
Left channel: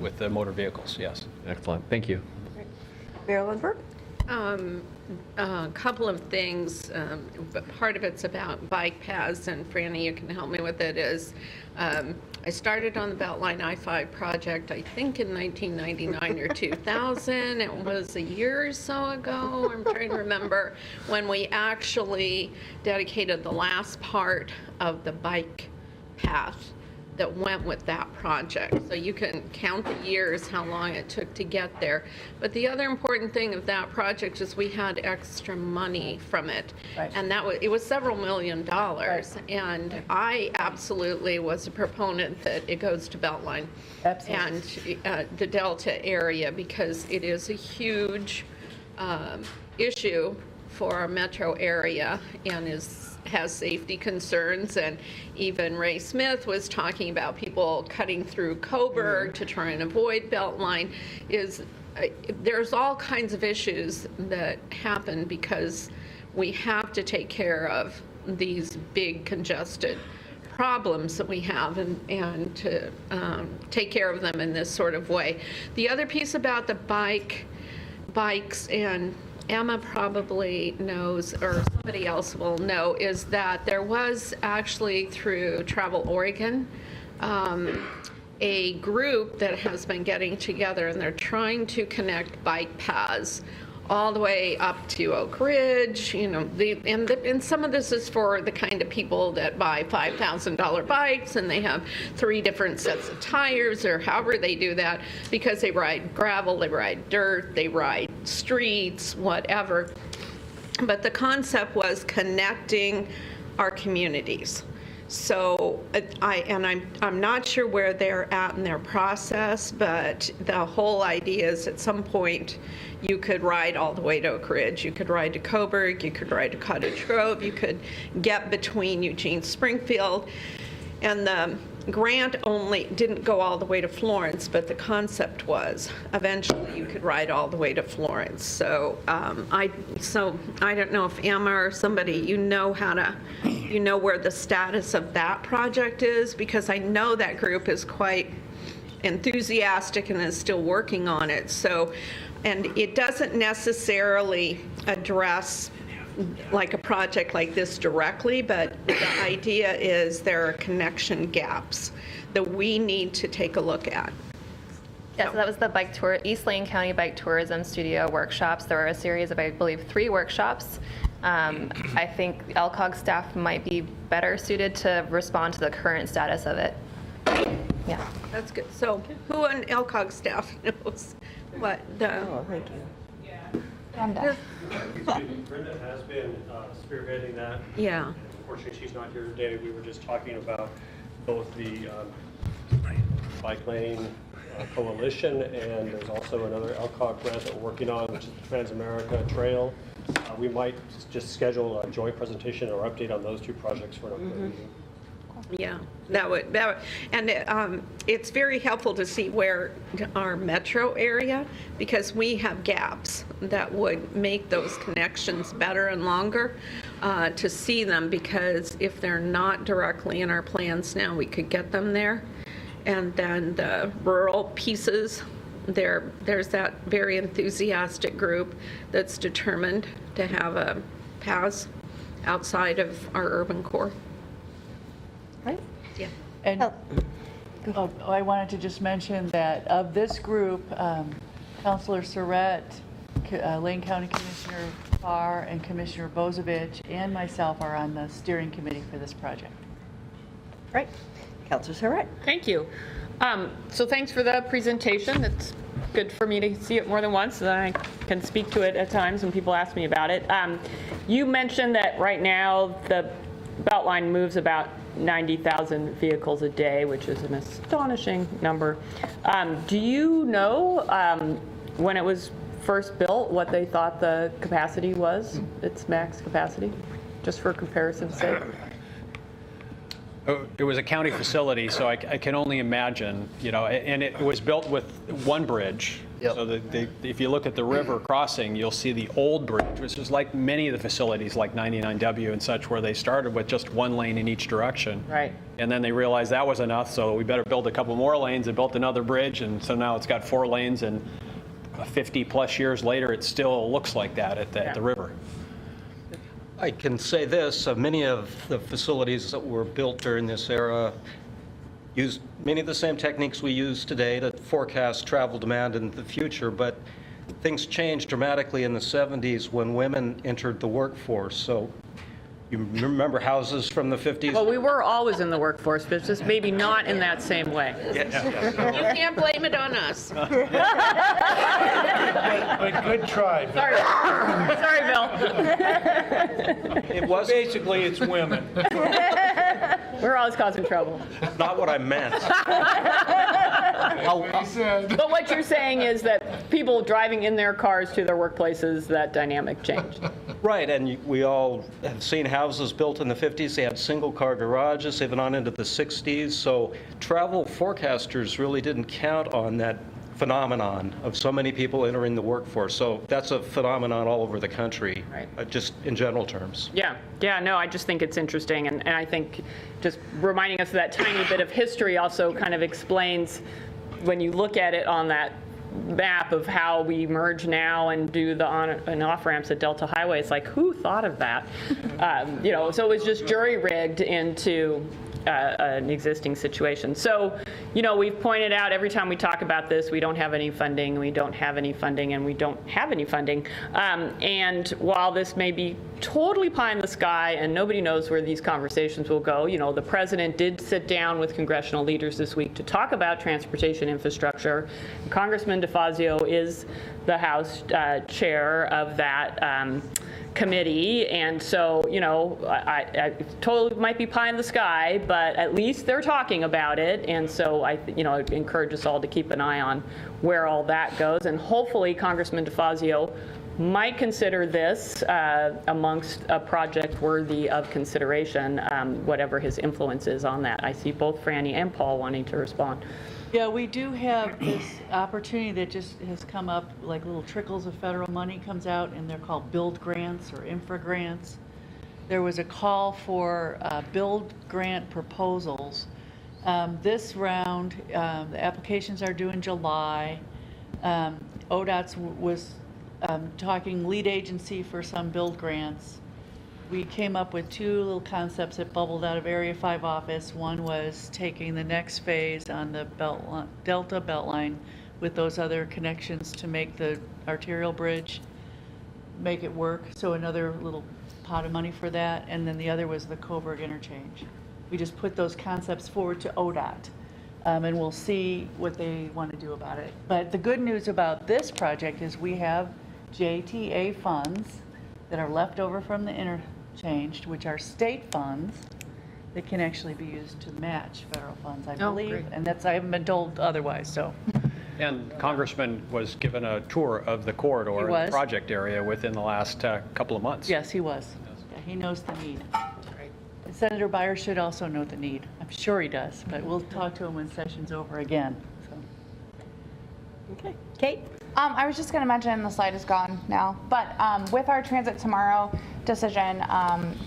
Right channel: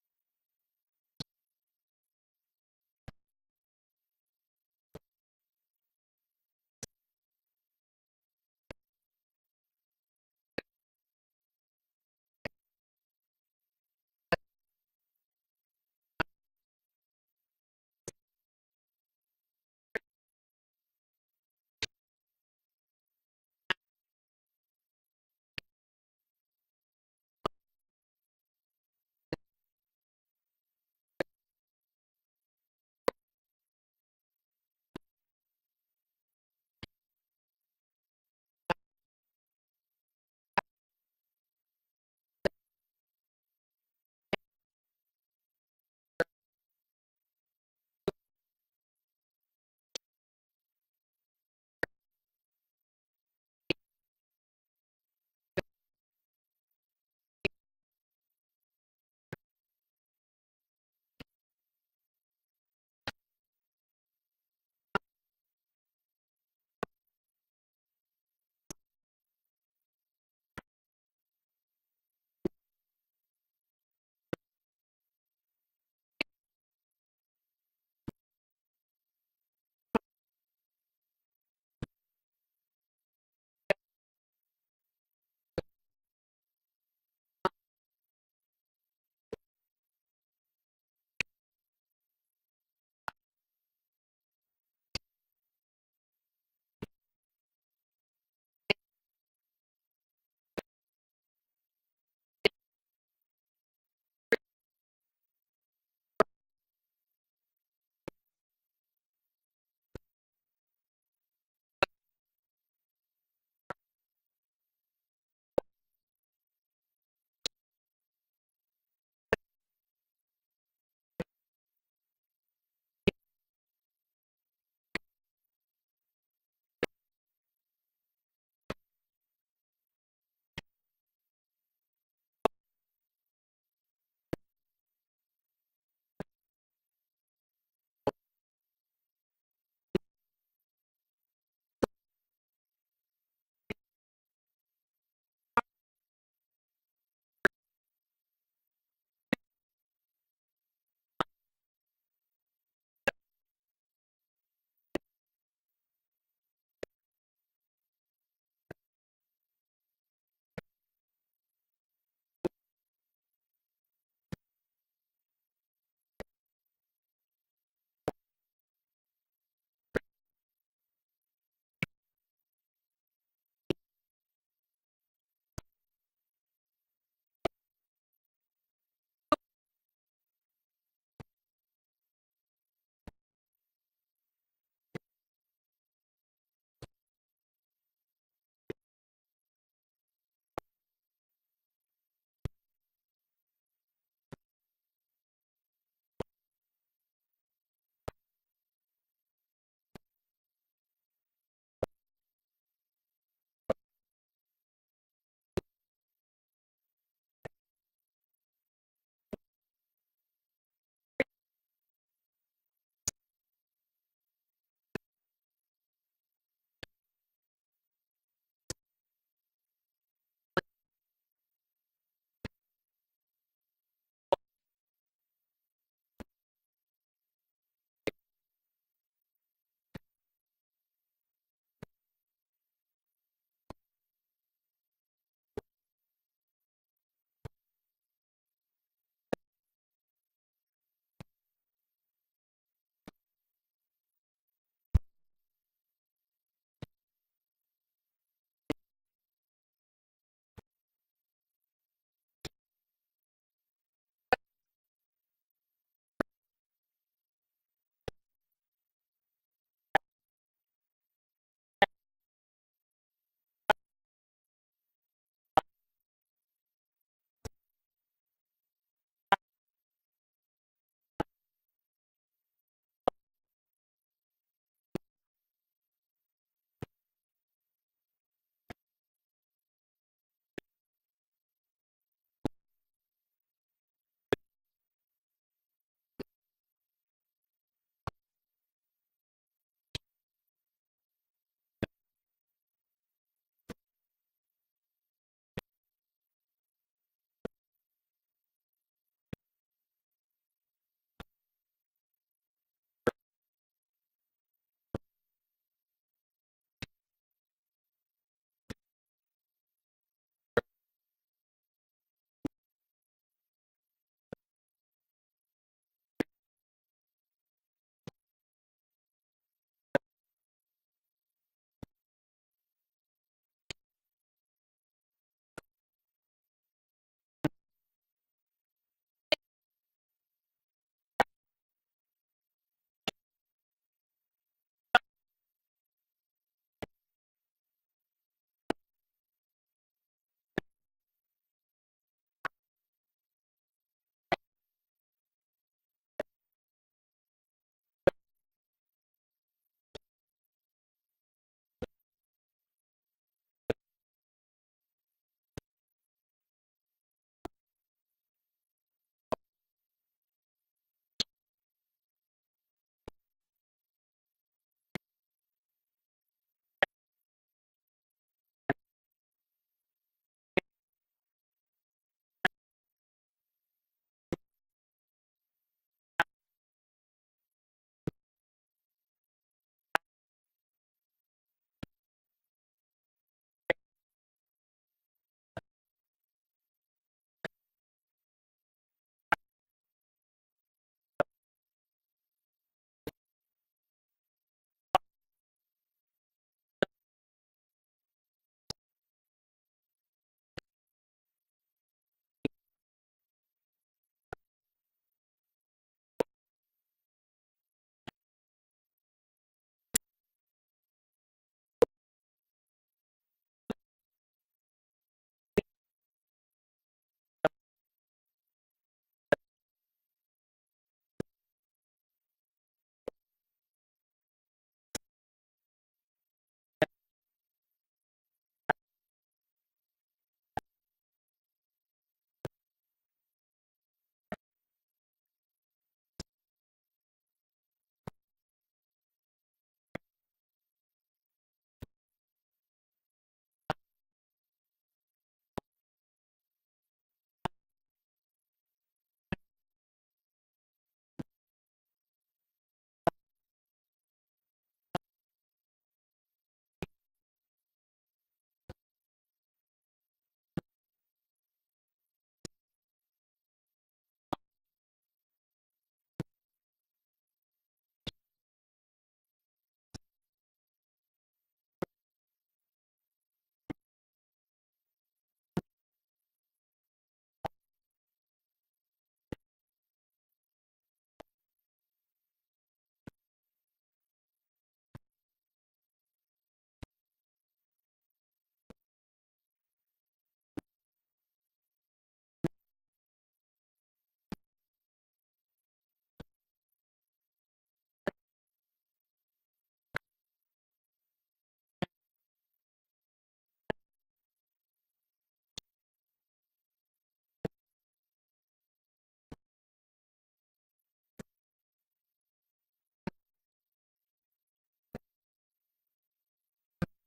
with the motor vehicles, yes. Excellent, thank you. Marilyn Burke? A couple of things, but part of it's about bike paths, and Franny, you can help me with it, is I started on the Beltline I-5 project, I think in 1999 or 2000. It was a year or so ago, I'm trying to remember, when we actually dedicated the last part of the bike path that went with that project. So you can count the years, how long it took to get there. But the other important thing of that project is we had extra money from it. Right. And it was several $1 million. And I absolutely was a proponent that it goes to Beltline and the Delta area, because it is a huge issue for our metro area and has safety concerns. And even Ray Smith was talking about people cutting through Coburg to try and avoid Beltline. There's all kinds of issues that happen because we have to take care of these big congested problems that we have and to take care of them in this sort of way. The other piece about the bikes, and Emma probably knows, or somebody else will know, is that there was actually through Travel Oregon a group that has been getting together, and they're trying to connect bike paths all the way up to Oak Ridge, and some of this is for the kind of people that buy $5,000 bikes and they have 3 different sets of tires, or however they do that, because they ride gravel, they ride dirt, they ride streets, whatever. But the concept was connecting our communities. So I'm not sure where they're at in their process, but the whole idea is at some point you could ride all the way to Oak Ridge, you could ride to Coburg, you could ride to Cottage Grove, you could get between Eugene, Springfield. And the grant only didn't go all the way to Florence, but the concept was eventually you could ride all the way to Florence. So I don't know if Emma or somebody, where the status of that project is, because I know that group is quite enthusiastic and is still working on it. So, and it doesn't necessarily address like a project like this directly, but the idea is there are connection gaps that we need to take a look at. Yeah, so that was the bike tour, East Lane County Bike Tourism Studio workshops. There were a series of, I believe, 3 workshops. I think LCOG staff might be better suited to respond to the current status of it. Yeah. That's good. So who on LCOG staff knows what the... Oh, thank you. Brenda has been spearheading that. Yeah. Unfortunately, she's not here today. We were just talking about both the bike lane coalition, and there's also another LCOG grant that we're working on, which is the Trans-America Trail. We might just schedule a joint presentation or update on those 2 projects for an upcoming meeting. Yeah, that would, and it's very helpful to see where our metro area, because we have gaps that would make those connections better and longer, to see them, because if they're not directly in our plans now, we could get them there. And then the rural pieces, there's that very enthusiastic group that's determined to have a paths outside of our urban core. Right? Yeah. And I wanted to just mention that of this group, Councilor Surratt, Lane County Commissioner Farr, and Commissioner Bozovich, and myself are on the steering committee for this project. Right. Councilor Surratt. Thank you. So thanks for the presentation. It's good for me to see it more than once, so that I can speak to it at times when people ask me about it. You mentioned that right now the Beltline moves about 90,000 vehicles a day, which is an astonishing number. Do you know when it was first built what they thought the capacity was, its max capacity, just for comparison's sake? It was a county facility, so I can only imagine, you know, and it was built with one bridge. So if you look at the river crossing, you'll see the old bridge, which is like many of the facilities like 99W and such, where they started with just one lane in each direction. Right. And then they realized that was enough, so we better build a couple more lanes and built another bridge. And so now it's got 4 lanes, and 50 plus years later, it still looks like that at the river. I can say this, many of the facilities that were built during this era used many of the same techniques we use today to forecast travel demand in the future, but things changed dramatically in the 70s when women entered the workforce. So you remember houses from the 50s? Well, we were always in the workforce, but just maybe not in that same way. You can't blame it on us. But good try. Bill. Sorry, Bill. It was Basically, it's women. We're always causing trouble. not what I meant. But what you're saying is that people driving in their cars to their workplaces, that dynamic changed. Right, and we all have seen houses built in the 50s. They had single-car garages, even on into the 60s. So travel forecasters really didn't count on that phenomenon of so many people entering the workforce. So that's a phenomenon all over the country, just in general terms. Yeah, no, I just think it's interesting. And I think just reminding us of that tiny bit of history also kind of explains, when you look at it on that map of how we merge now and do the on and off ramps at Delta Highway, it's like, who thought of that? You know, so it was just jury-rigged into an existing situation. So, you know, we've pointed out every time we talk about this, we don't have any funding, we don't have any funding, and we don't have any funding. And while this may be totally pie in the sky and nobody knows where these conversations will go, you know, the president did sit down with congressional leaders this week to talk about transportation infrastructure. Congressman DeFazio is the House chair of that committee, and so, you know, I totally might be pie in the sky, but at least they're talking about it, and so you know, I'd encourage us all to keep an eye on where all that goes, and hopefully Congressman DeFazio might consider this amongst a project worthy of consideration, whatever his influence is on that. I see both Franny and Paul wanting to respond. Yeah, we do have this opportunity that just has come up, like little trickles of federal money comes out, and they're called build grants or infra grants. There was a call for build grant proposals. This round, the applications are due in July. ODOT's was talking lead agency for some build grants. We came up with 2 little concepts that bubbled out of Area 5 office. One was taking the next phase on the Delta Beltline with those other connections to make the arterial bridge, make it work. So another little pot of money for that. And then the other was the Coburg interchange. We just put those concepts forward to ODOT. And we'll see what they want to do about it. But the good news about this project is we have JTA funds that are left over from the interchange, which are state funds that can actually be used to match federal funds, I believe. Great. And that's, I haven't been told otherwise, so. And Congressman was given a tour of the corridor, He was. the project area within the last couple of months. Yes, he was. Yeah, he knows the need. And Senator Byer should also know the need. I'm sure he does, but we'll talk to him when session's over again. So. Okay. Kate? I was just going to mention, the slide is gone now, but with our Transit Tomorrow decision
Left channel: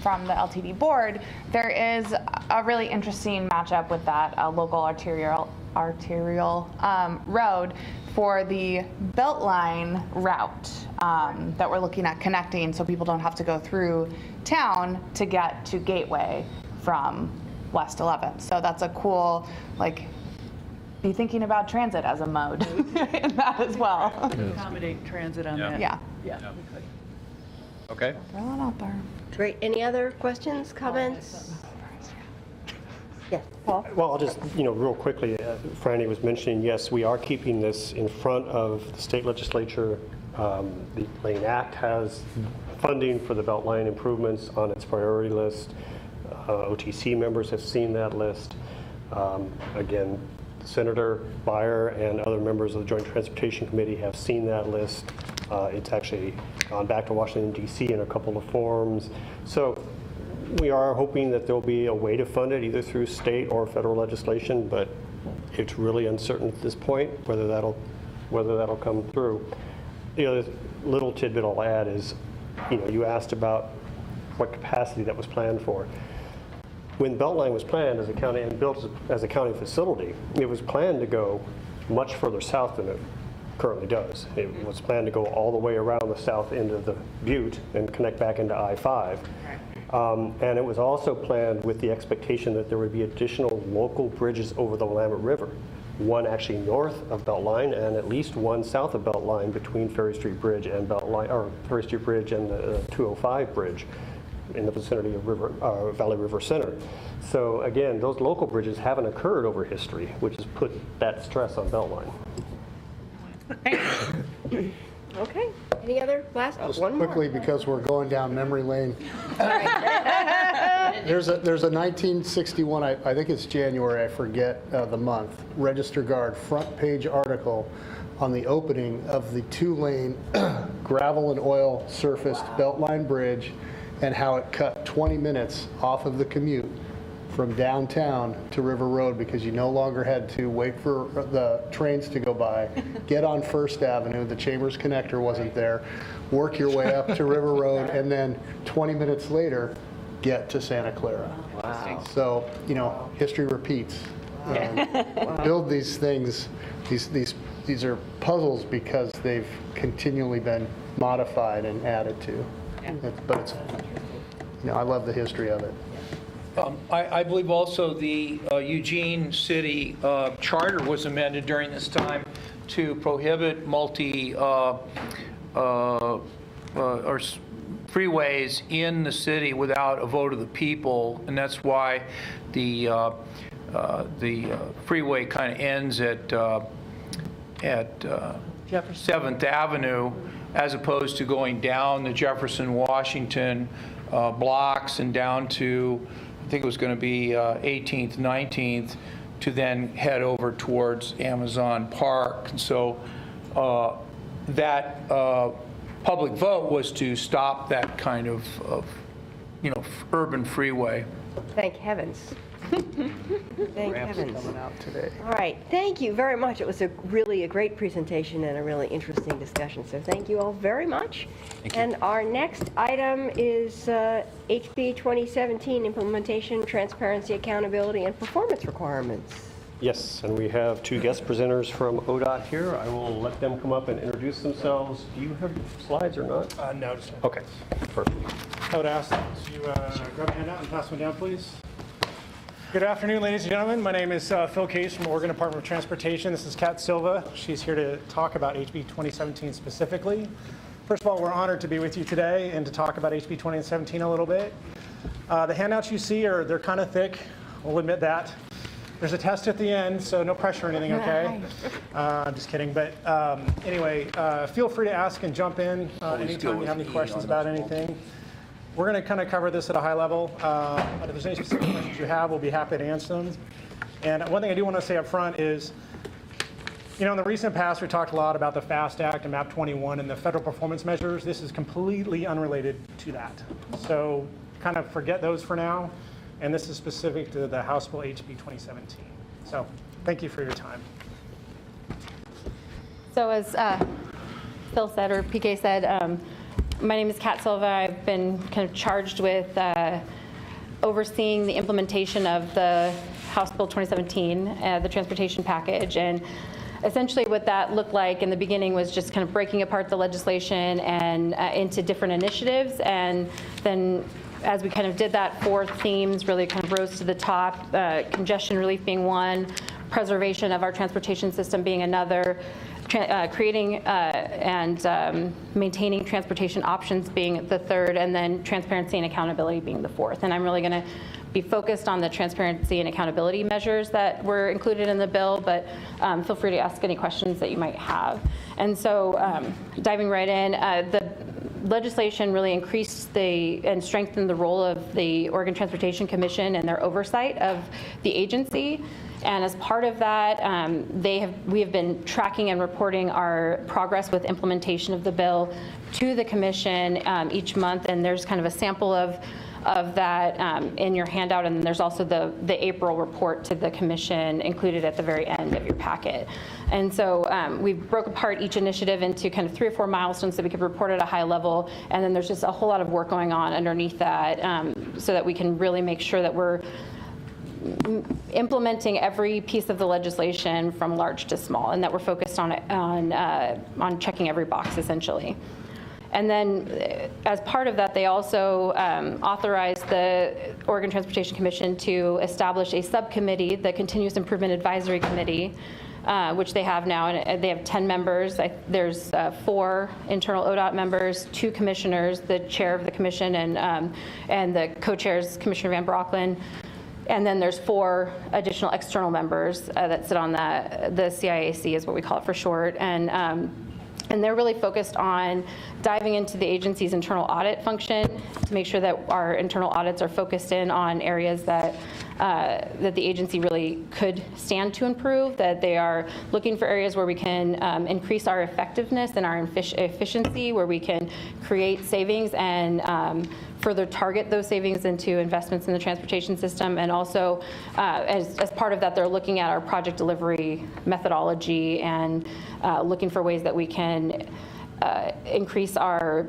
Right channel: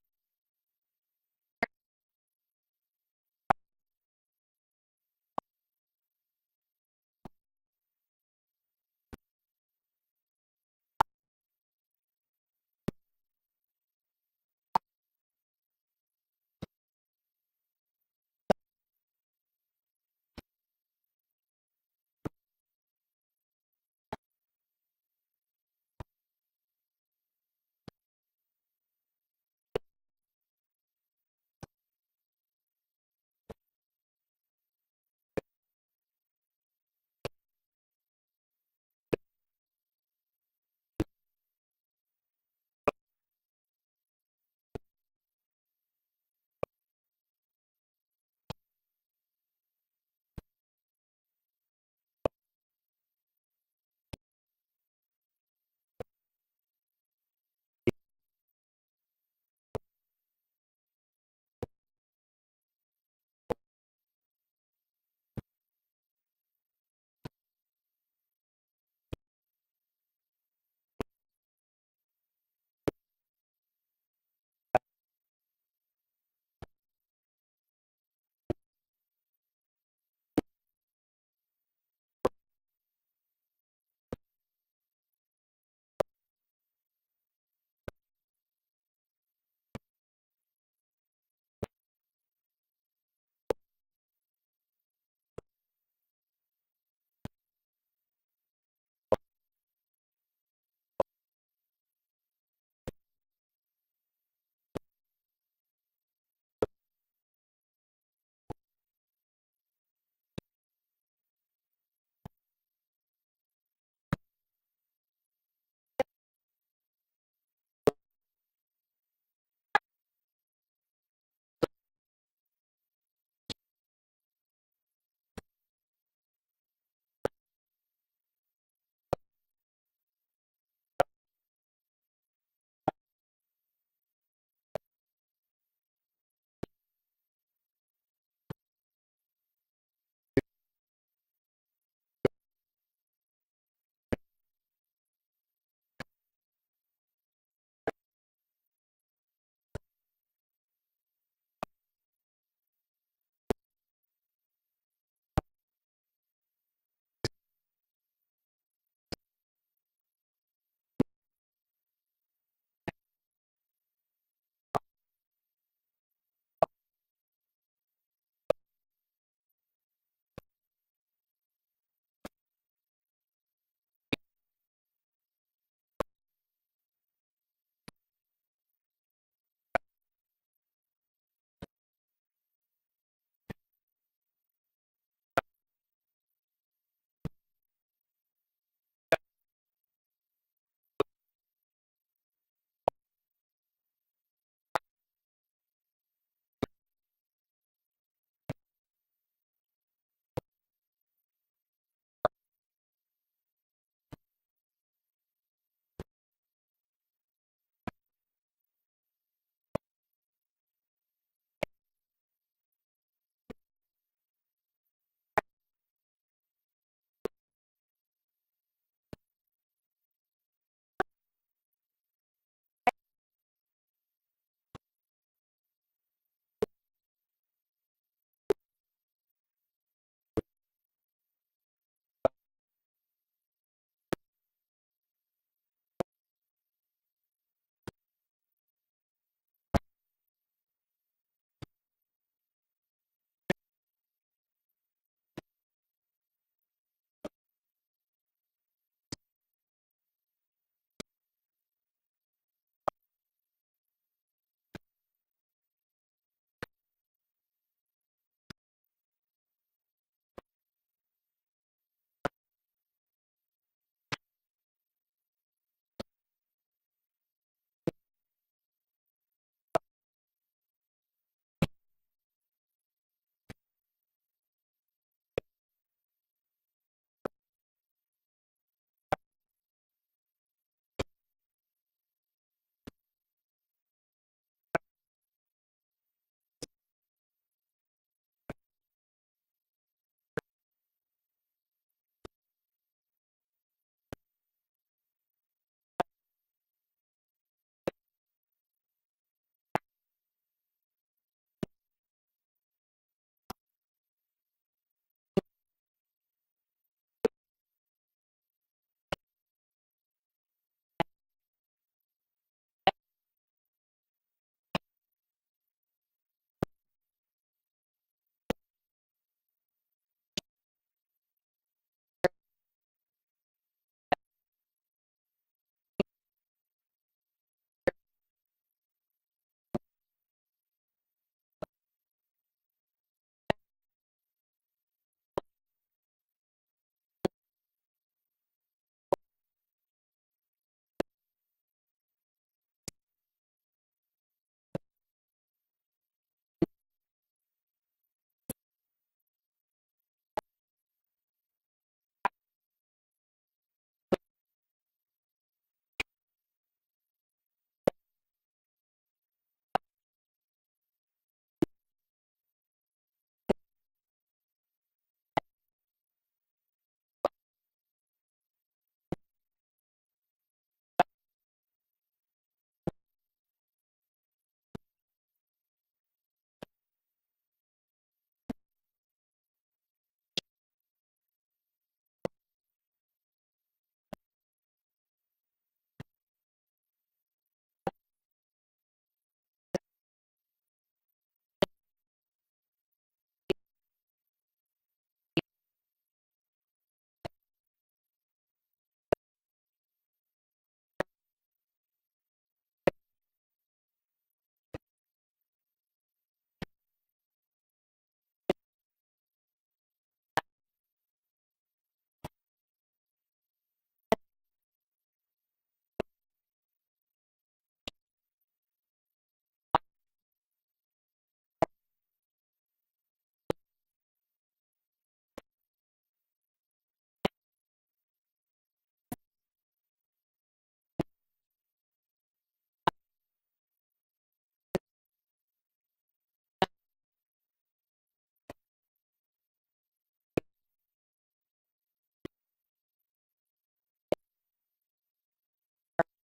from the LTD board, there is a really interesting matchup with that local arterial road for the Beltline route that we're looking at connecting, so people don't have to go through town to get to Gateway from West 11th. So that's a cool, like, be thinking about transit as a mode in that as well. Accommodate transit on that. Yeah. Yeah. Okay. Throw that out there. Great. Any other questions, comments? Yes, Paul? Well, I'll just, real quickly, Franny was mentioning, yes, we are keeping this in front of the state legislature. The Lane Act has funding for the Beltline improvements on its priority list. OTC members have seen that list. Again, Senator Byer and other members of the Joint Transportation Committee have seen that list. It's actually gone back to Washington, D.C. in a couple of forms. So We are hoping that there'll be a way to fund it, either through state or federal legislation, but it's really uncertain at this point whether that'll come through. The other little tidbit I'll add is, you asked about what capacity that was planned for. When Beltline was planned as a county and built as a county facility, it was planned to go much further south than it currently does. It was planned to go all the way around the south end of the Butte and connect back into I-5. And it was also planned with the expectation that there would be additional local bridges over the Willamette River. One actually north of Beltline and at least one south of Beltline between Ferry Street Bridge and Ferry Street Bridge and the 205 Bridge in the vicinity of Valley River Center. So again, those local bridges haven't occurred over history, which has put that stress on Beltline. Okay. Any other last? One more. Quickly, because we're going down memory lane. There's a 1961, I think it's January, I forget the month, Register Guard front page article on the opening of the 2-lane gravel and oil surfaced Beltline Bridge and how it cut 20 minutes off of the commute from downtown to River Road because you no longer had to wait for the trains to go by, get on First Avenue, the Chambers connector wasn't there, work your way up to River Road, and then 20 minutes later, get to Santa Clara. Wow. So, history repeats. Build these things, these are puzzles because they've continually been modified and added to. But it's, I love the history of it. I believe also the Eugene City Charter was amended during this time to prohibit freeways in the city without a vote of the people, and that's why the freeway kind of ends at 7th Avenue as opposed to going down the Jefferson, Washington blocks and down to, I think it was going to be 18th, 19th, to then head over towards Amazon Park. And so that public vote was to stop that kind of urban freeway. Thank heavens. Thank heavens. Coming out today. All right, thank you very much. It was really a great presentation and a really interesting discussion, so thank you all very much. And our next item is HB 2017 Implementation, Transparency, Accountability, and Performance Requirements. Yes, and we have two guest presenters from ODOT here. I will let them come up and introduce themselves. Do you have slides or not? No, just Okay, perfect. I would ask that you grab a handout and pass one down, please. Good afternoon, ladies and gentlemen. My name is Phil Case from Oregon Department of Transportation. This is Kat Silva. She's here to talk about HB 2017 specifically. First of all, we're honored to be with you today and to talk about HB 2017 a little bit. The handouts you see they're kind of thick. We'll admit that. There's a test at the end, so no pressure or anything, okay? I'm just kidding. But anyway, feel free to ask and jump in anytime you have any questions about anything. We're going to kind of cover this at a high level, but if there's any specific questions you have, we'll be happy to answer them. And one thing I do want to say up front is, in the recent past, we talked a lot about the FAST Act and MAP 21 and the federal performance measures. This is completely unrelated to that. So kind of forget those for now. And this is specific to the House Bill HB 2017. So thank you for your time. So as Phil said, or PK said, my name is Kat Silva. I've been kind of charged with overseeing the implementation of the House Bill 2017, the transportation package. And essentially what that looked like in the beginning was just kind of breaking apart the legislation and into different initiatives. And then as we kind of did that, 4 themes really kind of rose to the top, congestion relief being one, preservation of our transportation system being another, creating and maintaining transportation options being the third, and then transparency and accountability being the fourth. And I'm really going to be focused on the transparency and accountability measures that were included in the bill, but feel free to ask any questions that you might have. And so diving right in, the legislation really increased and strengthened the role of the Oregon Transportation Commission and their oversight of the agency. And as part of that, we have been tracking and reporting our progress with implementation of the bill to the commission each month. And there's kind of a sample of of that in your handout, and then there's also the April report to the commission included at the very end of your packet. And so we broke apart each initiative into kind of 3 or 4 milestones that we could report at a high level, and then there's just a whole lot of work going on underneath that so that we can really make sure that we're implementing every piece of the legislation from large to small, and that we're focused on checking every box essentially. And then as part of that, they also authorized the Oregon Transportation Commission to establish a subcommittee, the Continuous Improvement Advisory Committee, which they have now, and they have 10 members. There's 4 internal ODOT members, 2 commissioners, the chair of the commission and the co-chairs, Commissioner Van Brocklin. And then there's 4 additional external members that sit on the CIAC is what we call it for short. And they're really focused on diving into the agency's internal audit function to make sure that our internal audits are focused in on areas that the agency really could stand to improve, that they are looking for areas where we can increase our effectiveness and our efficiency, where we can create savings and further target those savings into investments in the transportation system. And also, as part of that, they're looking at our project delivery methodology and looking for ways that we can increase our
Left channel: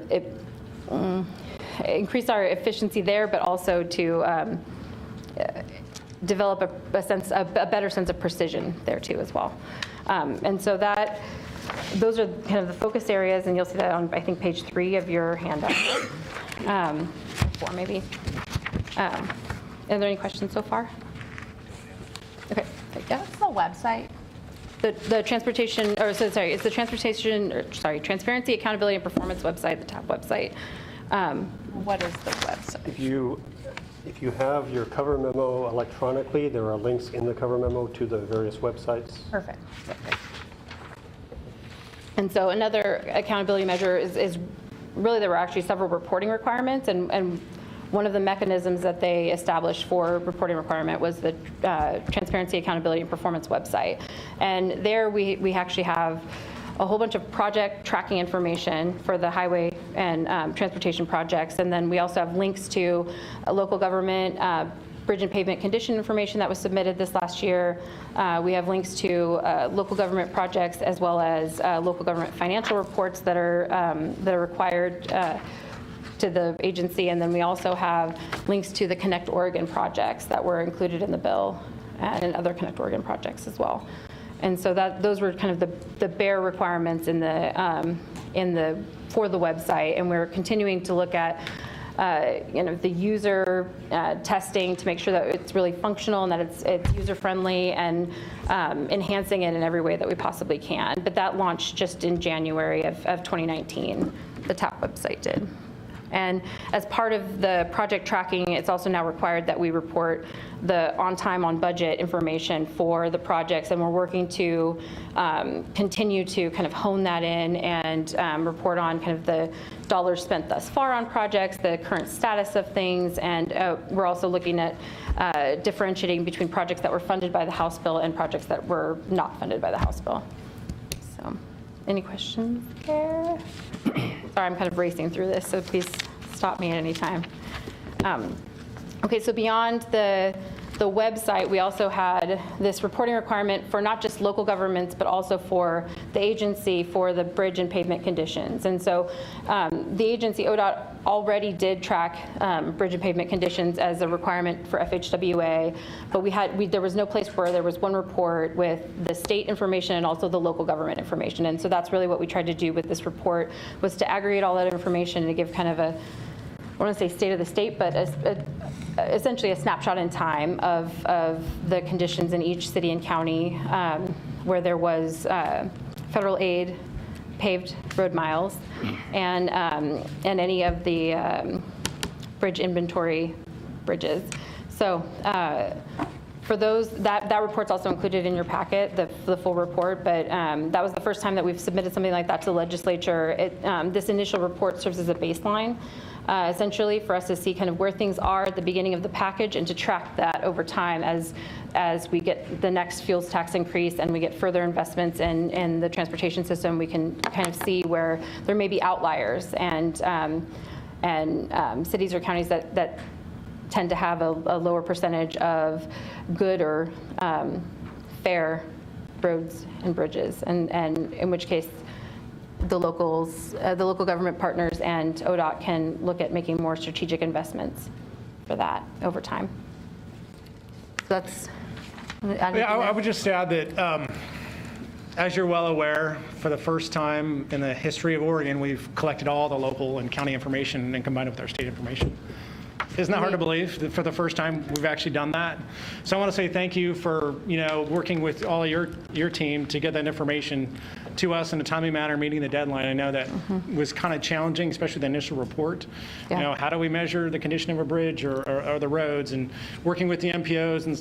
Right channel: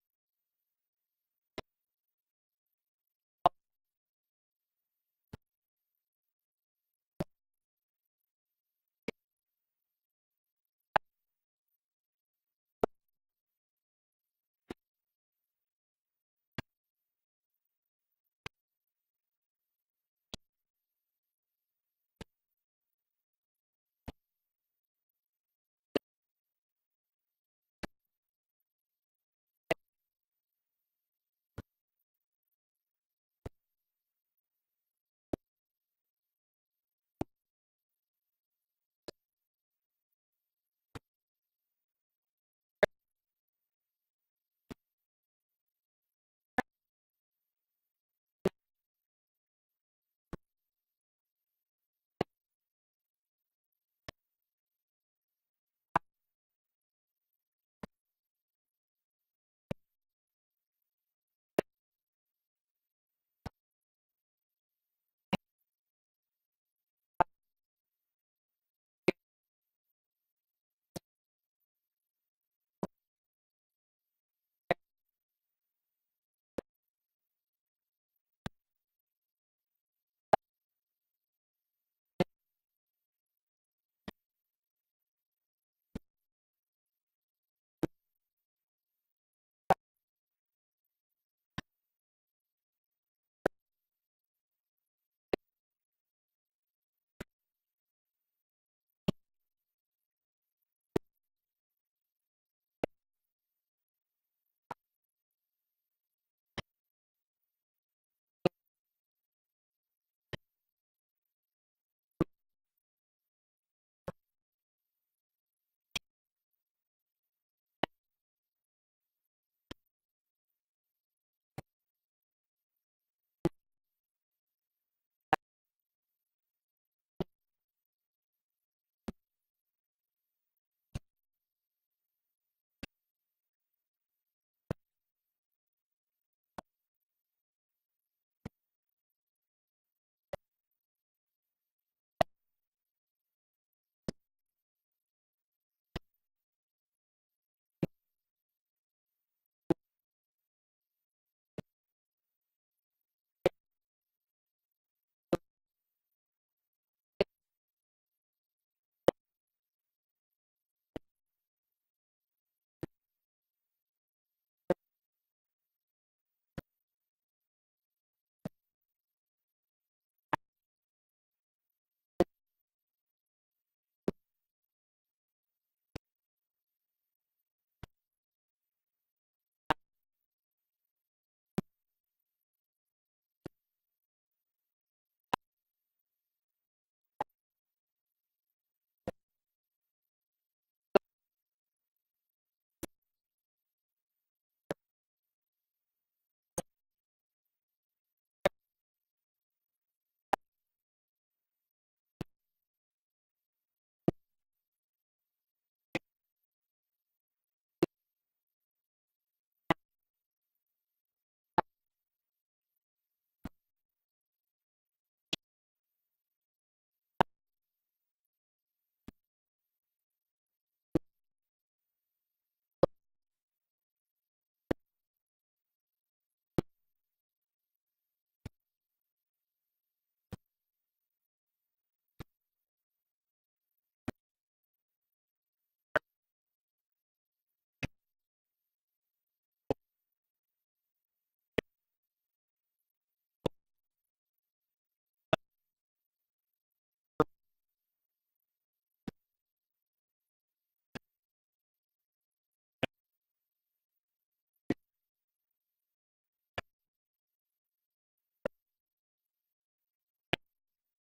efficiency there, but also to develop a better sense of precision there too as well. And so those are kind of the focus areas, and you'll see that on, I think, page 3 of your handout. 4 maybe. Are there any questions so far? Okay. Yeah. What's the website? The transportation, or so sorry, it's the Transparency, Accountability, and Performance website, the TAP website. What is the website? If you have your cover memo electronically, there are links in the cover memo to the various websites. Perfect. And so another accountability measure is really there were actually several reporting requirements, and one of the mechanisms that they established for reporting requirement was the Transparency, Accountability, and Performance website. And there we actually have a whole bunch of project tracking information for the highway and transportation projects. And then we also have links to local government bridge and pavement condition information that was submitted this last year. We have links to local government projects as well as local government financial reports that are required to the agency. And then we also have links to the Connect Oregon projects that were included in the bill and other Connect Oregon projects as well. And so those were kind of the bare requirements for the website. And we're continuing to look at the user testing to make sure that it's really functional and that it's user-friendly, and enhancing it in every way that we possibly can. But that launched just in January of 2019, the TAP website did. And as part of the project tracking, it's also now required that we report the on time, on budget information for the projects, and we're working to continue to kind of hone that in and report on kind of the dollars spent thus far on projects, the current status of things, and we're also looking at differentiating between projects that were funded by the House bill and projects that were not funded by the House bill. So, any questions there? Sorry, I'm kind of racing through this, so please stop me at any time. Okay, so beyond the website, we also had this reporting requirement for not just local governments, but also for the agency for the bridge and pavement conditions. And so the agency, ODOT, already did track bridge and pavement conditions as a requirement for FHWA, but there was no place where there was one report with the state information and also the local government information. And so that's really what we tried to do with this report, was to aggregate all that information and to give kind of a, I want to say state of the state, but essentially a snapshot in time of the conditions in each city and county where there was federal aid, paved road miles, and any of the bridge inventory bridges. So for those, that report's also included in your packet, the full report, but that was the first time that we've submitted something like that to the legislature. This initial report serves as a baseline, essentially, for us to see kind of where things are at the beginning of the package and to track that over time as we get the next fuels tax increase and we get further investments in the transportation system. We can kind of see where there may be outliers and cities or counties that tend to have a lower percentage of good or fair roads and bridges, and in which case the local government partners and ODOT can look at making more strategic investments for that over time. So that's. I would just add that, as you're well aware, for the first time in the history of Oregon, we've collected all the local and county information and combined it with our state information. Isn't that hard to believe that for the first time we've actually done that? So I want to say thank you for working with all of your team to get that information to us in a timely manner, meeting the deadline. I know that was kind of challenging, especially the initial report. Yeah. How do we measure the condition of a bridge or the roads, and working with the MPOs and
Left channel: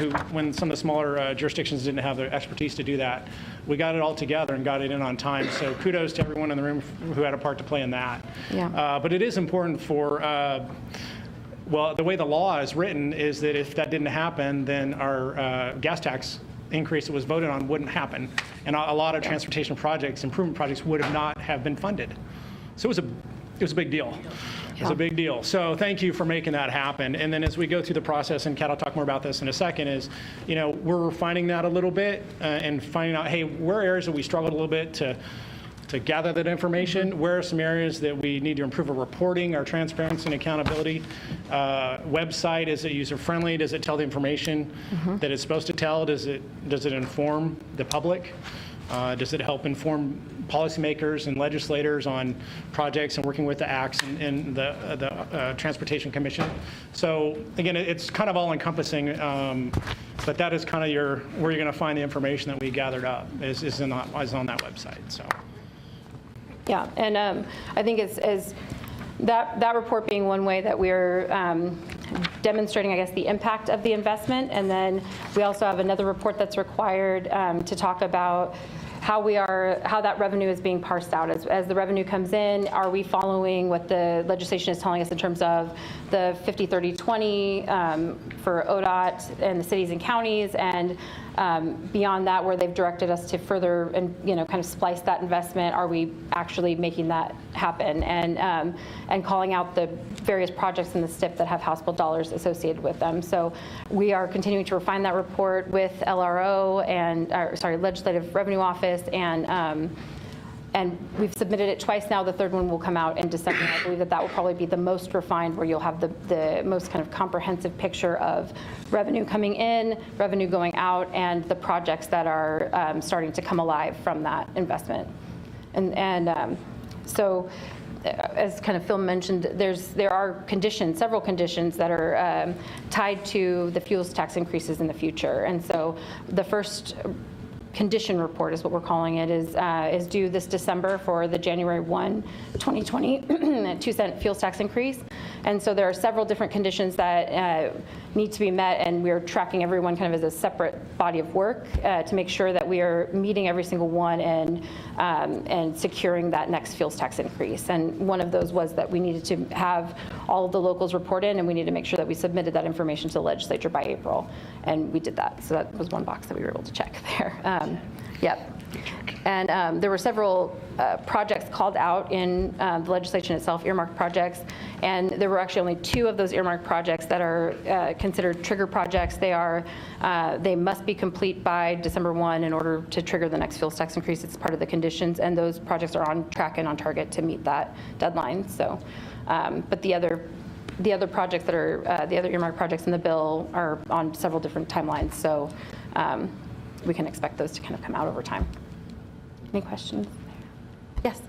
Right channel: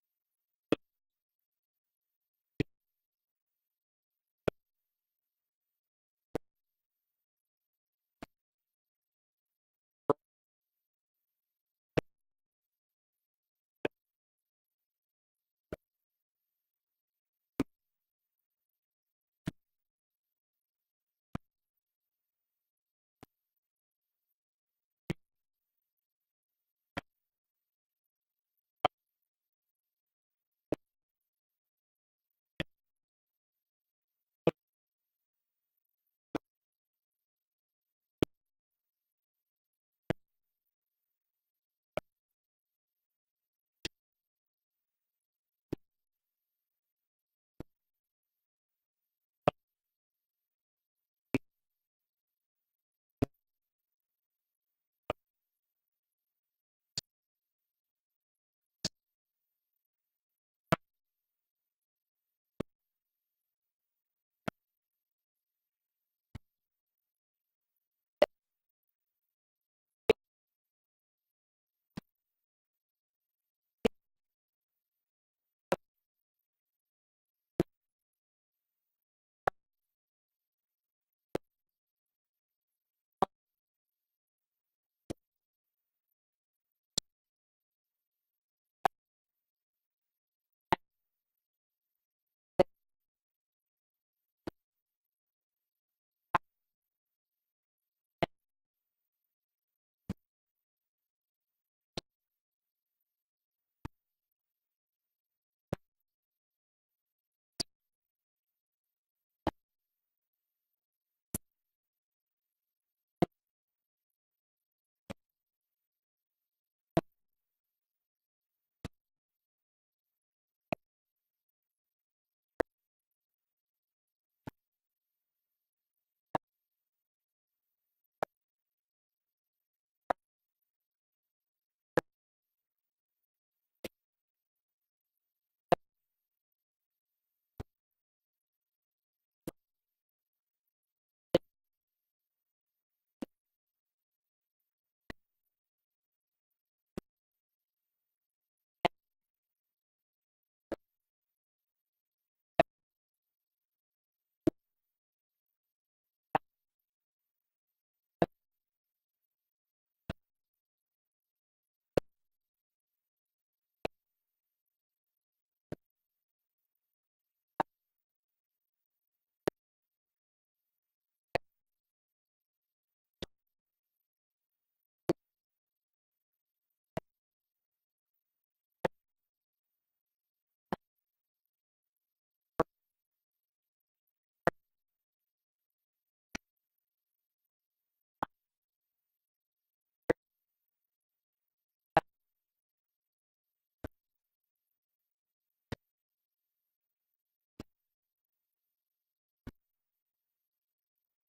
who, when some of the smaller jurisdictions didn't have the expertise to do that, we got it all together and got it in on time. So kudos to everyone in the room who had a part to play in that. Yeah. But it is important for. Well, the way the law is written is that if that didn't happen, then our gas tax increase that was voted on wouldn't happen. And a lot of transportation projects, improvement projects, would not have been funded. So it was a big deal. It was a big deal. So thank you for making that happen. And then as we go through the process, and Kat will talk more about this in a second, is, we're refining that a little bit and finding out, hey, where are areas that we struggled a little bit to gather that information? Where are some areas that we need to improve our reporting, our transparency and accountability? Website, is it user-friendly? Does it tell the information that it's supposed to tell? Does it inform the public? Does it help inform policymakers and legislators on projects and working with the ACTs and the Transportation Commission? So again, it's kind of all-encompassing, but that is kind of where you're going to find the information that we gathered up is on that website. So. Yeah, and I think it's that report being one way that we're demonstrating, I guess, the impact of the investment. And then we also have another report that's required to talk about how that revenue is being parsed out. As the revenue comes in, are we following what the legislation is telling us in terms of the 50-30-20 for ODOT and the cities and counties, and beyond that, where they've directed us to further and kind of splice that investment, are we actually making that happen? And calling out the various projects in the STIP that have House Bill dollars associated with them. So we are continuing to refine that report with LRO and Legislative Revenue Office, and we've submitted it twice now. The third one will come out in December. I believe that will probably be the most refined, where you'll have the most kind of comprehensive picture of revenue coming in, revenue going out, and the projects that are starting to come alive from that investment. So, as kind of Phil mentioned, there are several conditions that are tied to the fuels tax increases in the future. And so the first condition report is what we're calling it, is due this December for the January 1, 2020 2-cent fuels tax increase. And so there are several different conditions that need to be met, and we're tracking everyone kind of as a separate body of work to make sure that we are meeting every single one and securing that next fuels tax increase. And one of those was that we needed to have all of the locals report in, and we needed to make sure that we submitted that information to the legislature by April, and we did that. So that was one box that we were able to check there. Yep. And there were several projects called out in the legislation itself, earmarked projects, and there were actually only 2 of those earmarked projects that are considered trigger projects. They must be complete by December 1 in order to trigger the next fuels tax increase. It's part of the conditions, and those projects are on track and on target to meet that deadline. So, but the other projects that are the other earmarked projects in the bill are on several different timelines. So we can expect those to kind of come out over time. Any questions? Yes.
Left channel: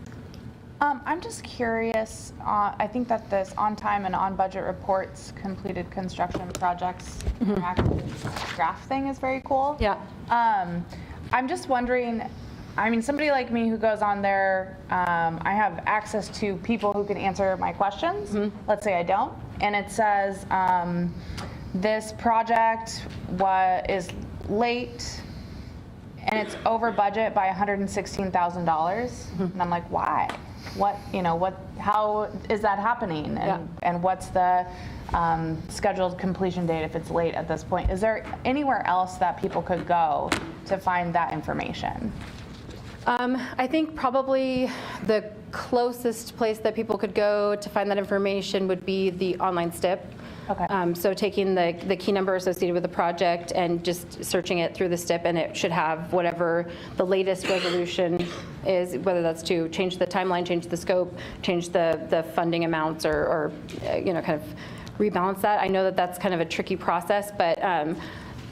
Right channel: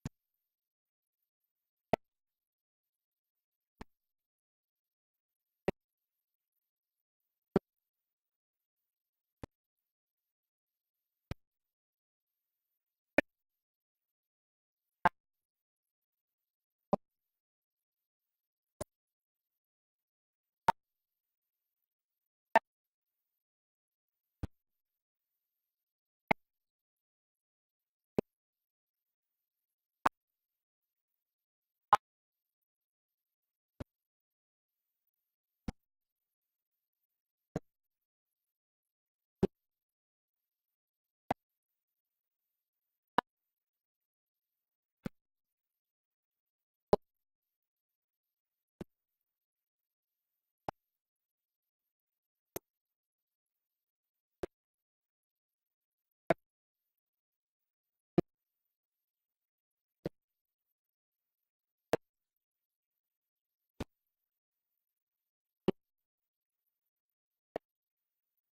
I'm just curious, I think that this on-time and on-budget reports, completed construction projects, interactive graph thing is very cool. Yeah. I'm just wondering, I mean, somebody like me who goes on there, I have access to people who can answer my questions. Let's say I don't. And it says, this project is late, and it's over budget by $116,000. And I'm like, why? How is that happening? And what's the scheduled completion date if it's late at this point? Is there anywhere else that people could go to find that information? I think probably the closest place that people could go to find that information would be the online STIP. Okay. So taking the key number associated with the project and just searching it through the STIP, and it should have whatever the latest resolution is, whether that's to change the timeline, change the scope, change the funding amounts, or kind of rebalance that. I know that that's kind of a tricky process, but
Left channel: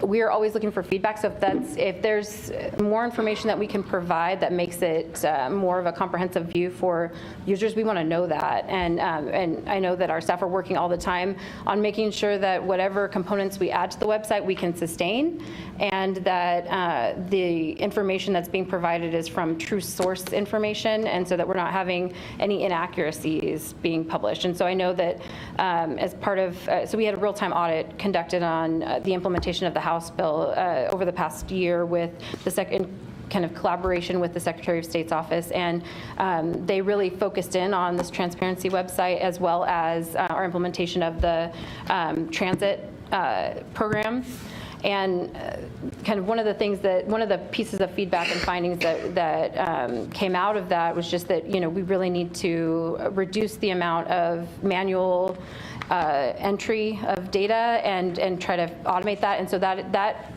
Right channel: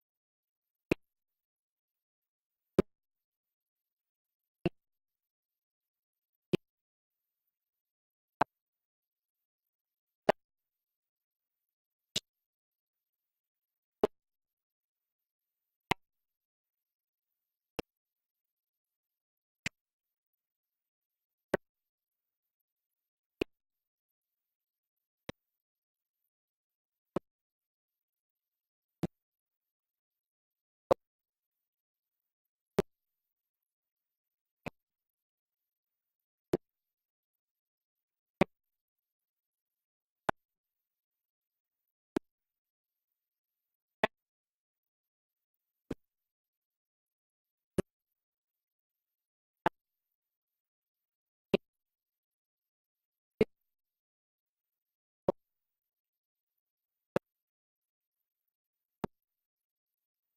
we are always looking for feedback. So if there's more information that we can provide that makes it more of a comprehensive view for users, we want to know that. And I know that our staff are working all the time on making sure that whatever components we add to the website we can sustain, and that the information that's being provided is from true source information, and so that we're not having any inaccuracies being published. And so I know that as part of, so we had a real-time audit conducted on the implementation of the House bill over the past year with the in kind of collaboration with the Secretary of State's office, and they really focused in on this transparency website, as well as our implementation of the transit program. And kind of one of the pieces of feedback and findings that came out of that was just that, we really need to reduce the amount of manual entry of data and try to automate that. And so that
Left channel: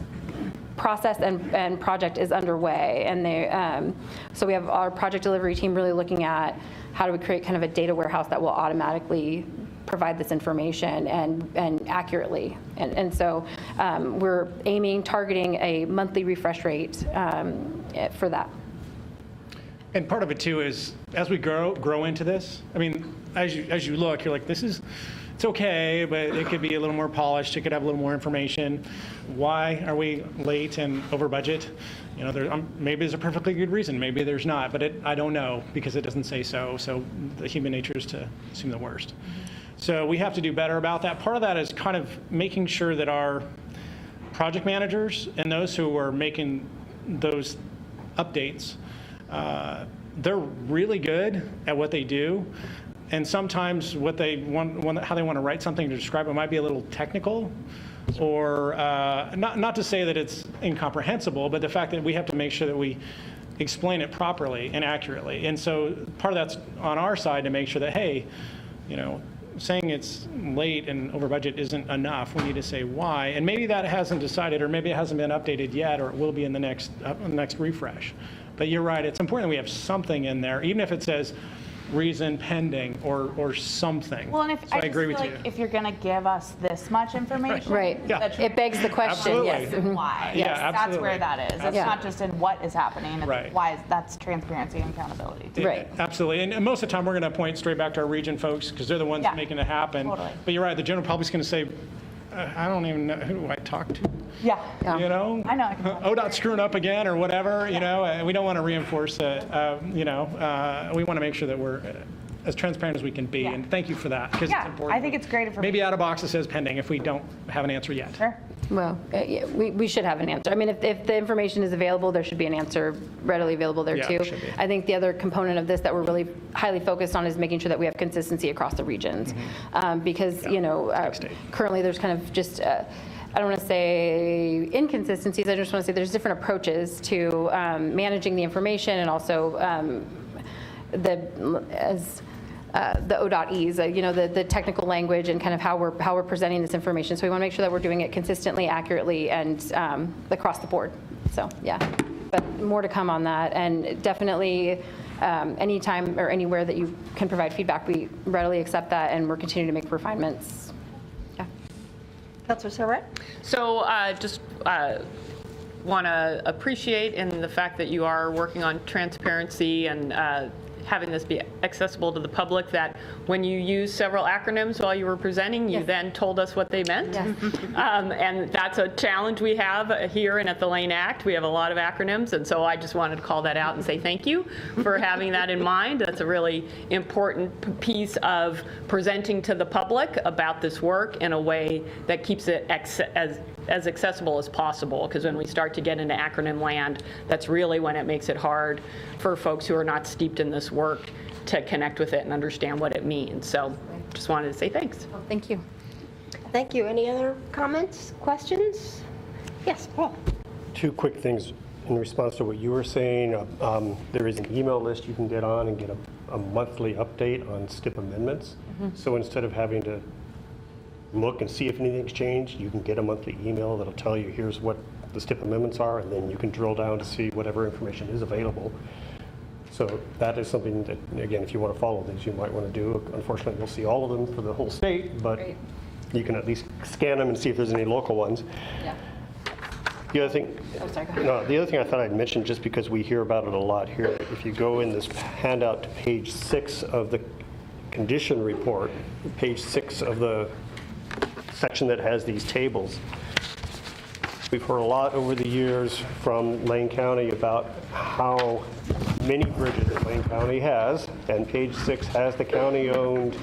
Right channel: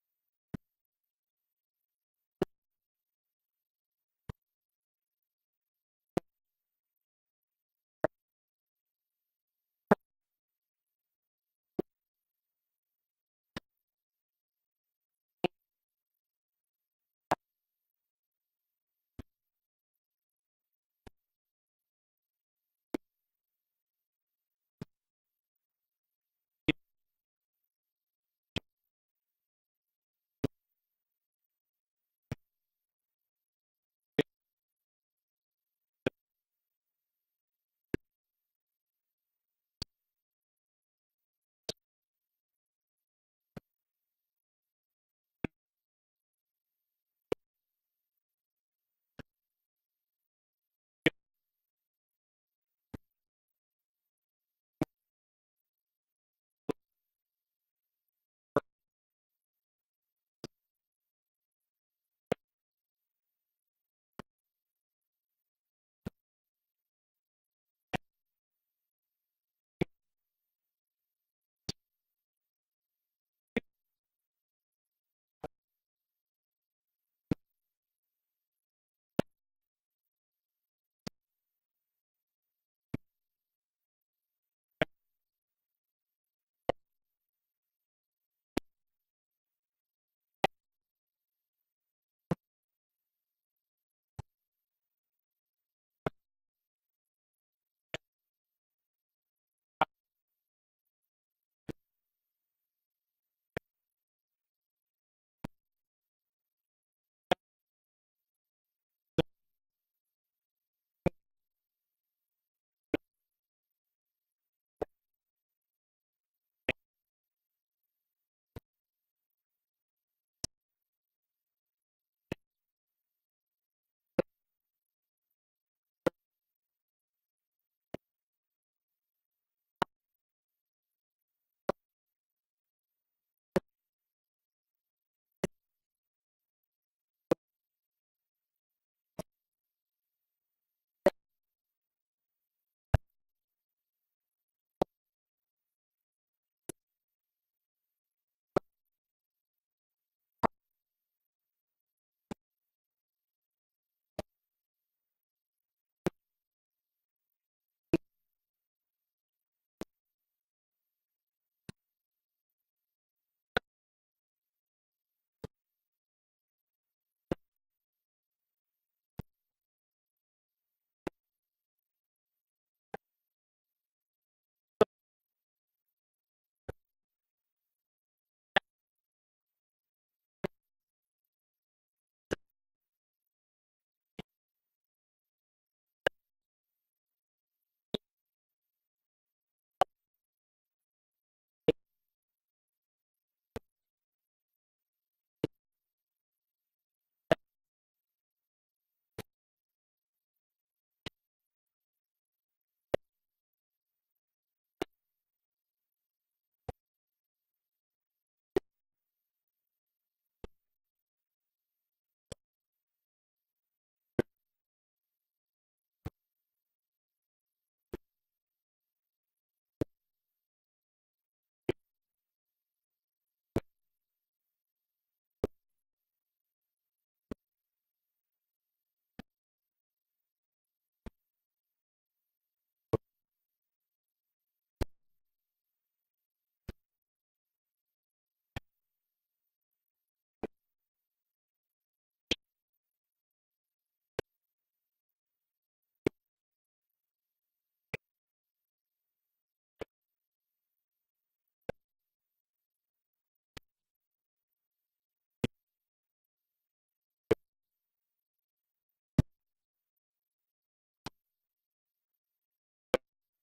process and project is underway. And so we have our project delivery team really looking at how do we create kind of a data warehouse that will automatically provide this information and accurately. And so we're targeting a monthly refresh rate for that. And part of it too is as we grow into this, I mean, as you look, you're like, it's okay, but it could be a little more polished. It could have a little more information. Why are we late and over budget? Maybe there's a perfectly good reason. Maybe there's not, but I don't know because it doesn't say so. So the human nature is to assume the worst. So we have to do better about that. Part of that is kind of making sure that our project managers and those who are making those updates, they're really good at what they do. And sometimes what they want, how they want to write something to describe it might be a little technical, or not to say that it's incomprehensible, but the fact that we have to make sure that we explain it properly and accurately. And so part of that's on our side to make sure that, hey, saying it's late and over budget isn't enough. We need to say why. And maybe that hasn't decided, or maybe it hasn't been updated yet, or it will be in the next refresh. But you're right, it's important that we have something in there, even if it says reason pending or something. Well, and if so I agree with you. If you're going to give us this much information, right? Yeah. It begs the question. Absolutely. Yes. Why? Yeah, Yes, absolutely. that's where that is. It's not just in what is happening. It's Right. why that's transparency and accountability. Too. Right. Absolutely. And most of the time, we're going to point straight back to our region folks because they're the ones making it happen. Totally. But you're right, the general public's going to say, I don't even know, who do I talk to? Yeah. Yeah. I know. ODOT's screwing up again or whatever, and we don't want to reinforce it. We want to make sure that we're as transparent as we can be, and thank you for that, because it's important. I think it's great information. Maybe out of box it says pending if we don't have an answer yet. Sure. Well, yeah, we should have an answer. I mean, if the information is available, there should be an answer readily available there Yeah, too. there should be. I think the other component of this that we're really highly focused on is making sure that we have consistency across the regions. Because, currently there's kind of just, I don't want to say inconsistencies, I just want to say there's different approaches to managing the information, and also the ODOT-E's, the technical language and kind of how we're presenting this information. So we want to make sure that we're doing it consistently, accurately, and across the board. So yeah, but more to come on that. And definitely anytime or anywhere that you can provide feedback, we readily accept that, and we're continuing to make refinements. Yeah. Councilor Sarret? So just want to appreciate in the fact that you are working on transparency and having this be accessible to the public, that when you use several acronyms while you were presenting, you then told us what they meant. Yes. And that's a challenge we have here and at the Lane Act. We have a lot of acronyms, and so I just wanted to call that out and say thank you for having that in mind. That's a really important piece of presenting to the public about this work in a way that keeps it as accessible as possible, because when we start to get into acronym land, that's really when it makes it hard for folks who are not steeped in this work to connect with it and understand what it means. So just wanted to say thanks. Well, thank you. Thank you. Any other comments, questions? Yes, Paul. Two quick things in response to what you were saying. There is an email list you can get on and get a monthly update on STIP amendments. So instead of having to look and see if anything's changed. You can get a monthly email that'll tell you here's what the STIP amendments are, and then you can drill down to see whatever information is available. So that is something that, again, if you want to follow these, you might want to do. Unfortunately, you'll see all of them for the whole state, but you can at least scan them and see if there's any local ones. Yeah. The other thing, Oh, sorry, go ahead. no, the other thing I thought I'd mention, just because we hear about it a lot here, if you go in this handout to page 6 of the condition report, page 6 of the section that has these tables, we've heard a lot over the years from Lane County about how many bridges that Lane County has, and page 6 has the county-owned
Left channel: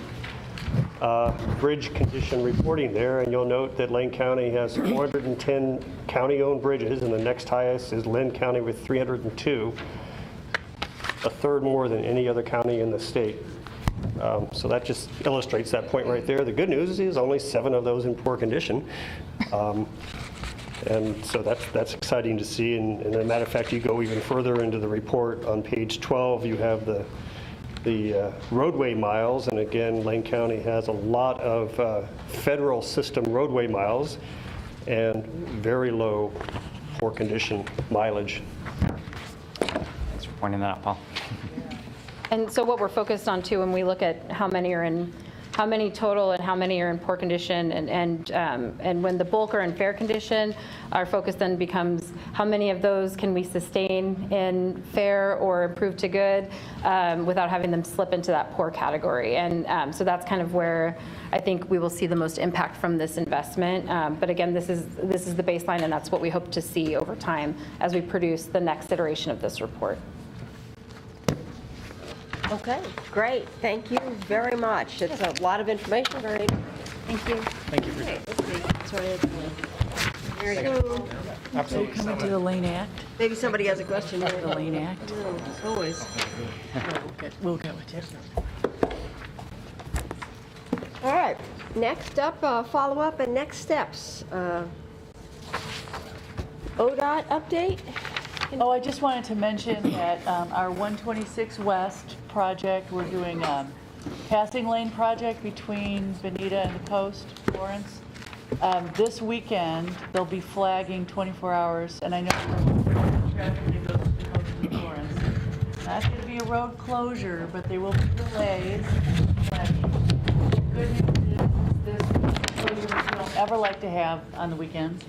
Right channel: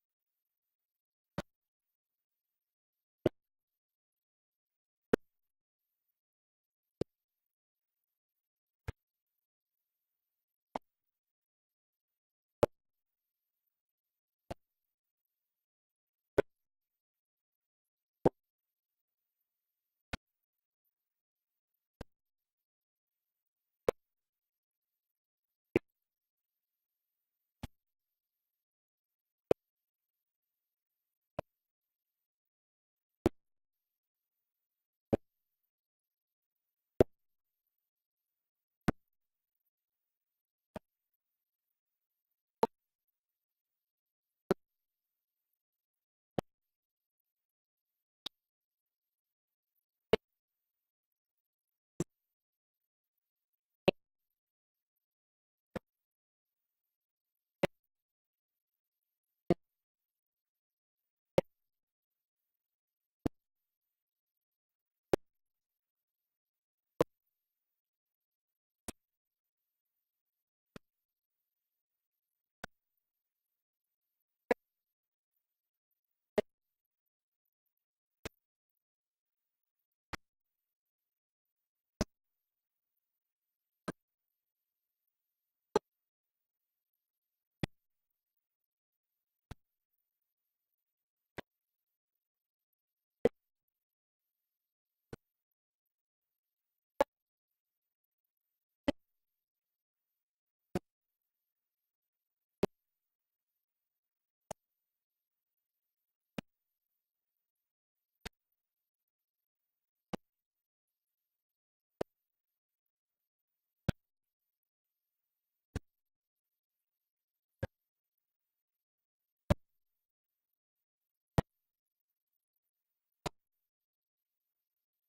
bridge condition reporting there, and you'll note that Lane County has 410 county-owned bridges, and the next highest is Lynn County with 302, a third more than any other county in the state. So that just illustrates that point right there. The good news is only 7 of those in poor condition. And so that's exciting to see. And as a matter of fact, you go even further into the report on page 12, you have the roadway miles. And again, Lane County has a lot of federal system roadway miles and very low poor condition mileage. Thanks for pointing that out, Paul. And so what we're focused on too, when we look at how many total and how many are in poor condition, and when the bulk are in fair condition, our focus then becomes how many of those can we sustain in fair or improve to good without having them slip into that poor category. And so that's kind of where I think we will see the most impact from this investment. But again, this is the baseline, and that's what we hope to see over time as we produce the next iteration of this report. Okay, great. Thank you very much. It's a lot of information. Very. Thank you. Thank you for Okay, let's see. Sorry. Very Second. good. Absolutely. Coming to the Lane Act. Maybe somebody has a question. The Lane Act. Always. We'll get with you. All right. Next up, follow-up and next steps. ODOT update. Oh, I just wanted to mention that our 126 West project, we're doing a passing lane project between Benita and the Post, Florence. This weekend, they'll be flagging 24 hours, and I know traffic that goes to the Post and Florence. Not going to be a road closure, but there will be delays. The good news is this closure, which we don't ever like to have on the weekends,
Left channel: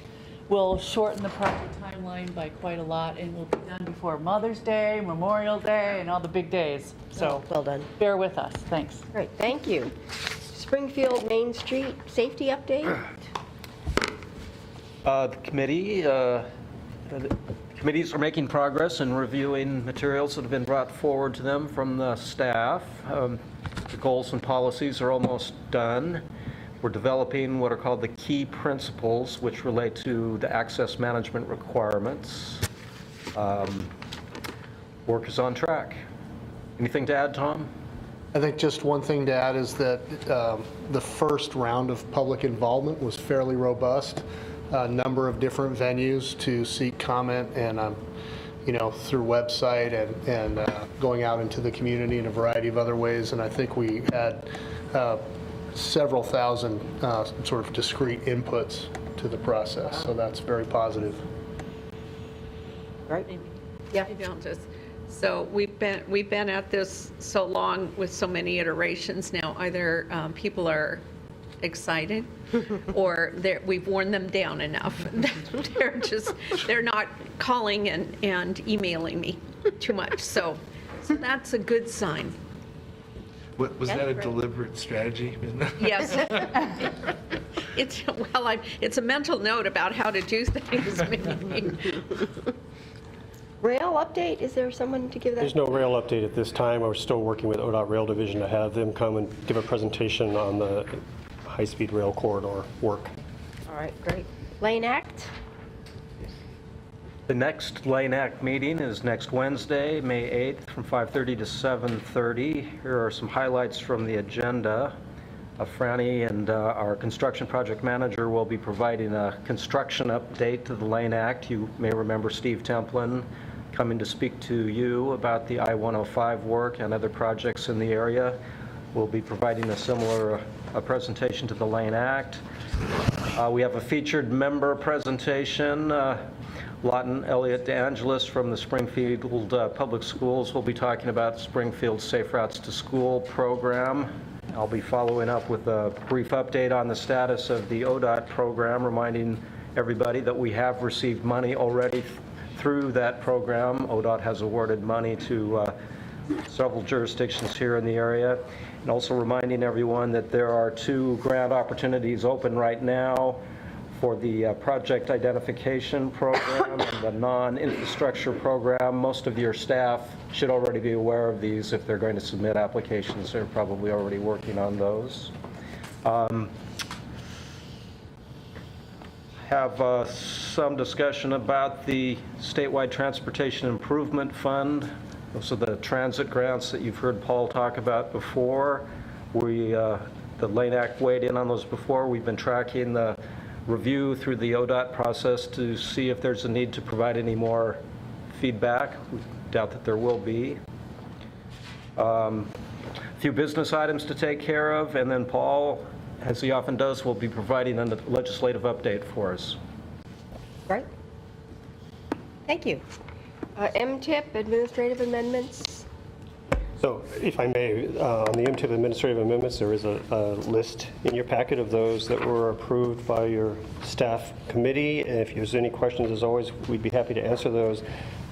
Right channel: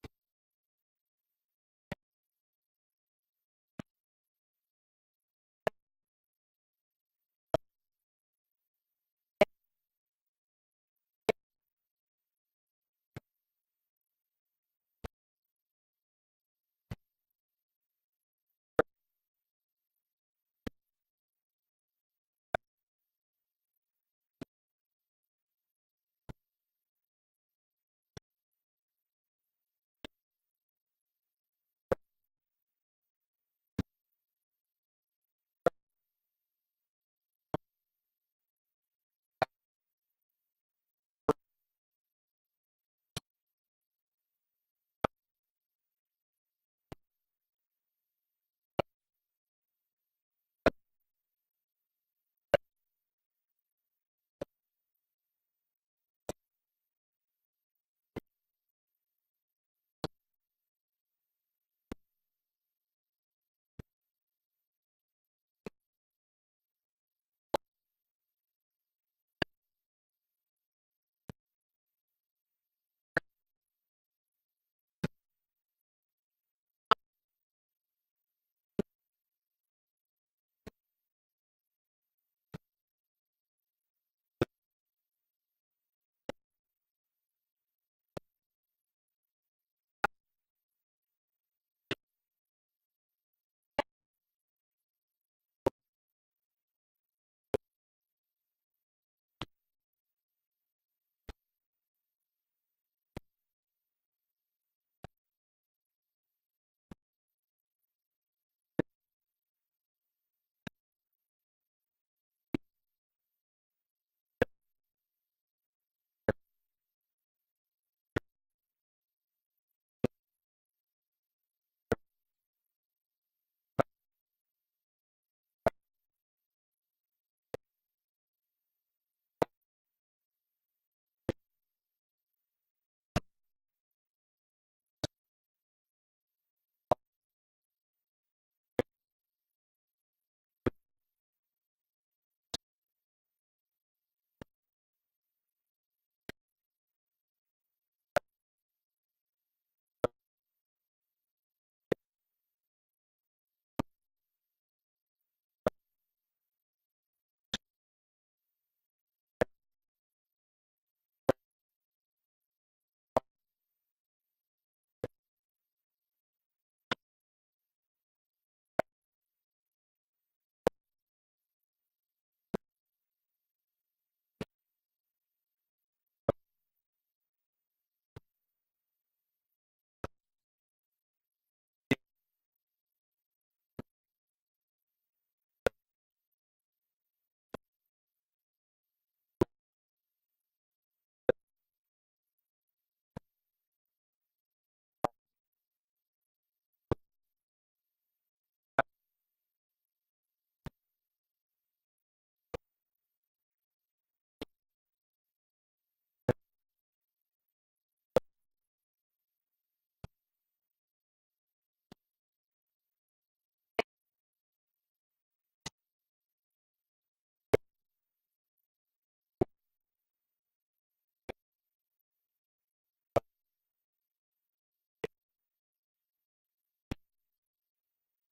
will shorten the project timeline by quite a lot, and will be done before Mother's Day, Memorial Day, and all the big days. So well done. Bear with us. Thanks. Great, thank you. Springfield Main Street safety update. The committees are making progress in reviewing materials that have been brought forward to them from the staff. The goals and policies are almost done. We're developing what are called the key principles, which relate to the access management requirements. Work is on track. Anything to add, Tom? I think just one thing to add is that the first round of public involvement was fairly robust. A number of different venues to seek comment, and through website and going out into the community in a variety of other ways. And I think we had several thousand sort of discrete inputs to the process, so that's very positive. Right. Yeah. Maybe I'll just, so we've been at this so long with so many iterations now. Either people are excited or we've worn them down enough. They're not calling and emailing me too much. So that's a good sign. Was that a deliberate strategy? Yes. It's a mental note about how to do things. Maybe. Rail update, is there someone to give that? There's no rail update at this time. We're still working with ODOT Rail Division to have them come and give a presentation on the high-speed rail corridor work. All right, great. Lane Act? The next Lane Act meeting is next Wednesday, May 8th, from 5:30 to 7:30. Here are some highlights from the agenda. Franny and our construction project manager will be providing a construction update to the Lane Act. You may remember Steve Templin coming to speak to you about the I-105 work and other projects in the area. will be providing a similar presentation to the Lane Act. We have a featured member presentation. Lawton Elliott DeAngelis from the Springfield Public Schools will be talking about Springfield's Safe Routes to School program. I'll be following up with a brief update on the status of the ODOT program, reminding everybody that we have received money already through that program. ODOT has awarded money to several jurisdictions here in the area. And also reminding everyone that there are 2 grant opportunities open right now for the project identification program and the non-infrastructure program. Most of your staff should already be aware of these. If they're going to submit applications, they're probably already working on those. Have some discussion about the statewide transportation improvement fund. Those are the transit grants that you've heard Paul talk about before. The Lane Act weighed in on those before. We've been tracking the review through the ODOT process to see if there's a need to provide any more feedback. We doubt that there will be. A few business items to take care of, and then Paul, as he often does, will be providing a legislative update for us. Right. Thank you. MTIP, administrative amendments. So if I may, on the MTIP administrative amendments, there is a list in your packet of those that were approved by your staff committee. And if there's any questions, as always, we'd be happy to answer those.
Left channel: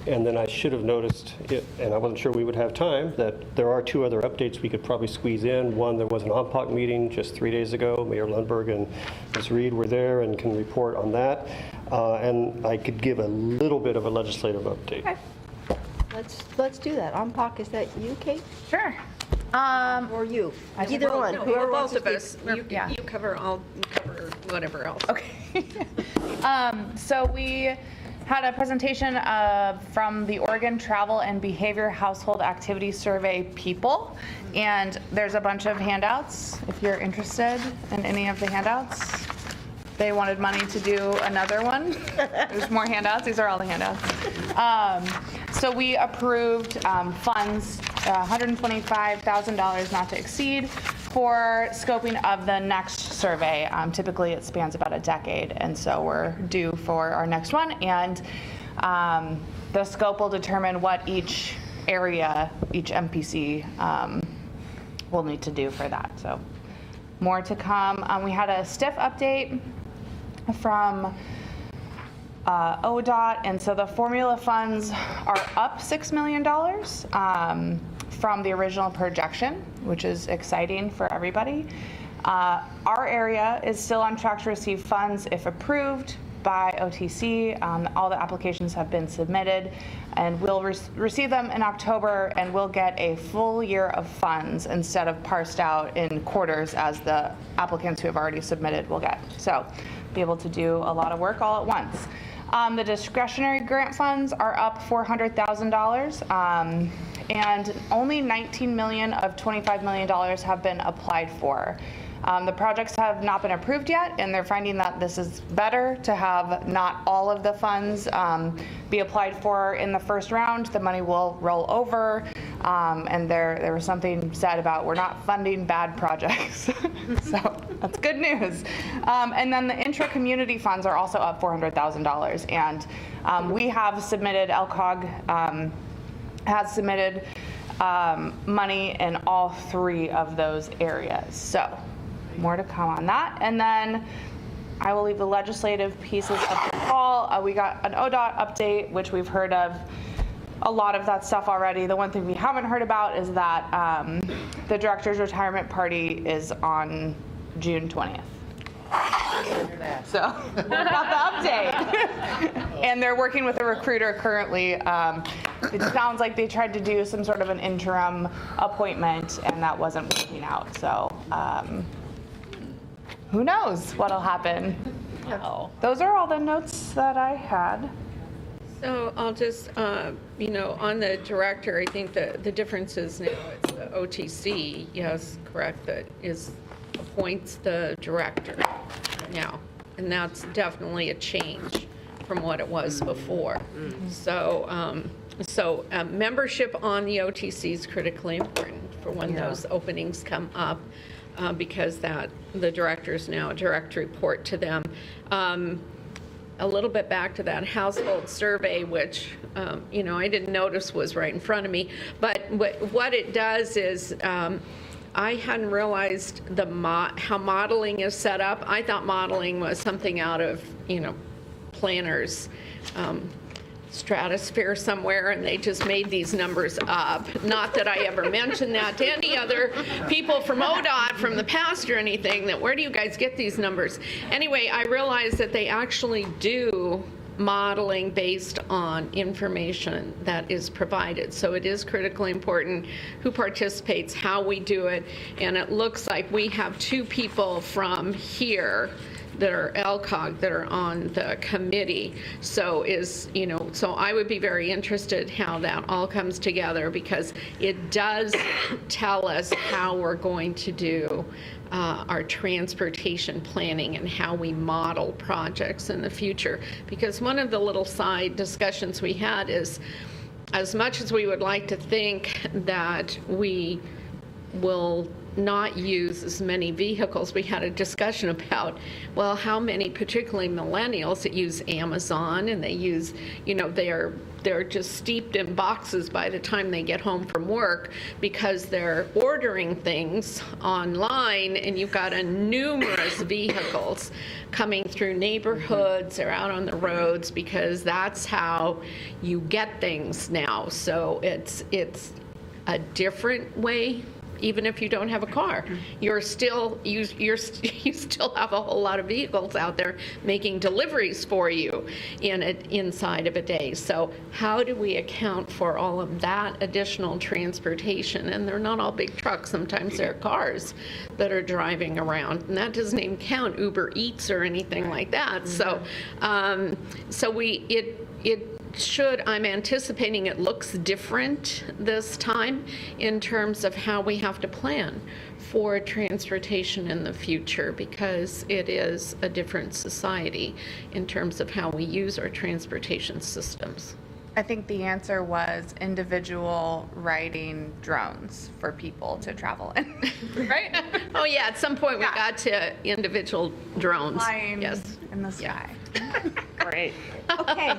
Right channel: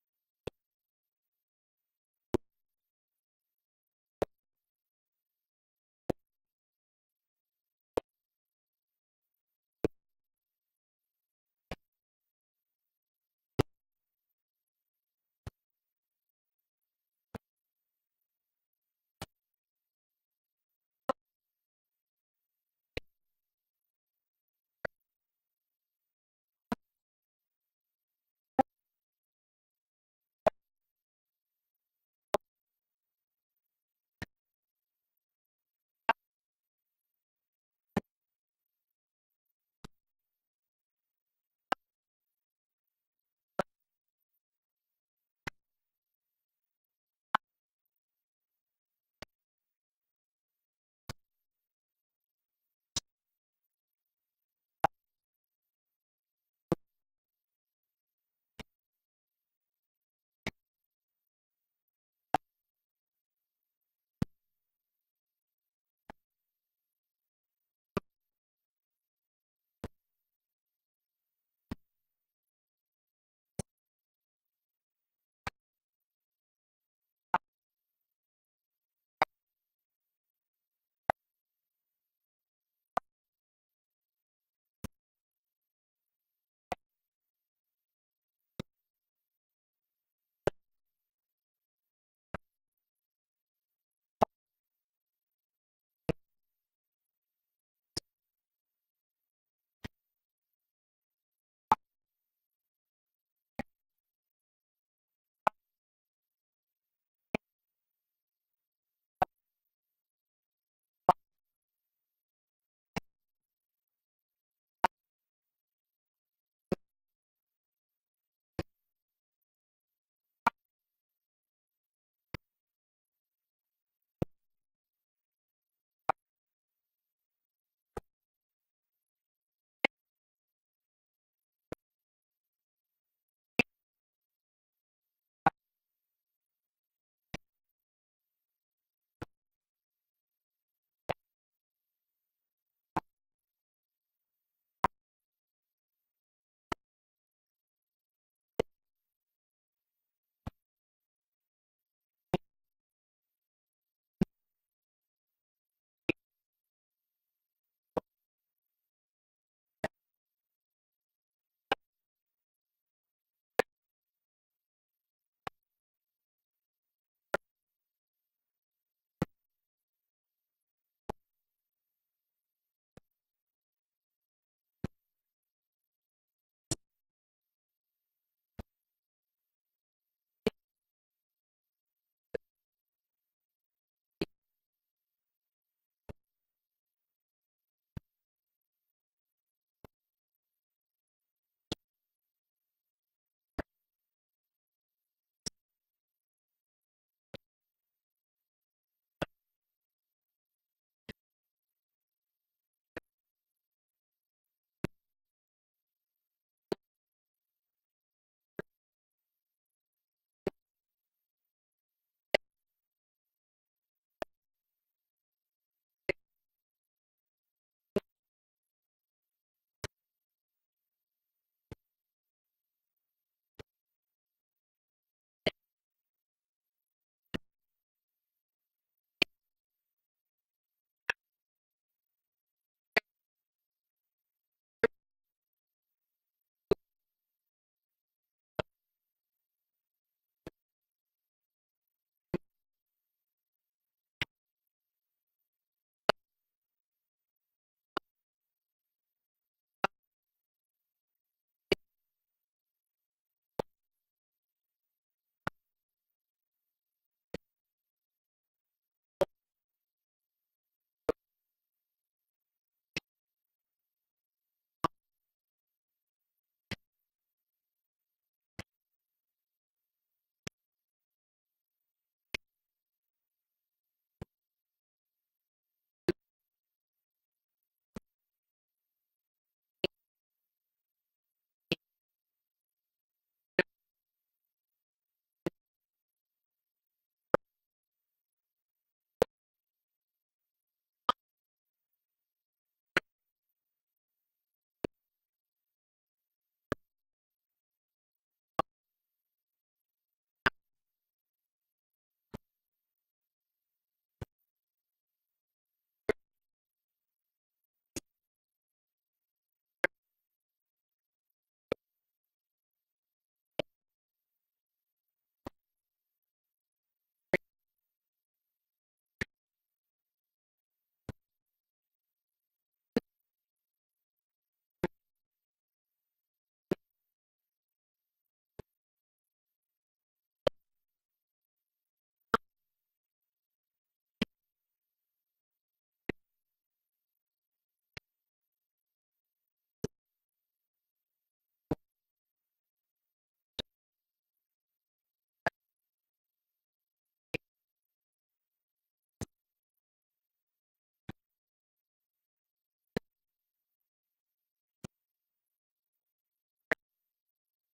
And then I should have noticed, and I wasn't sure we would have time, that there are 2 other updates we could probably squeeze in. One, there was an OMPOC meeting just 3 days ago. Mayor Lundberg and Ms. Reed were there and can report on that. And I could give a little bit of a legislative update. Okay. Let's do that. OMPOC, is that you, Kate? Sure. Or you? Either Well, one. no, Whoever both wants to of us. speak. You cover, I'll cover whatever else. Okay. So we had a presentation from the Oregon Travel and Behavior Household Activity Survey people, and there's a bunch of handouts if you're interested in any of the handouts. They wanted money to do another one. There's more handouts. These are all the handouts. So we approved funds, $125,000 not to exceed, for scoping of the next survey. Typically, it spans about a decade, and so we're due for our next one. And the scope will determine what each area, each MPC will need to do for that. So more to come. We had a STIF update from ODOT, and so the formula funds are up $6 million from the original projection, which is exciting for everybody. Our area is still on track to receive funds if approved by OTC. All the applications have been submitted, and we'll receive them in October, and we'll get a full year of funds instead of parsed out in quarters as the applicants who have already submitted will get. So be able to do a lot of work all at once. The discretionary grant funds are up $400,000, and only $19 million of $25 million have been applied for. The projects have not been approved yet, and they're finding that this is better to have not all of the funds be applied for in the first round. The money will roll over, and there was something said about we're not funding bad projects. So that's good news. And then the intra-community funds are also up $400,000, and we have submitted, LCOG has submitted money in all 3 of those areas. So more to come on that. And then I will leave the legislative pieces up to Paul. We got an ODOT update, which we've heard of a lot of that stuff already. The one thing we haven't heard about is that the director's retirement party is on June 20th. So we got the update. And they're working with a recruiter currently. It sounds like they tried to do some sort of an interim appointment, and that wasn't working out. So who knows what'll happen. Wow. Those are all the notes that I had. So I'll just, on the director, I think the difference is now it's the OTC, yes, correct, that appoints the director now. And that's definitely a change from what it was before. So membership on the OTC is critically important for when those openings come up, because the director's now a direct report to them. A little bit back to that household survey, which, I didn't notice was right in front of me, but what it does is, I hadn't realized how modeling is set up. I thought modeling was something out of, planners' stratosphere somewhere, and they just made these numbers up. Not that I ever mentioned that to any other people from ODOT from the past or anything, that where do you guys get these numbers? Anyway, I realized that they actually do modeling based on information that is provided. So it is critically important who participates, how we do it, and it looks like we have 2 people from here that are LCOG that are on the committee. So so I would be very interested how that all comes together, because it does tell us how we're going to do our transportation planning and how we model projects in the future. Because one of the little side discussions we had is, as much as we would like to think that we will not use as many vehicles, we had a discussion about, well, how many, particularly millennials, that use Amazon, and they use, they're just steeped in boxes by the time they get home from work, because they're ordering things online, and you've got numerous vehicles coming through neighborhoods or out on the roads, because that's how you get things now. So it's a different way. Even if you don't have a car, you still have a whole lot of vehicles out there making deliveries for you inside of a day. So how do we account for all of that additional transportation? And they're not all big trucks. Sometimes they're cars that are driving around, and that doesn't even count Uber Eats or anything like that. So, I'm anticipating it looks different this time in terms of how we have to plan for transportation in the future, because it is a different society in terms of how we use our transportation systems. I think the answer was individual riding drones for people to travel in. Right? Oh yeah, at some point we got to individual drones. Flying yes. in the sky. Great. Okay.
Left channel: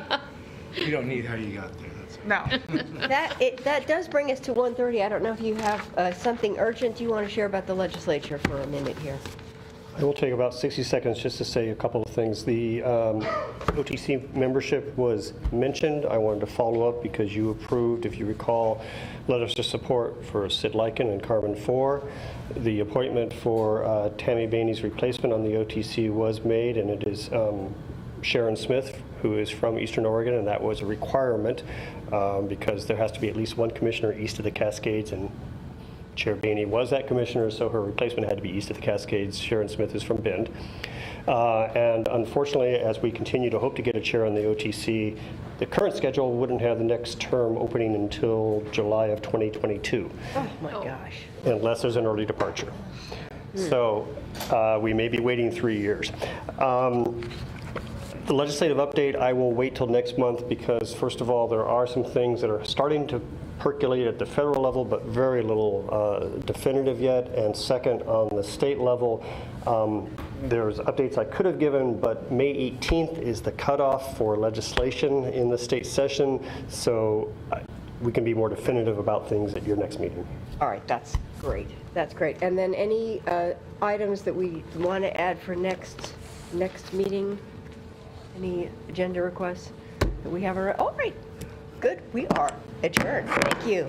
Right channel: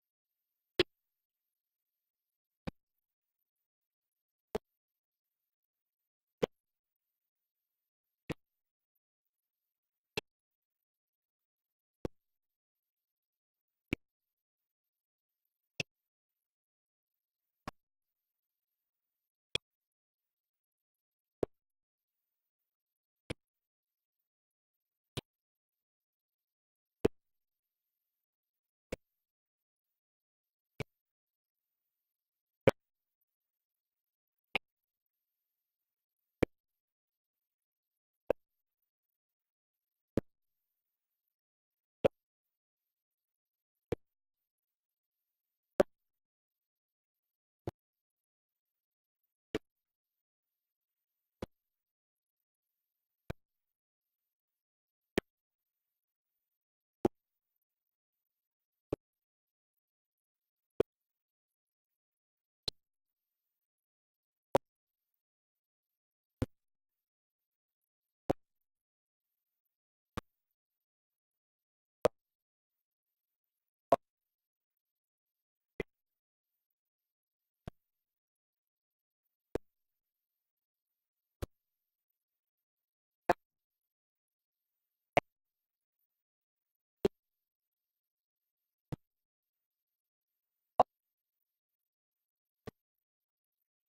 You don't need how you got there. No. That does bring us to 1:30. I don't know if you have something urgent you want to share about the legislature for a minute here. I will take about 60 seconds just to say a couple of things. The OTC membership was mentioned. I wanted to follow up because you approved, if you recall, letters of support for Sid Lykin and Carmen Four. The appointment for Tammy Bainey's replacement on the OTC was made, and it is Sharon Smith, who is from Eastern Oregon, and that was a requirement because there has to be at least one commissioner east of the Cascades, and Chair Bainey was that commissioner, so her replacement had to be east of the Cascades. Sharon Smith is from Bend. And unfortunately, as we continue to hope to get a chair on the OTC, the current schedule wouldn't have the next term opening until July of 2022. Oh my gosh. Unless there's an early departure. So we may be waiting 3 years. The legislative update, I will wait till next month because, first of all, there are some things that are starting to percolate at the federal level, but very little definitive yet. And second, on the state level, there's updates I could have given, but May 18th is the cutoff for legislation in the state session, so we can be more definitive about things at your next meeting. All right, that's great. That's great. And then any items that we want to add for next meeting? Any agenda requests that we have? All right, good. We are adjourned. Thank you.